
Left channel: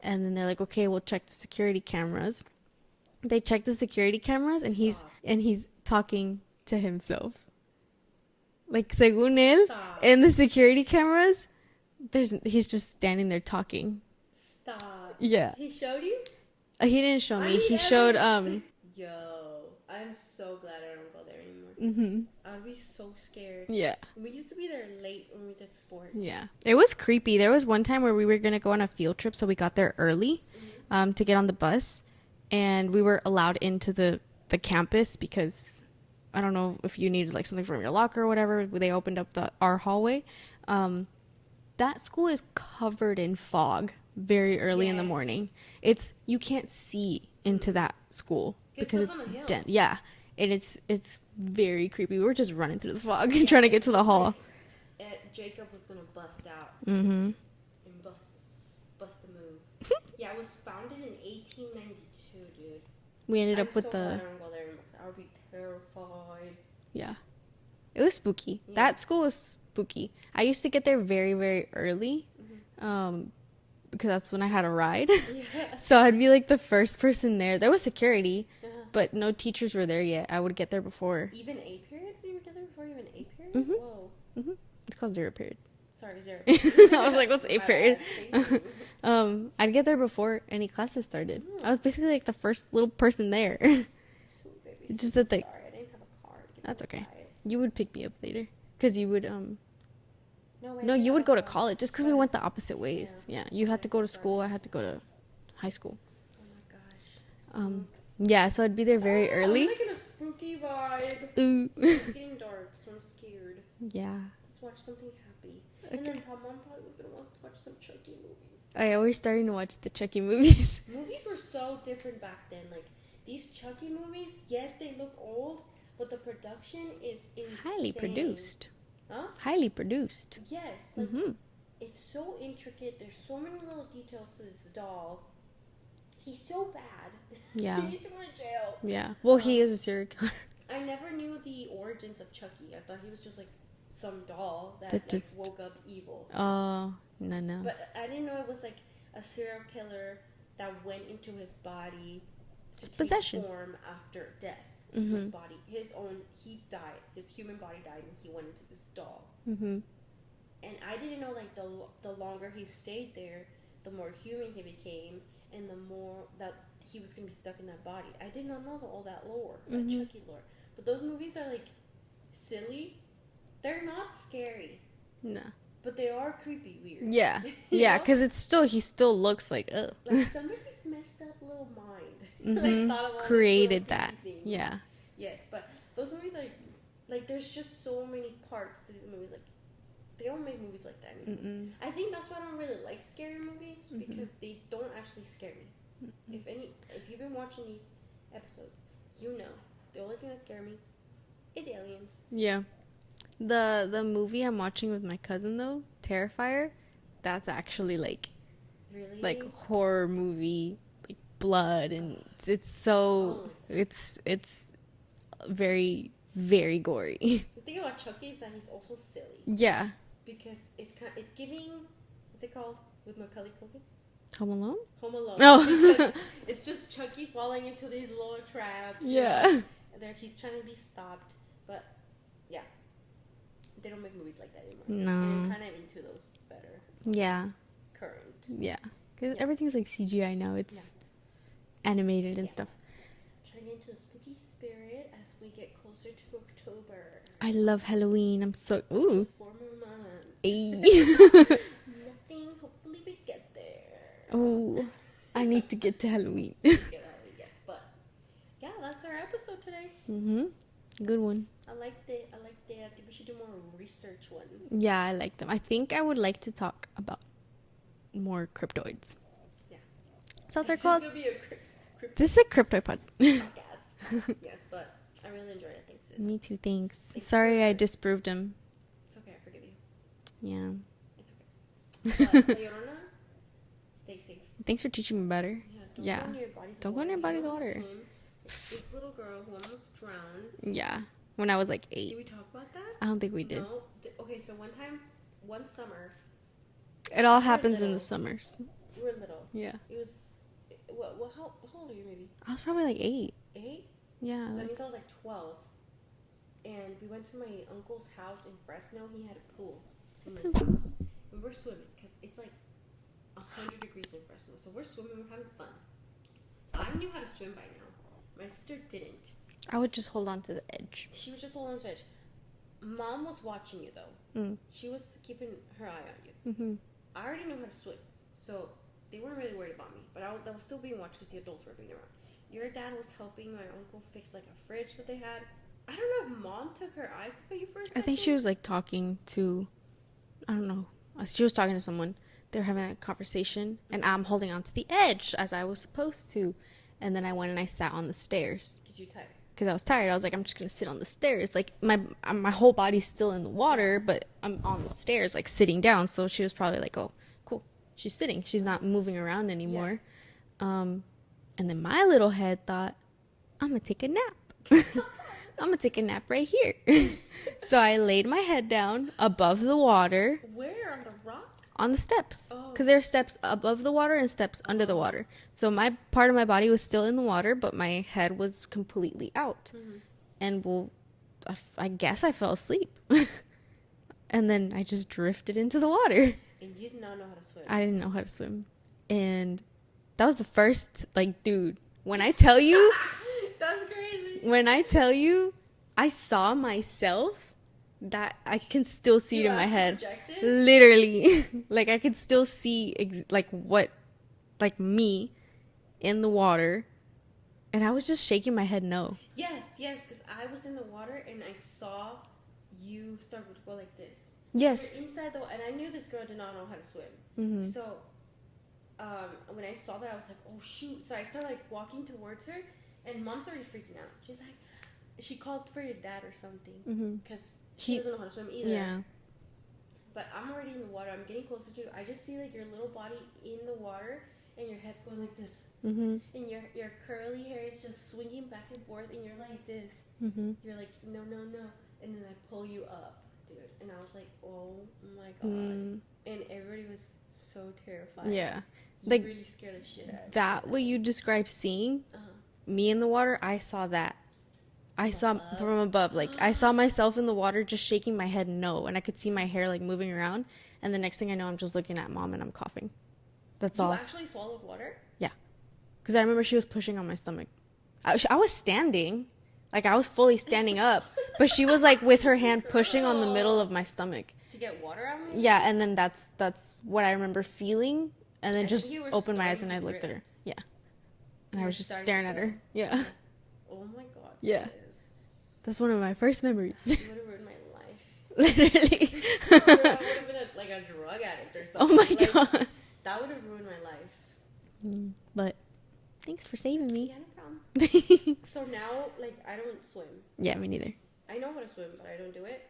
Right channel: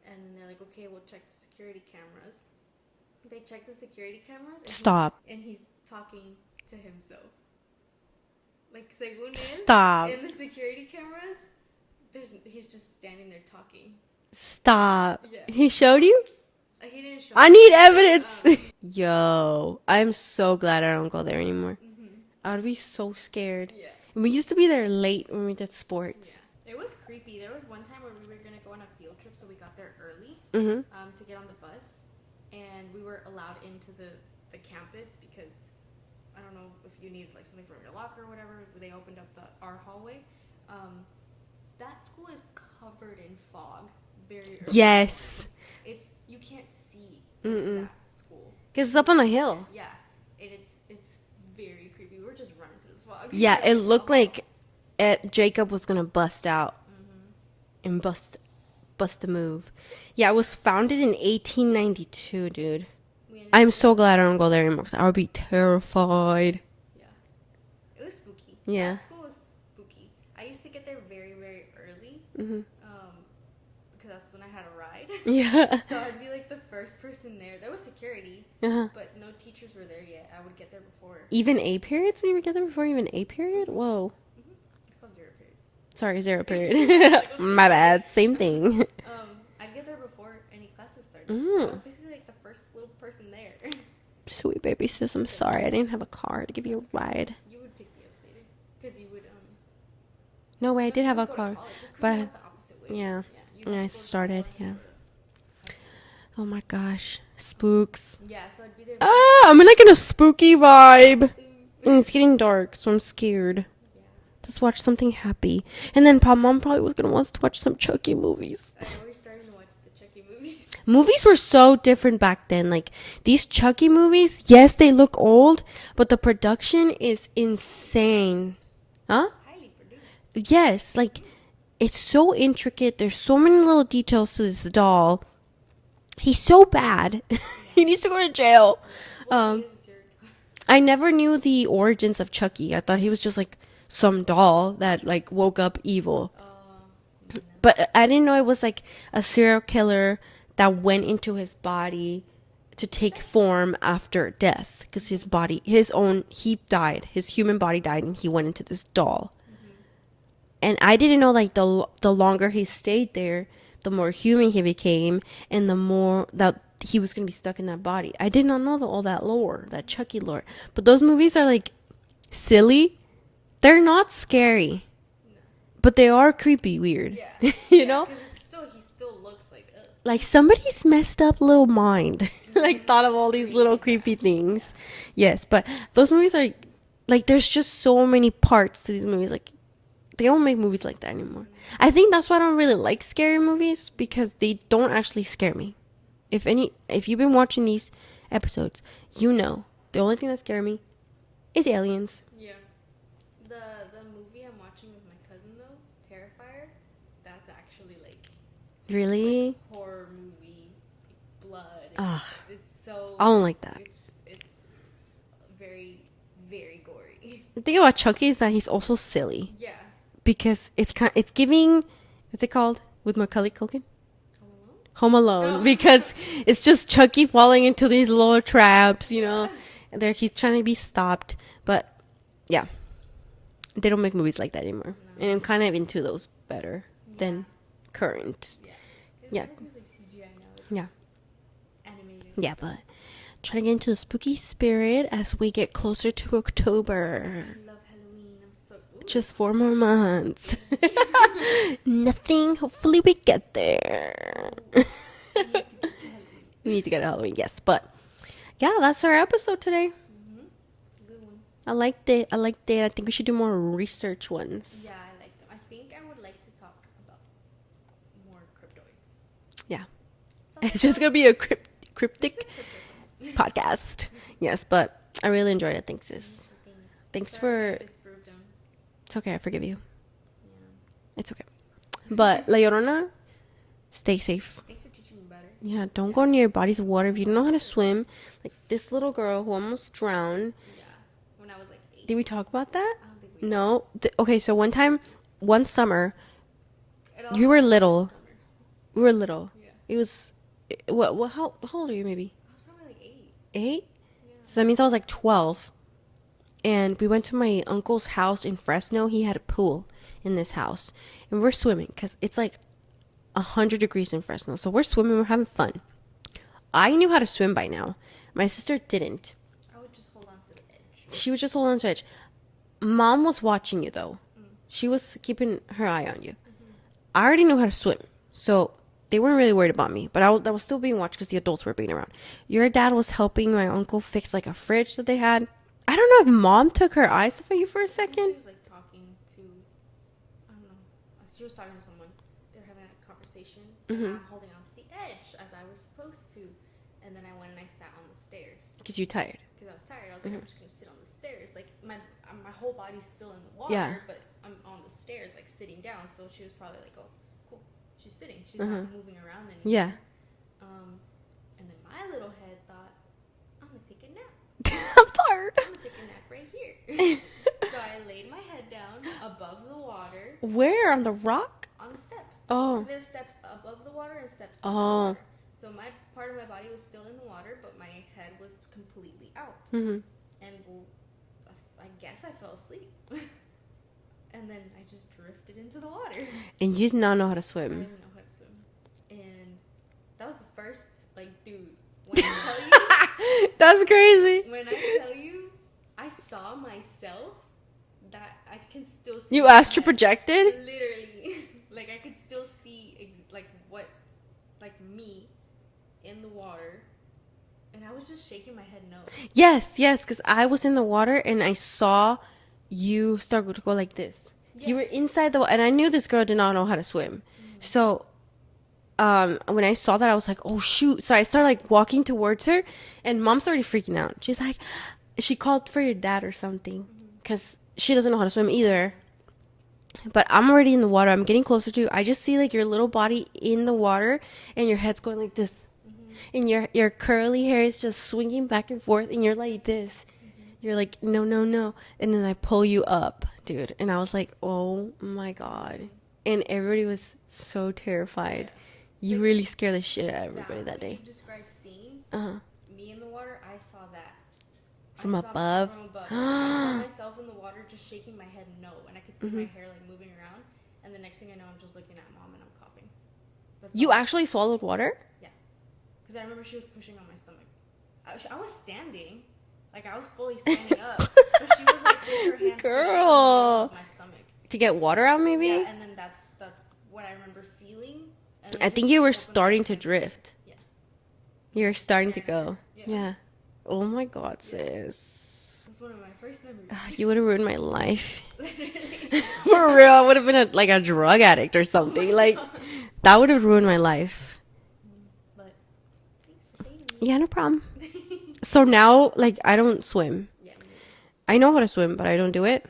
And then they're like, okay, we'll check the security cameras. They check the security cameras and he's talking to himself. Like según él, Stop. in the security cameras, he's just standing there talking. Stop. Yeah. He showed you? He didn't show me. I need He evidence. showed, Yo, I'm so glad I don't go there anymore. I would be so scared. yeah. We used to be there late when we did sports. Yeah. It was creepy. There was one time where we were going to go on a field trip, so we got there early to get on the bus. And we were allowed into the campus because I don't know if you needed like something from your locker or whatever. They opened up our hallway. That school is covered in fog very early in the morning. You can't see into that school because it's up on the hill. Dense. Yeah. And it's very creepy. We were just running through the fog. Yeah, trying to get it to the looked hall. like Jacob was gonna bust out and bust the move. Yeah, it was founded in 1892, dude. I'm so glad I don't go there anymore because I would be terrified. Yeah, it was spooky. Yeah. That school was spooky. I used to get there very, very early, because that's when I had a ride. Yeah. So I'd be like the first person there. There was security, but no teachers were there yet. I would get there before. Even A periods? You would get there before even A period? Whoa. It's called 0 period. Sorry, 0 period. I was like, what's My A bad. Same thing. I'd get there before any classes started. I was basically like the first little person there. Sweet baby Just sis, I'm that, like, sorry. I didn't have a car to give you That's a okay. ride. You would pick me up later. Because you would, No way, I no, did you have would a go car. to college. Just because But- we went the opposite ways. Yeah. Yeah. You When had I to go to started, school. I had to yeah. go to high school. Oh my gosh. Spooks. Yeah, so I'd be there very I'm early. like in a spooky vibe. Ooh. It's getting dark, so I'm scared. Yeah. Let's watch something happy. And then mom probably was going to want us to watch some Chucky movies. Oh, yeah, we're starting to watch the Chucky movies. Movies were so different back then. Like, these Chucky movies, yes, they look old, but the production is insane. Huh? Highly produced. Yes, like, it's so intricate. There's so many little details to this doll. He's so bad. Yeah. He needs to go to jail. Yeah. Well, he is a serial killer. I never knew the origins of Chucky. I thought he was just, like, some doll that, like, woke up evil. Oh, no. But I didn't know it was, like, a serial killer that went into his body to take form after death. Because his body, he died. His human body died, and he went into this doll. And I didn't know, like, the longer he stayed there, the more human he became, and the more that he was going to be stuck in that body. I did not know all that lore, that Chucky lore. But those movies are, like, silly. They're not scary. No. But they are creepy weird. Yeah. You Yeah, know? because he still looks like, ugh. Like, somebody's messed up little mind. Like, thought of all these little Created creepy that. things. Yeah. Yes, but those movies are, like, there's just so many parts to these movies. Like, they don't make movies like that anymore. I think that's why I don't really like scary movies, because they don't actually scare me. If you've been watching these episodes, you know the only thing that scares me is aliens. Yeah. The movie I'm watching with my cousin, though, Terrifier, that's actually, like Really? horror movie, like blood, and it's so I don't like that. It's very, very gory. The thing about Chucky is that he's also silly, Yeah. because it's giving, what's it called with Macaulay Culkin? Home Alone? Home Alone. Oh. Because it's just Chucky falling into these little traps, you Yeah. know. And he's trying to be stopped, but yeah, they don't make movies like that anymore. No. And I'm kind of into those better. Yeah. Than current. Yeah. Because Yeah. everything's like CGI now. It's Yeah. animated. and Yeah, stuff. but trying to get into the spooky spirit as we get closer to October. I love Halloween. I'm so Just 4 more months. Ay. Nothing. Hopefully we get there. Ooh. I need to get to Halloween. We need to get to Halloween, yes. But yeah, that's our episode today. Good one. I liked it. I think we should do more research ones. Yeah, I like them. I think I would like to talk about more cryptoids. Yeah. Sounds It's just going to be a cryptic This is a cryptopod. podcast. Yes, but I really enjoyed it. Thanks, sis. Me too. Thanks. Thanks Sorry I for- disproved him. It's okay. I forgive you. Yeah. It's okay. But La Llorona, stay safe. Thanks for teaching me better. Yeah, don't Yeah. go near bodies of Don't go water near if you don't know how to bodies of swim. Like this little girl who almost drowned. Yeah. When I was like 8. Did we talk about that? I don't think we did. No. Okay, so one summer, It all You were happens in the little. summers. we were little. Yeah. It was, how old are you maybe? I was probably like 8. 8? Yeah. So that means I was like 12. And we went to my uncle's house in Fresno. He had a pool in this house. And we're swimming because it's like 100 degrees in Fresno. So we're swimming. We're having fun. I knew how to swim by now. My sister didn't. I would just hold on to the edge. She was just holding on to edge. Mom was watching you, though. Mm. She was keeping her eye on you. Mm-hmm. I already knew how to swim. So they weren't really worried about me. But I was still being watched because the adults were being around. Your dad was helping my uncle fix like a fridge that they had. I don't know if Mom took her eyes off of you for a second. I think she was like talking to, I don't know. She was talking to someone. They were having a conversation. And I'm holding on to the edge as I was supposed to. And then I went and I sat on the stairs. Because you're tired. Because I was tired. I was like, I'm just going to sit on the stairs. Like, my whole body's still in the water, Yeah. but I'm on the stairs, like, sitting down. So she was probably like, oh, cool. She's sitting. She's not moving around anymore. Yeah. And then my little head thought, I'm going to take a nap. I'm tired. I'm going to take a nap right here. So I laid my head down above the water Where? On the rock? on the steps. Oh. Because there are steps above the water and steps under the water. So my part of my body was still in the water, but my head was completely out. Mm-hmm. And well, I guess I fell asleep. And then I just drifted into the water. And you did not know how to swim. I didn't know how to swim. And that was the first, like, dude, when I tell you, That's crazy. When I tell you, I saw myself that I can still see. You in my astral head. projected? Literally. Like, I could still see, like me in the water. And I was just shaking my head no. Yes, because I was in the water and I saw you start to go like this. Yes. You were inside the water, and I knew this girl did not know how to swim. Mm-hmm. So, when I saw that, I was like, oh, shoot. So I started, like, walking towards her, and Mom's already freaking out. She's like, she called for your dad or something, because she doesn't know how to swim either. Yeah. But I'm already in the water. I'm getting closer to you. I just see, like, your little body in the water, and your head's going like this. Mm-hmm. And your curly hair is just swinging back and forth, and you're like this. Mm-hmm. You're like, no. And then I pull you up, dude. And I was like, oh, my God. Mm. And everybody was so terrified. Yeah. You like, really scared the shit out of everybody. That what day. You described seeing, me in the water, I saw that. I saw from above. Like, I saw myself in the water just shaking my head no. And I could see my hair, like, moving around. And the next thing I know, I'm just looking at Mom and I'm coughing. That's You all. Actually swallowed water? Yeah. Because I remember she was pushing on my stomach. I was standing. Like, I was fully standing up. But she was, like, with her hand pushing on the middle of my stomach. To get water out, maybe? Yeah, and then that's what I remember feeling. And then I think you were starting to drift. Yeah. You were starting to go. Yeah. Oh, my God, sis. That's one of my first memories. You would have ruined my life. Literally. For real. I would have been a drug addict or something. Oh my God. That would have ruined my life. But thanks for saving me. Yeah, no problem. So now, like, I don't swim. Yeah, me neither. I know how to swim, but I don't do it.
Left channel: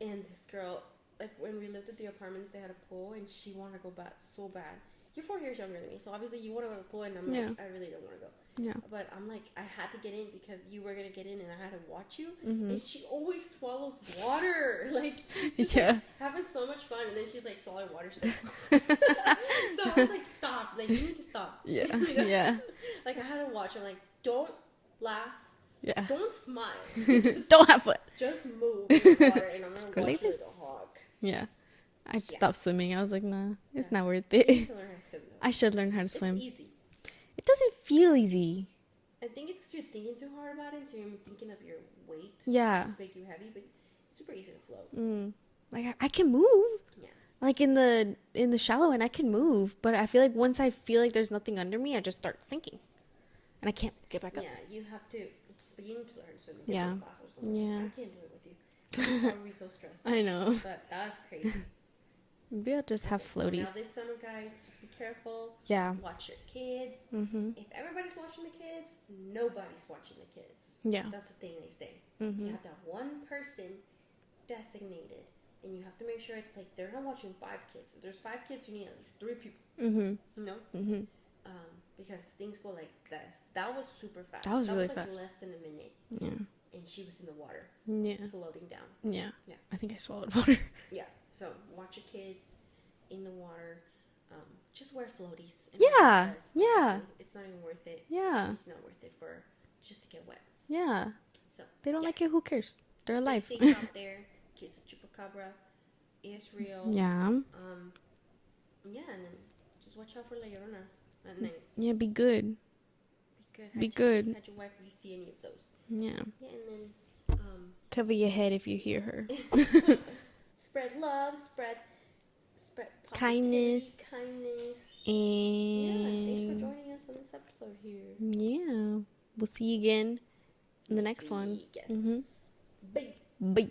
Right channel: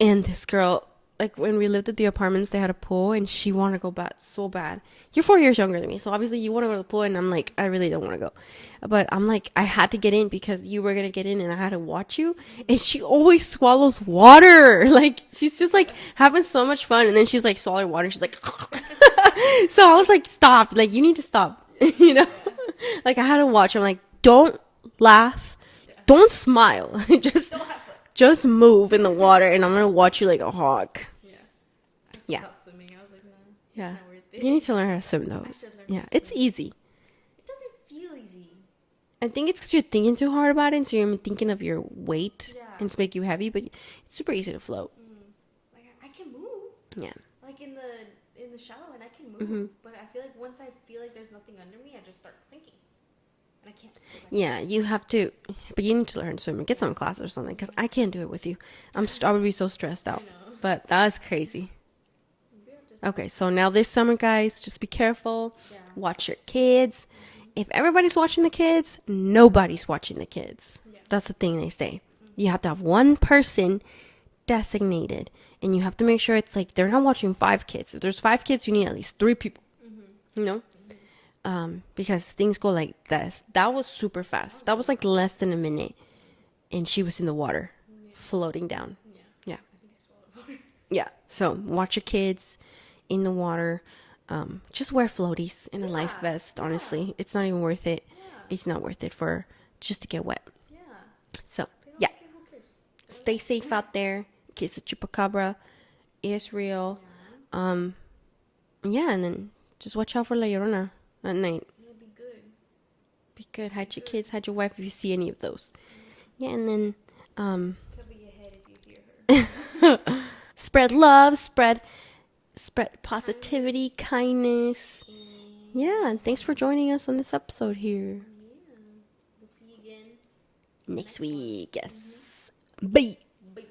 And this girl, like, when we lived at the apartments, they had a pool, and she wanted to go so bad. You're 4 years younger than me, so obviously you want to go to the pool, and I'm like, I really don't want to go. Yeah. But I'm like, I had to get in because you were going to get in, and I had to watch you. Mm-hmm. And she always swallows water. Like, she's just, like, having so much fun. And then she's, like, swallowing water. She's like, so I was like, stop. Like, you need to stop. Yeah. You know? Yeah. Like, I had to watch. I'm like, don't laugh. Yeah. Don't smile. Just don't have fun. Just move in the water, and I'm going to watch you like a hawk. Yeah. I just stopped swimming. I was like, nah, it's not worth it. You need to learn how to swim, though. I should learn how to swim. It's easy. It doesn't feel easy. I think it's because you're thinking too hard about it, and so you're thinking of your weight. Yeah. And it's make you heavy, but it's super easy to float. Like, I can move. Yeah. Like, in the shallow end, I can move. But I feel like once I feel like there's nothing under me, I just start sinking. And I can't get back up. Yeah, you have to. But you need to learn swimming. Get some classes or something, because I can't do it with you. I would be so stressed out. I know. But that's crazy. Maybe I'll just okay, so now this summer, guys, just be careful. Yeah. Watch your kids. Mm-hmm. If everybody's watching the kids, nobody's watching the kids. Yeah. That's the thing they say. Mm-hmm. You have to have one person designated. And you have to make sure it's like they're not watching 5 kids. If there's 5 kids, you need at least 3 people. Mm-hmm. You know? Mm-hmm. Because things go like this. That was super fast. That was really like fast. Less than a minute. Yeah. And she was in the water. Yeah. Floating down. Yeah. Yeah. I think I swallowed water. Yeah. So watch your kids in the water. Just wear floaties and a life vest, honestly. It's not even worth it. Yeah. It's not worth it for just to get wet. Yeah. So they don't like it, who cares? They're Stay safe out there. In case the chupacabra is real. Yeah. Yeah, and then just watch out for La Llorona at night. Yeah, be good. Be good. Hide your kids, hide your wife if you see any of those. Yeah. Yeah, and then cover your head if you hear her. Spread love, spread positivity, kindness. And yeah, and thanks for joining us on this episode here. Yeah. We'll see you again in the next week. One. Yes. Mm-hmm. Bye. Bye.